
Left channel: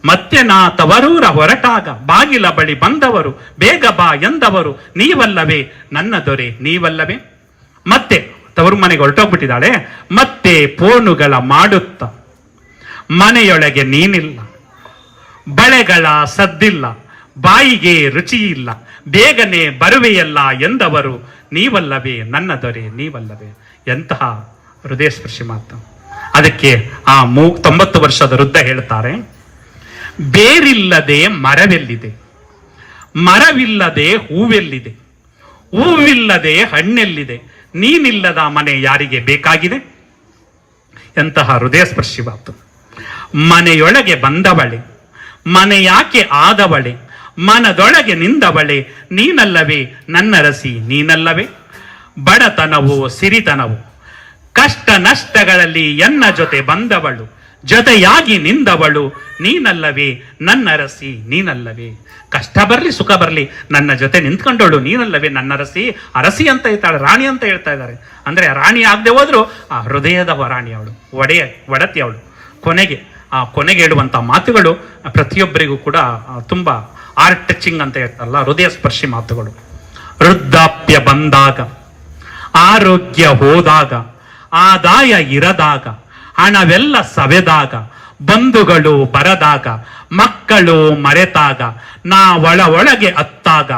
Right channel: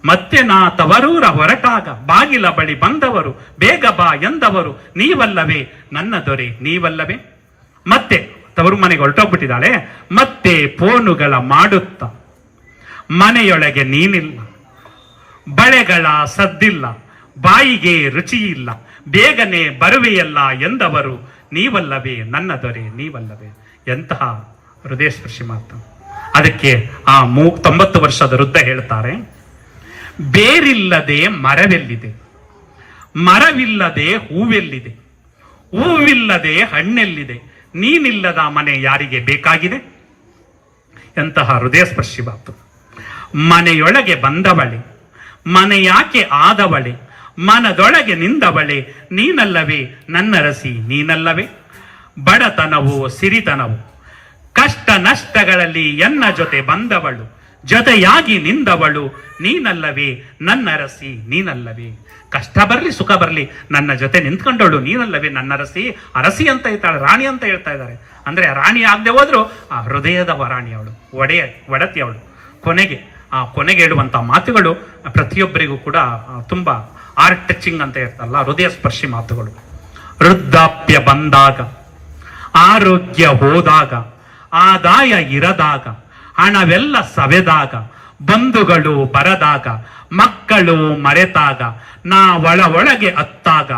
ಮತ್ತೆ ನಾ ತವರೂರ ಹೊರಟಾಗ ಬಾಗಿಲ ಬಳಿ ಬಂದವರು, ಬೇಗ ಬಾ ಎಂದವರು, ನೀವಲ್ಲವೇ ನನ್ನ ದೊರೆ ನೀವಲ್ಲವೇ. ಮತ್ತೆ ತವರು ಮನೆಗೆ ಹೊರಟೋಗ್ಬಿಟ್ಟಿದ್ದಾಳೆ. ಮತ್ತೆ ಫೋನುಗಳ ಮಾಡುತ್ತ ಮನೆಯೊಳಗೆ ನೀನಿಲ್ಲ, ಬಳೆಗಳ ಸದ್ದಿಲ್ಲ, ಬಾಯಿಗೆ ರುಚಿ ಇಲ್ಲ, ಬೇಗನೆ ಬರುವೆಯಲ್ಲ ಎಂದವರು, ನೀವಲ್ಲವೇ ನನ್ನ ದೊರೆ ನೀವಲ್ಲವೇ. ಎಂತಹ ಹೃದಯ ಸ್ಪರ್ಶಿ ಮಾತು. ಅದಕ್ಕೆ ಆ 90 ವರ್ಷದ ವೃದ್ಧ ಹೇಳ್ತಾರೆ, ಬೇರಿಲ್ಲದೆ ಮರವೆಲ್ಲಿದೆ, ಮರವಿಲ್ಲದೆ ಹೂವೆಲ್ಲಿದೆ, ಹೂವಿಲ್ಲದೆ ಹಣ್ಣೆಲ್ಲಿದೆ, ನೀನಿಲ್ಲದ ಮನೆ ಯಾರಿಗೆ ಬೇಕಾಗಿದೆ. ಎಂತಹ ಹೃದಯ ಸ್ಪರ್ಶಿ ಮಾತು. ಮನೆಯೊಳಗೆ ಬಂದವಳೆ, ಮನೆಯಾಕೆ ಆದವಳೆ, ಮನದೊಳಗೆ ನಿಂದವಳೆ, ನೀನಲ್ಲವೇ ನನ್ನ ರಸಿ ನೀನಲ್ಲವೇ. ಬಡತನವು ಸಿರಿತನವು, ಕಷ್ಟ ನಷ್ಟಗಳಲ್ಲಿ ಎನ್ನ ಜೊತೆ ಬಂದವಳು, ಜೊತೆಯಾಗಿ ನಿಂದವಳು, ನೀನಲ್ಲವೇ ನನ್ನ ರಸಿ ನೀನಲ್ಲವೇ. ಕಷ್ಟ ಬರ್ಲಿ ಸುಖ ಬರ್ಲಿ ನನ್ನ ಜೊತೆ ನಿಂತ್ಕೊಂಡವಳು, ನೀನಲ್ಲವೇ ನನ್ನ ರಸಿ. ಅರಸಿ ಅಂತ ಹೇಳ್ತಾಳೆ, ರಾಣಿ ಅಂತ ಹೇಳ್ತಾ ಇದ್ದಾರೆ. ಅಂದ್ರೆ ರಾಣಿ ಆಗದೆ ಹೋದ್ರು ಆ ಹೃದಯದ ರಾಣಿ ಅವಳು, ಒಡತಿ ಅವಳು. ಕೊನೆಗೆ ಹೇಳುವಂತ ಮಾತುಗಳು ಪ್ರತಿಯೊಬ್ಬರಿಗೂ ಕೂಡ ತುಂಬಾ ಆರ್ಟ್ ಟಚಿಂಗ್ ಅಂತ ಹೇಳ್ತಾರಲ್ಲ, ಹೃದಯ ಸ್ಪರ್ಶಿ ಮಾತುಗಳು. ವೃದ್ಧಾಪ್ಯ ಬಂದಾಗ, ಆರೋಗ್ಯ ಹೋದಾಗ, ಆದಾಯ ಇರದಾಗ, ಹಣವೆಲ್ಲ ಸವೆದಾಗ, ಬಂಧುಗಳು ಬರದಾಗ, ಮಕ್ಕಳು ಮರೆತಾಗ, ನಾ ಒಳಗೆ ಅತ್ತಾಗ,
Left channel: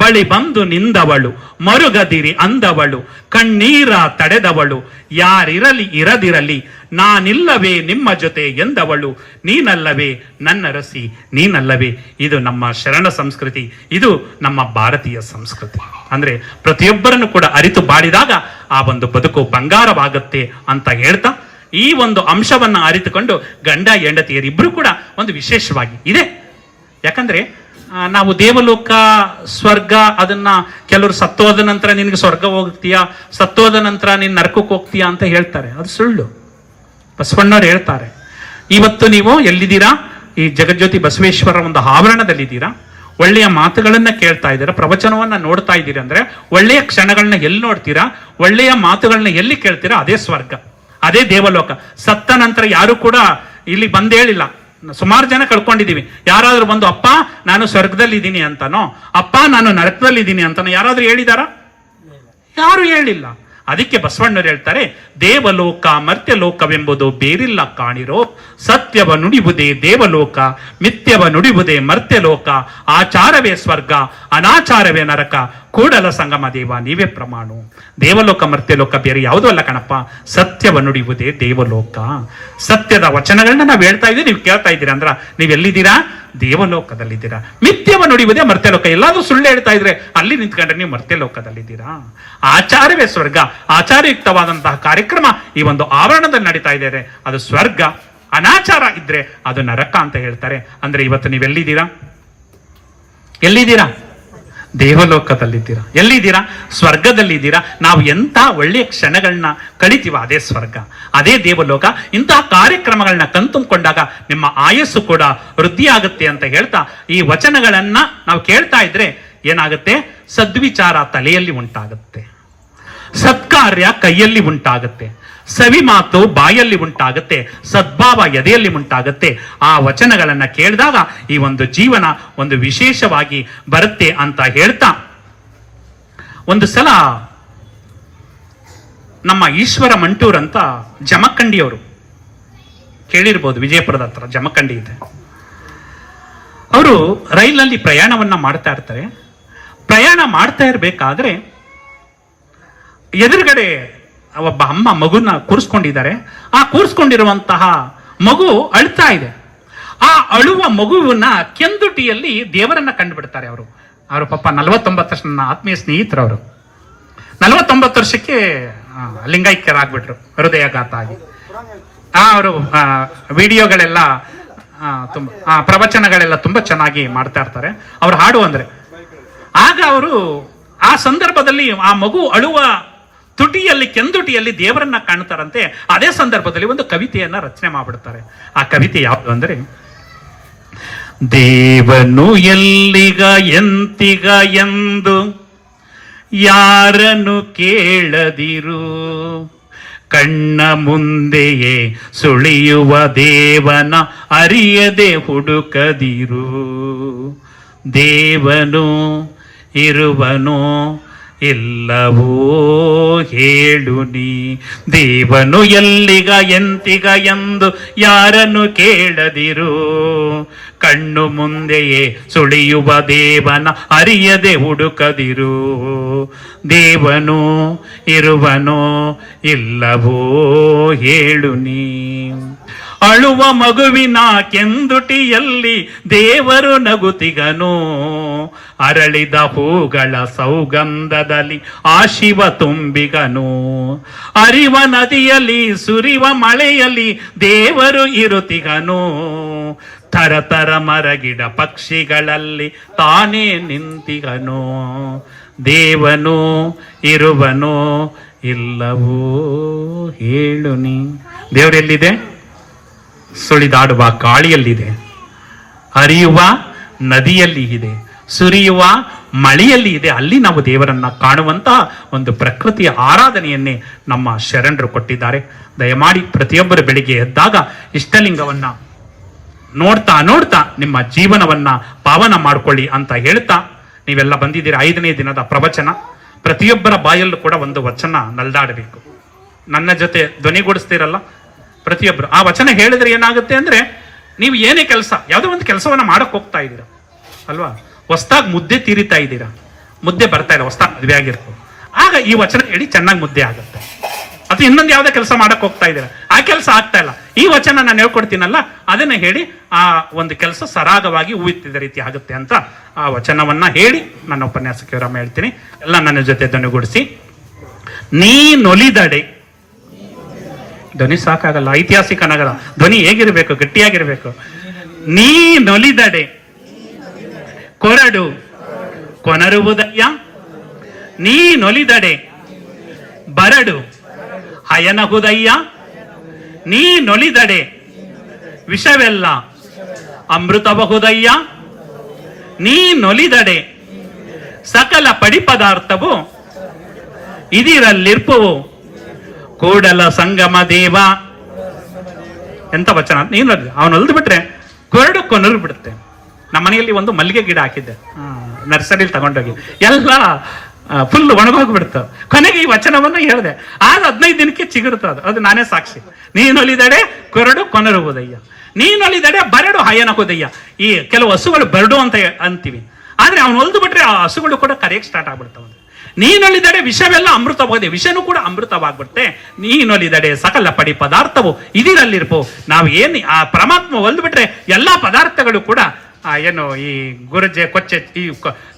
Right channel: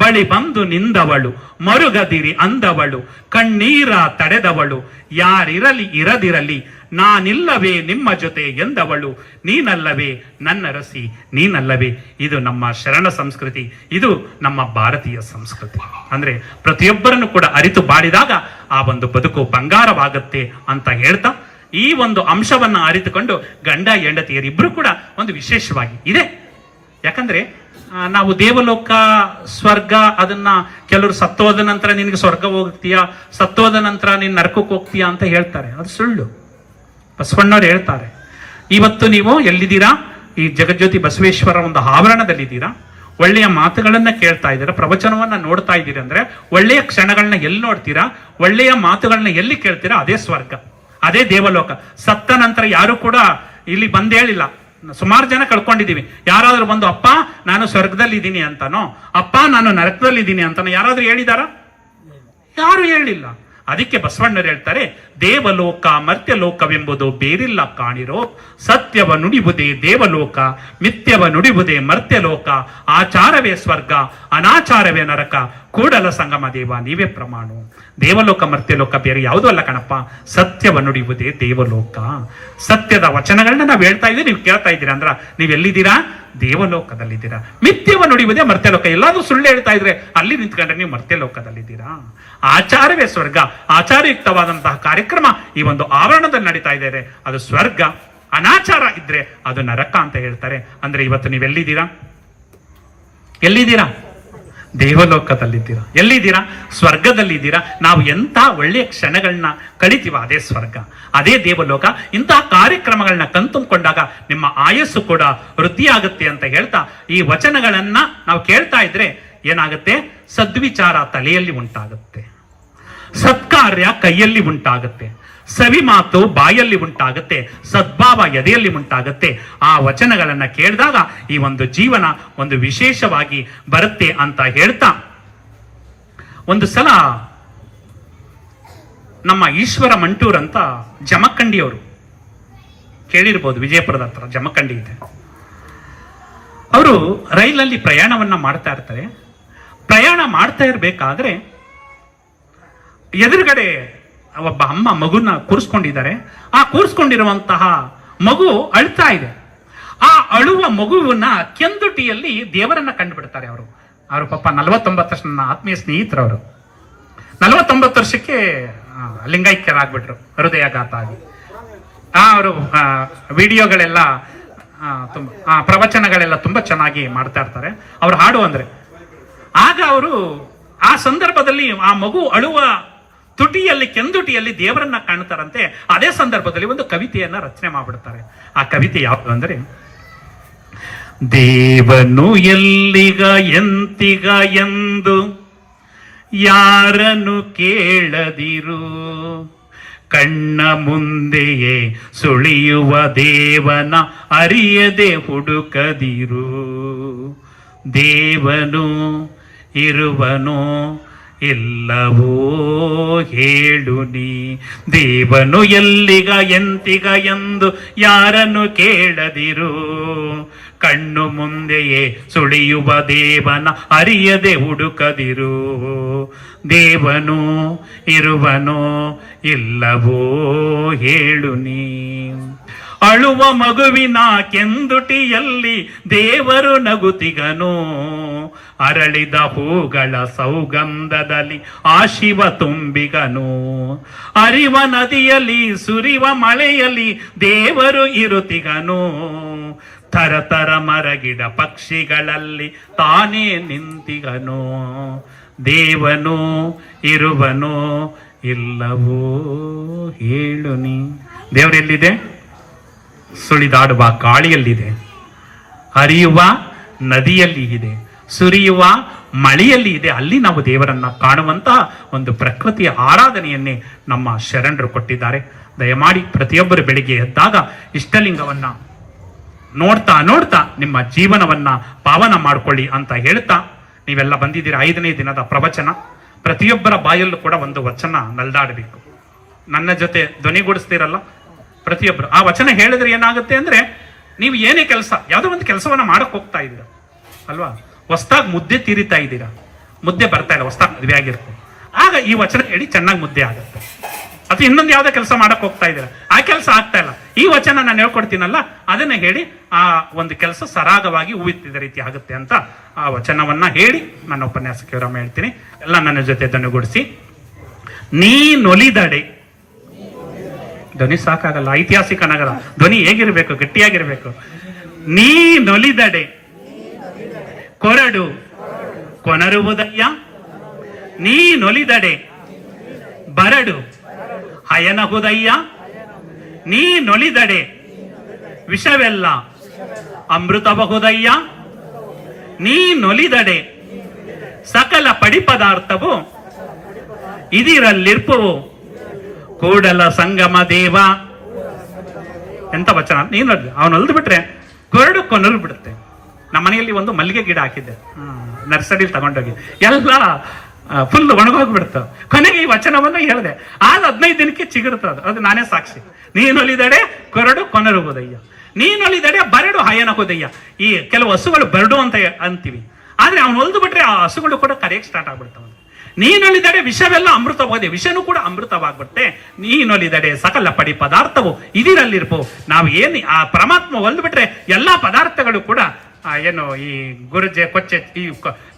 ಬಳಿ ಬಂದು ನಿಂದವಳು, ಮರುಗದಿರಿ ಅಂದವಳು, ಕಣ್ಣೀರ ತಡೆದವಳು, ಯಾರಿರಲಿ ಇರದಿರಲಿ ನಾನಿಲ್ಲವೇ ನಿಮ್ಮ ಜೊತೆ ಎಂದವಳು, ನೀನಲ್ಲವೇ ನನ್ನ ರಸಿ, ನೀನಲ್ಲವೇ. ಇದು ನಮ್ಮ ಶರಣ ಸಂಸ್ಕೃತಿ, ಇದು ನಮ್ಮ ಭಾರತೀಯ ಸಂಸ್ಕೃತಿ. ಅಂದ್ರೆ ಪ್ರತಿಯೊಬ್ಬರನ್ನು ಕೂಡ ಅರಿತು ಬಾಳಿದಾಗ ಆ ಒಂದು ಬದುಕು ಬಂಗಾರವಾಗುತ್ತೆ ಅಂತ ಹೇಳ್ತಾ, ಈ ಒಂದು ಅಂಶವನ್ನ ಅರಿತುಕೊಂಡು ಗಂಡ ಹೆಂಡತಿಯರಿಬ್ರು ಕೂಡ ಒಂದು ವಿಶೇಷವಾಗಿ ಇದೆ. ಯಾಕಂದ್ರೆ ನಾವು ದೇವಲೋಕ, ಸ್ವರ್ಗ, ಅದನ್ನ ಕೆಲವರು ಸತ್ತೋದ ನಂತರ ನಿನಗೆ ಸ್ವರ್ಗ ಹೋಗ್ತೀಯಾ, ಸತ್ತೋದ ನಂತರ ನೀನ್ ನರಕಕ್ಕೆ ಹೋಗ್ತೀಯಾ ಅಂತ ಹೇಳ್ತಾರೆ. ಅದು ಸುಳ್ಳು. ಬಸವಣ್ಣವ್ರು ಹೇಳ್ತಾರೆ, ಇವತ್ತು ನೀವು ಎಲ್ಲಿದ್ದೀರಾ? ಈ ಜಗಜ್ಯೋತಿ ಬಸವೇಶ್ವರ ಒಂದು ಆವರಣದಲ್ಲಿದ್ದೀರಾ, ಒಳ್ಳೆಯ ಮಾತುಗಳನ್ನ ಕೇಳ್ತಾ ಇದ್ದೀರಾ, ಪ್ರವಚನವನ್ನ ನೋಡ್ತಾ ಇದ್ದೀರಾ ಅಂದ್ರೆ ಒಳ್ಳೆಯ ಕ್ಷಣಗಳನ್ನ ಎಲ್ಲಿ ನೋಡ್ತೀರಾ, ಒಳ್ಳೆಯ ಮಾತುಗಳನ್ನ ಎಲ್ಲಿ ಕೇಳ್ತೀರಾ, ಅದೇ ಸ್ವರ್ಗ, ಅದೇ ದೇವಲೋಕ. ಸತ್ತ ನಂತರ ಯಾರು ಕೂಡ ಇಲ್ಲಿ ಬಂದೇಳಿಲ್ಲ. ಸುಮಾರು ಜನ ಕಳ್ಕೊಂಡಿದೀವಿ. ಯಾರಾದ್ರೂ ಬಂದು ಅಪ್ಪ ನಾನು ಸ್ವರ್ಗದಲ್ಲಿ ಇದ್ದೀನಿ ಅಂತಾನೋ, ಅಪ್ಪ ನಾನು ನರಕದಲ್ಲಿ ಇದ್ದೀನಿ ಅಂತಾನೋ ಯಾರಾದ್ರೂ ಹೇಳಿದಾರ? ಯಾರು ಹೇಳಿಲ್ಲ. ಅದಕ್ಕೆ ಬಸವಣ್ಣರು ಹೇಳ್ತಾರೆ, ದೇವಲೋಕ ಮರ್ತ್ಯಲೋಕವೆಂಬುದು ಬೇರಿಲ್ಲ ಕಾಣಿರೋ, ಸತ್ಯವ ನುಡಿಬುದೇ ದೇವಲೋಕ, ಮಿಥ್ಯವ ನುಡಿಬುದೇ ಮರ್ತ್ಯಲೋಕ, ಆಚಾರವೇ ಸ್ವರ್ಗ ಅನಾಚಾರವೇ ನರಕ, ಕೂಡಲ ಸಂಗಮ ದೇವ ನೀವೇ ಪ್ರಮಾಣ. ದೇವಲೋಕ ಮರ್ತ್ಯಲೋಕ ಬೇರೆ ಯಾವುದೂ ಅಲ್ಲ ಕಣಪ್ಪ, ಸತ್ಯವ ನುಡಿಬುದೇ ದೇವಲೋಕ. ಸತ್ಯದ ವಚನಗಳನ್ನ ನಾವು ಹೇಳ್ತಾ ಇದ್ದೀವಿ, ನೀವು ಕೇಳ್ತಾ ಇದ್ದೀರಾ ಅಂದ್ರ ನೀವೆಲ್ಲಿದ್ದೀರಾ? ದೇವಲೋಕದಲ್ಲಿದ್ದೀರಾ. ಮಿಥ್ಯವ ನುಡಿಯುವುದೇ ಮರ್ತ್ಯಲೋಕ. ಎಲ್ಲಾದ್ರೂ ಸುಳ್ಳು ಹೇಳ್ತಾ ಇದ್ರೆ ಅಲ್ಲಿ ನಿಂತ್ಕೊಂಡ್ರೆ ನೀವು ಮರ್ತ್ಯಲೋಕದಲ್ಲಿದ್ದೀರಾ. ಆಚಾರವೇ ಸ್ವರ್ಗ, ಆಚಾರಯುಕ್ತವಾದಂತಹ ಕಾರ್ಯಕ್ರಮ ಈ ಒಂದು ಆವರಣದಲ್ಲಿ ನಡೀತಾ ಇದ್ದಾರೆ, ಅದು ಸ್ವರ್ಗ. ಅನಾಚಾರ ಇದ್ರೆ ಅದು ನರಕ ಅಂತ ಹೇಳ್ತಾರೆ. ಅಂದ್ರೆ ಇವತ್ತು ನೀವೆಲ್ಲಿದ್ದೀರಾ? ಎಲ್ಲಿದ್ದೀರಾ? ದೇವಲೋಕದಲ್ಲಿದ್ದೀರಾ. ಎಲ್ಲಿದ್ದೀರಾ? ಸ್ವರ್ಗದಲ್ಲಿದ್ದೀರಾ. ನಾವು ಎಂತ ಒಳ್ಳೆಯ ಕ್ಷಣಗಳನ್ನ ಕಳಿತೀವ, ಅದೇ ಸ್ವರ್ಗ, ಅದೇ ದೇವಲೋಕ. ಇಂತಹ ಕಾರ್ಯಕ್ರಮಗಳನ್ನ ಕಣ್ತುಂಬಿಕೊಂಡಾಗ ನಿಮ್ಮ ಆಯಸ್ಸು ಕೂಡ ವೃದ್ಧಿ ಆಗುತ್ತೆ ಅಂತ ಹೇಳ್ತಾ, ಈ ವಚನಗಳನ್ನ ನಾವು ಕೇಳ್ತಾ ಇದ್ರೆ ಏನಾಗುತ್ತೆ? ಸದ್ವಿಚಾರ ತಲೆಯಲ್ಲಿ ಉಂಟಾಗುತ್ತೆ, ಸತ್ಕಾರ್ಯ ಕೈಯಲ್ಲಿ ಉಂಟಾಗುತ್ತೆ, ಸವಿ ಮಾತು ಬಾಯಲ್ಲಿ ಉಂಟಾಗುತ್ತೆ, ಸದ್ಭಾವ ಎದೆಯಲ್ಲಿ ಉಂಟಾಗುತ್ತೆ. ಆ ವಚನಗಳನ್ನ ಕೇಳಿದಾಗ ಈ ಒಂದು ಜೀವನ ಒಂದು ವಿಶೇಷವಾಗಿ ಬರುತ್ತೆ ಅಂತ ಹೇಳ್ತಾ, ಒಂದು ಸಲ ನಮ್ಮ ಈಶ್ವರ ಮಂಟೂರ್ ಅಂತ ಜಮಖಂಡಿಯವರು, ಕೇಳಿರ್ಬೋದು, ವಿಜಯಪುರದ ಹತ್ರ ಜಮಖಂಡಿ ಇದೆ. ಅವರು ರೈಲಲ್ಲಿ ಪ್ರಯಾಣವನ್ನ ಮಾಡ್ತಾ ಇರ್ತಾರೆ. ಪ್ರಯಾಣ ಮಾಡ್ತಾ ಇರ್ಬೇಕಾದ್ರೆ ಎದುರುಗಡೆ ಒಬ್ಬ ಅಮ್ಮ ಮಗುನ ಕೂರಿಸ್ಕೊಂಡಿದ್ದಾರೆ. ಆ ಕೂರಿಸ್ಕೊಂಡಿರುವಂತಹ ಮಗು ಅಳ್ತಾ ಇದೆ. ಆ ಅಳುವ ಮಗುವನ್ನ ಕೆಂದುಟಿಯಲ್ಲಿ ದೇವರನ್ನ ಕಂಡುಬಿಡ್ತಾರೆ ಅವರು. ಅವರು ಪಾಪ 49 ವರ್ಷ, ನನ್ನ ಆತ್ಮೀಯ ಸ್ನೇಹಿತರವರು 49 ವರ್ಷಕ್ಕೆ ಲಿಂಗೈಕ್ಯರಾಗ್ಬಿಟ್ರು, ಹೃದಯಾಘಾತ ಆಗಿ. ಅವರು ವಿಡಿಯೋಗಳೆಲ್ಲ ಪ್ರವಚನಗಳೆಲ್ಲ ತುಂಬಾ ಚೆನ್ನಾಗಿ ಮಾಡ್ತಾ ಇರ್ತಾರೆ. ಅವ್ರು ಹಾಡು ಅಂದ್ರೆ ಆಗ ಅವರು ಆ ಸಂದರ್ಭದಲ್ಲಿ ಆ ಮಗು ಅಳುವ ತುಟಿಯಲ್ಲಿ, ಕೆಂದುಟಿಯಲ್ಲಿ ದೇವರನ್ನ ಕಾಣ್ತಾರಂತೆ. ಅದೇ ಸಂದರ್ಭದಲ್ಲಿ ಒಂದು ಕವಿತೆಯನ್ನ ರಚನೆ ಮಾಡ್ಬಿಡ್ತಾರೆ. ಆ ಕವಿತೆ ಯಾವುದು ಅಂದ್ರೆ, ದೇವನು ಎಲ್ಲಿಗ ಎಂತಿಗ ಎಂದು ಯಾರನ್ನು ಕೇಳದಿರು, ಕಣ್ಣ ಮುಂದೆಯೇ ಸುಳಿಯುವ ದೇವನ ಅರಿಯದೆ ಹುಡುಕದಿರು. ದೇವನು ಇರುವನೋ ಎಲ್ಲವೋ ಹೇಳು ನೀ, ದೇವನು ಎಲ್ಲಿಗ ಎಂತಿಗ ಎಂದು ಯಾರನ್ನು ಕೇಳದಿರು, ಕಣ್ಣು ಮುಂದೆಯೇ ಸುಳಿಯುವ ದೇವನ ಅರಿಯದೆ ಹುಡುಕದಿರು. ದೇವನು ಇರುವನೋ ಇಲ್ಲವೋ ಹೇಳು ನೀ. ಅಳುವ ಮಗುವಿನ ಕೆಂದುಟಿಯಲ್ಲಿ ದೇವರು ನಗುತಿಗನು, ಅರಳಿದ ಹೂಗಳ ಸೌಗಂಧದಲ್ಲಿ ಆ ಶಿವ ತುಂಬಿಗನು. ಅರಿವ ನದಿಯಲ್ಲಿ ಸುರಿವ ಮಳೆಯಲ್ಲಿ ದೇವರು ಇರುತಿಗನು, ಥರಥರ ಮರಗಿಡ ಪಕ್ಷಿಗಳಲ್ಲಿ ತಾನೇ ನಿಂತಿಗನು. ದೇವನು ಇರುವನೋ ಇಲ್ಲವೋ ಹೇಳು ನೀ. ದೇವರೆಲ್ಲಿದೆ? ಸುಳಿದಾಡುವ ಗಾಳಿಯಲ್ಲಿದೆ, ಹರಿಯುವ ನದಿಯಲ್ಲಿ ಇದೆ, ಸುರಿಯುವ ಮಳೆಯಲ್ಲಿ ಇದೆ. ಅಲ್ಲಿ ನಾವು ದೇವರನ್ನ ಕಾಣುವಂತಹ ಒಂದು ಪ್ರಕೃತಿಯ ಆರಾಧನೆಯನ್ನೇ ನಮ್ಮ ಶರಣರು ಕೊಟ್ಟಿದ್ದಾರೆ. ದಯಮಾಡಿ ಪ್ರತಿಯೊಬ್ಬರು ಬೆಳಿಗ್ಗೆ ಎದ್ದಾಗ ಇಷ್ಟಲಿಂಗವನ್ನ ನೋಡ್ತಾ ನೋಡ್ತಾ ನಿಮ್ಮ ಜೀವನವನ್ನ ಪಾವನ ಮಾಡ್ಕೊಳ್ಳಿ ಅಂತ ಹೇಳ್ತಾ, ನೀವೆಲ್ಲ ಬಂದಿದ್ದೀರಾ 5ನೇ ದಿನದ ಪ್ರವಚನ. ಪ್ರತಿಯೊಬ್ಬರ ಬಾಯಲ್ಲೂ ಕೂಡ ಒಂದು ವಚನ ನಲ್ದಾಡಬೇಕು. ನನ್ನ ಜೊತೆ ಧ್ವನಿಗೂಡಿಸ್ತೀರಲ್ಲ ಪ್ರತಿಯೊಬ್ಬರು. ಆ ವಚನ ಹೇಳಿದ್ರೆ ಏನಾಗುತ್ತೆ ಅಂದ್ರೆ, ನೀವು ಏನೇ ಕೆಲಸ, ಯಾವುದೋ ಒಂದು ಕೆಲಸವನ್ನ ಮಾಡಕ್ ಹೋಗ್ತಾ ಇದ್ದೀರಾ ಅಲ್ವಾ, ಹೊಸ್ದಾಗಿ ಮುದ್ದೆ ತೀರಿತಾ ಇದ್ದೀರಾ, ಮುದ್ದೆ ಬರ್ತಾ ಇಲ್ಲ, ಹೊಸ್ದಾಗಿ ಮದುವೆ ಆಗಿರ್ಬೋದು, ಆಗ ಈ ವಚನ ಹೇಳಿ ಚೆನ್ನಾಗಿ ಮುದ್ದೆ ಆಗುತ್ತೆ. ಅಥವಾ ಇನ್ನೊಂದು ಯಾವ್ದೋ ಕೆಲಸ ಮಾಡಕ್ ಹೋಗ್ತಾ ಇದ್ದೀರಾ, ಆ ಕೆಲಸ ಆಗ್ತಾ ಇಲ್ಲ, ಈ ವಚನ ನಾನು ಹೇಳ್ಕೊಡ್ತೀನಲ್ಲ ಅದನ್ನ ಹೇಳಿ ಆ ಒಂದು ಕೆಲಸ ಸರಾಗವಾಗಿ ಹೂವಿತ್ತಿದ ರೀತಿ ಆಗುತ್ತೆ ಅಂತ ಆ ವಚನವನ್ನ ಹೇಳಿ ನನ್ನ ಉಪನ್ಯಾಸಕ್ಕೆ ವಿರಾಮ ಹೇಳ್ತೀನಿ. ಎಲ್ಲ ನನ್ನ ಜೊತೆ ಧ್ವನಿಗೂಡಿಸಿ. ನೀನೊಲಿದಡೆ, ಧ್ವನಿ ಸಾಕಾಗಲ್ಲ, ಐತಿಹಾಸಿಕ ನಗರ, ಧ್ವನಿ ಹೇಗಿರ್ಬೇಕು, ಗಟ್ಟಿಯಾಗಿರ್ಬೇಕು. ನೀನೊಲಿದಡೆ ಕೊರಡು ಕೊನರುವುದಯ್ಯ, ನೀನೊಲಿದಡೆ ಬರಡು ಹಯನಹುದಯ್ಯ, ನೀನೊಲಿದಡೆ ವಿಷವೆಲ್ಲ ಅಮೃತಬಹುದಯ್ಯ, ನೀನೊಲಿದಡೆ ಸಕಲ ಪಡಿ ಪದಾರ್ಥವು ಇದಿರಲ್ಲಿರ್ಪುವು ಕೂಡಲ ಸಂಗಮ ದೇವ. ಎಂತ ವಚನ! ನೀನು ಅವನು ಹೊಲ್ದು ಬಿಟ್ರೆ ಕೊರಡು ಕೊನರು ಬಿಡುತ್ತೆ. ನಮ್ಮ ಮನೆಯಲ್ಲಿ ಒಂದು ಮಲ್ಲಿಗೆ ಗಿಡ ಹಾಕಿದ್ದೆ, ನರ್ಸರಿಲಿ ತಗೊಂಡೋಗಿ, ಎಲ್ಲ ಫುಲ್ ಒಣಗೋಗ್ಬಿಡ್ತಾವ. ಕೊನೆಗೆ ಈ ವಚನವನ್ನ ಹೇಳಿದೆ, ಆಗ 15 ದಿನಕ್ಕೆ ಚಿಗುರ್ತದ. ಅದು ನಾನೇ ಸಾಕ್ಷಿ. ನೀನೊಲಿದಡೆ ಕೊರಡು ಕೊನರುವುದಯ್ಯ, ನೀನೊಲಿದಡೆ ಬರಡು ಹಯನಹುದಯ್ಯ. ಈ ಕೆಲವು ಹಸುಗಳು ಬರಡು ಅಂತ ಅಂತೀವಿ, ಆದ್ರೆ ಅವನು ಹೊಲ್ದು ಬಿಟ್ರೆ ಆ ಹಸುಗಳು ಕೂಡ ಕರೆಯಕ್ಕೆ ಸ್ಟಾರ್ಟ್ ಆಗ್ಬಿಡ್ತಾವ. ನೀನೊಲಿದಡೆ ವಿಷವೆಲ್ಲ ಅಮೃತವಾಗಿದೆ, ವಿಷನೂ ಕೂಡ ಅಮೃತವಾಗ್ಬಿಡುತ್ತೆ. ನೀನೊಲಿದಡೆ ಸಕಲ ಪಡಿ ಪದಾರ್ಥವು ಇದಿರಲ್ಲಿರ್ಪೋ. ನಾವು ಏನ್ ಆ ಪರಮಾತ್ಮ ಹೊಲ್ದು ಬಿಟ್ರೆ ಎಲ್ಲಾ ಪದಾರ್ಥಗಳು ಕೂಡ ಏನು ಈ ಗುರುಜೆ ಕೊಚ್ಚೆ ಈ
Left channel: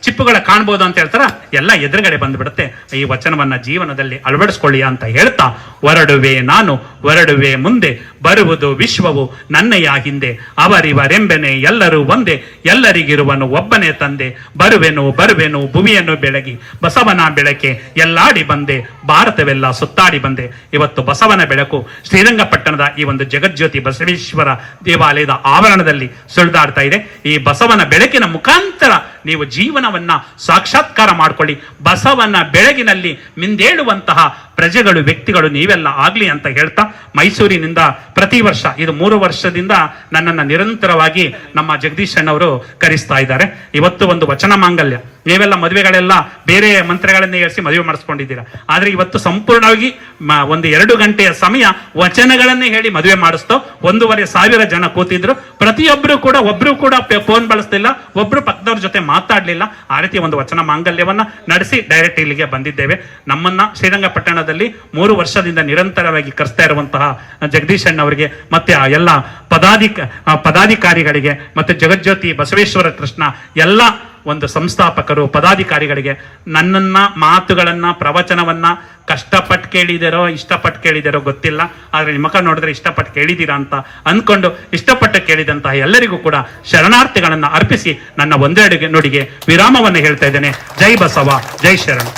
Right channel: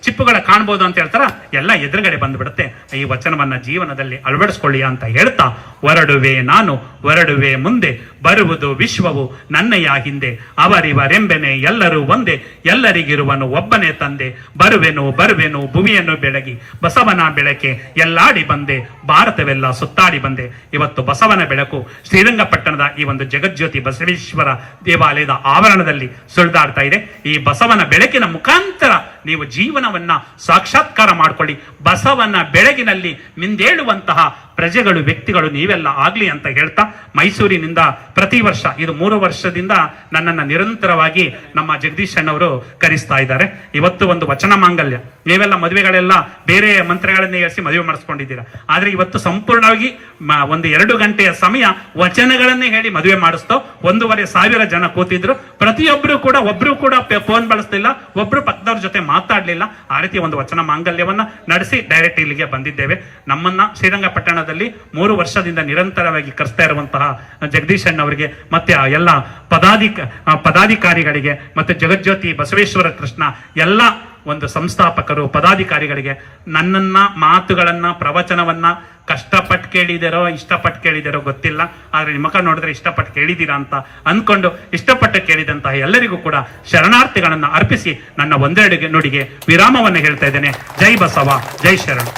ಚಿಪ್ಪುಗಳ ಕಾಣ್ಬೋದು ಅಂತ ಹೇಳ್ತಾರ, ಎಲ್ಲ ಎದುರುಗಡೆ ಬಂದ್ಬಿಡುತ್ತೆ. ಈ ವಚನವನ್ನ ಜೀವನದಲ್ಲಿ ಅಳವಡಿಸ್ಕೊಳ್ಳಿ ಅಂತ ಹೇಳ್ತಾ, ಹೊರಡುವೆ ನಾನು ಹೊರಡುವೆ ಮುಂದೆ, ಬರುವುದು ವಿಶ್ವವು ನನ್ನಯ್ಯ ಹಿಂದೆ, ಅವರಿವರೆಂಬೆನೆ ಎಲ್ಲರೂ ಒಂದೇ, ಎಲ್ಲರಿಗಿರುವನು ಒಬ್ಬನೇ ತಂದೆ, ಬರುವೆನು ಭೂಮಿಯನ್ನು ಬೆಳಗಿ ಬಸವನ ಬೆಳಕೆ ಎಲ್ಲಾಡಿ ಬಂದೆ, ಭಾರತವೆಲ್ಲ ಸುತ್ತಾಡಿ ಬಂದೆ. ಇವತ್ತು ಬಸವನ ಬೆಳಕು ಶ್ರೀರಂಗಪಟ್ಟಣದ ಈ ಒಂದು ಜಗಜ್ಯೋತಿ ಬಸವೇಶ್ವರ ದೇವಾಲಯದ ಆವರಣದಲ್ಲಿ ಸುಳಿದಾಡ್ತಾ ಇದೆ. ಈ ಬಸವನ ಬೆಳಕಿನ ಮುಖಾಂತರ ನೀವು ಜೀವನವನ್ನ ಸಾಕ್ಷಾತ್ಕಾರ ಮಾಡ್ಕೊಳ್ಳಿ. ಬಸವನ ಬೆಳಗಿನಲ್ಲಿ ಮಿಂದೇಳುವಂತಹ ಪ್ರಜೆಗಳು, ವ್ಯಕ್ತಿಗಳು ನೀವೆಲ್ಲ ಆಗ್ಲಿ ಅಂತ ಹೇಳ್ತಾ, ಮೈಸೂರಿನಿಂದ ಪ್ರತಿ ವರ್ಷ, ಇದು 3 ವರ್ಷದಿಂದ ನನ್ನನ್ನು ನಿರಂತರವಾಗಿ ನಮ್ಮ ಜಗದೀಶ್ ಅಣ್ಣವರು ಕರೆಸ್ತಾ ಇದ್ದಾರೆ. ಇವತ್ತು ಒಂದು ವಚನ ಮಾಂಗಲ್ಯ. ನೀವೆಲ್ಲ ಮದುವೆಗಳೆಲ್ಲ ಬೇರೆ ಮಂತ್ರಗಳನ್ನೇ ಏರಿಸಿ ಮದುವೆ ಮಾಡಿಸ್ಕೊಂಡಿದ್ದೀರಾ, ಆದ್ರೆ ಇವತ್ತು ಸಂಪೂರ್ಣವಾಗಿ ಒಂದು 2 ಗಂಟೆಯ ಸಮಯ ವಚನಗಳನ್ನೇ ಹೇಳಿ ಮದುವೆ ಮಾಡಿಸ್ತೋ. 1,500 ಜನ ಕೂತಿದ್ರು. ಪ್ರತಿಯೊಬ್ಬರು ಕೂಡ, ಒಬ್ರು ಕೂಡ ಫೋನ್ ಬಳಸ್ತಿಲ್ಲ, ಒಬ್ರು ಪಕ್ಕದವ್ರ ಜೊತೆ ಮಾತಾಡ್ಲಿಲ್ಲ. ಆ ರೀತಿ ಒಂದು ವಚನ ಮಾಂಗಲ್ಯವನ್ನ ನಡೆಸಿ ಡೈರೆಕ್ಟ್ ಇಲ್ಲಿಗೆ ಬಂದಿದ್ದೇವೆ. ನಮ್ಮನ್ನ ಶ್ರೀರಂಗಪಟ್ಟಣದಲ್ಲಿ 3 ವರ್ಷದಿಂದ ನಿರಂತರವಾಗಿ ಕರೆಸ್ತಾ ಇರುವಂತಹ ಜಗದೀಶ್ ಅಣ್ಣವರಿಗೆ ಮತ್ತೆ ಆ ಎಲ್ಲ ಪದಾಧಿಕಾರಿಗಳಿಗೆ ಮತ್ತೆ ಜಗಜ್ಯೋತಿ ಬಸವೇಶ್ವರ ಕೃಷ್ಣ ಎಲ್ಲ ಒಂದು ಸಂಸ್ಥಾಪಕರು, ಪದಾಧಿಕಾರಿಗಳಿಗೆ ನನ್ನನ್ನ ಮಾತುಗಳನ್ನ, ಪ್ರವಚನವನ್ನ ಕಷ್ಟಪಟ್ಟು ಕೇಳಿದಿರೋ ಇಷ್ಟಪಟ್ಟು ಕೇಳಿದಿರೋ ಗೊತ್ತಿಲ್ಲ, ಆದ್ರೆ ನಿಮ್ಮ ಮುಖ ನೋಡಿದ್ರೆ ಇಷ್ಟಪಟ್ಟು ಕೇಳಿದ್ದೀರಾ ಅಂತ ಅನ್ಕೊಂಡು ಇಷ್ಟಪಟ್ಟು ಕೇಳಿದಂತಹ ಎಲ್ಲರಿಗೂ ಕೂಡ ಶರಣಾರ್ಥಿಗಳನ್ನ ಅರ್ಪಿಸಿ ನನ್ನ ಒಂದೆರಡು ನುಡಿಗೆ ವಿರಾಮವನ್ನು ಹೇಳ್ತಾ ಇದ್ದೇನೆ. ಜೈ ಬಸವ, ಜೈ ಶರಣ.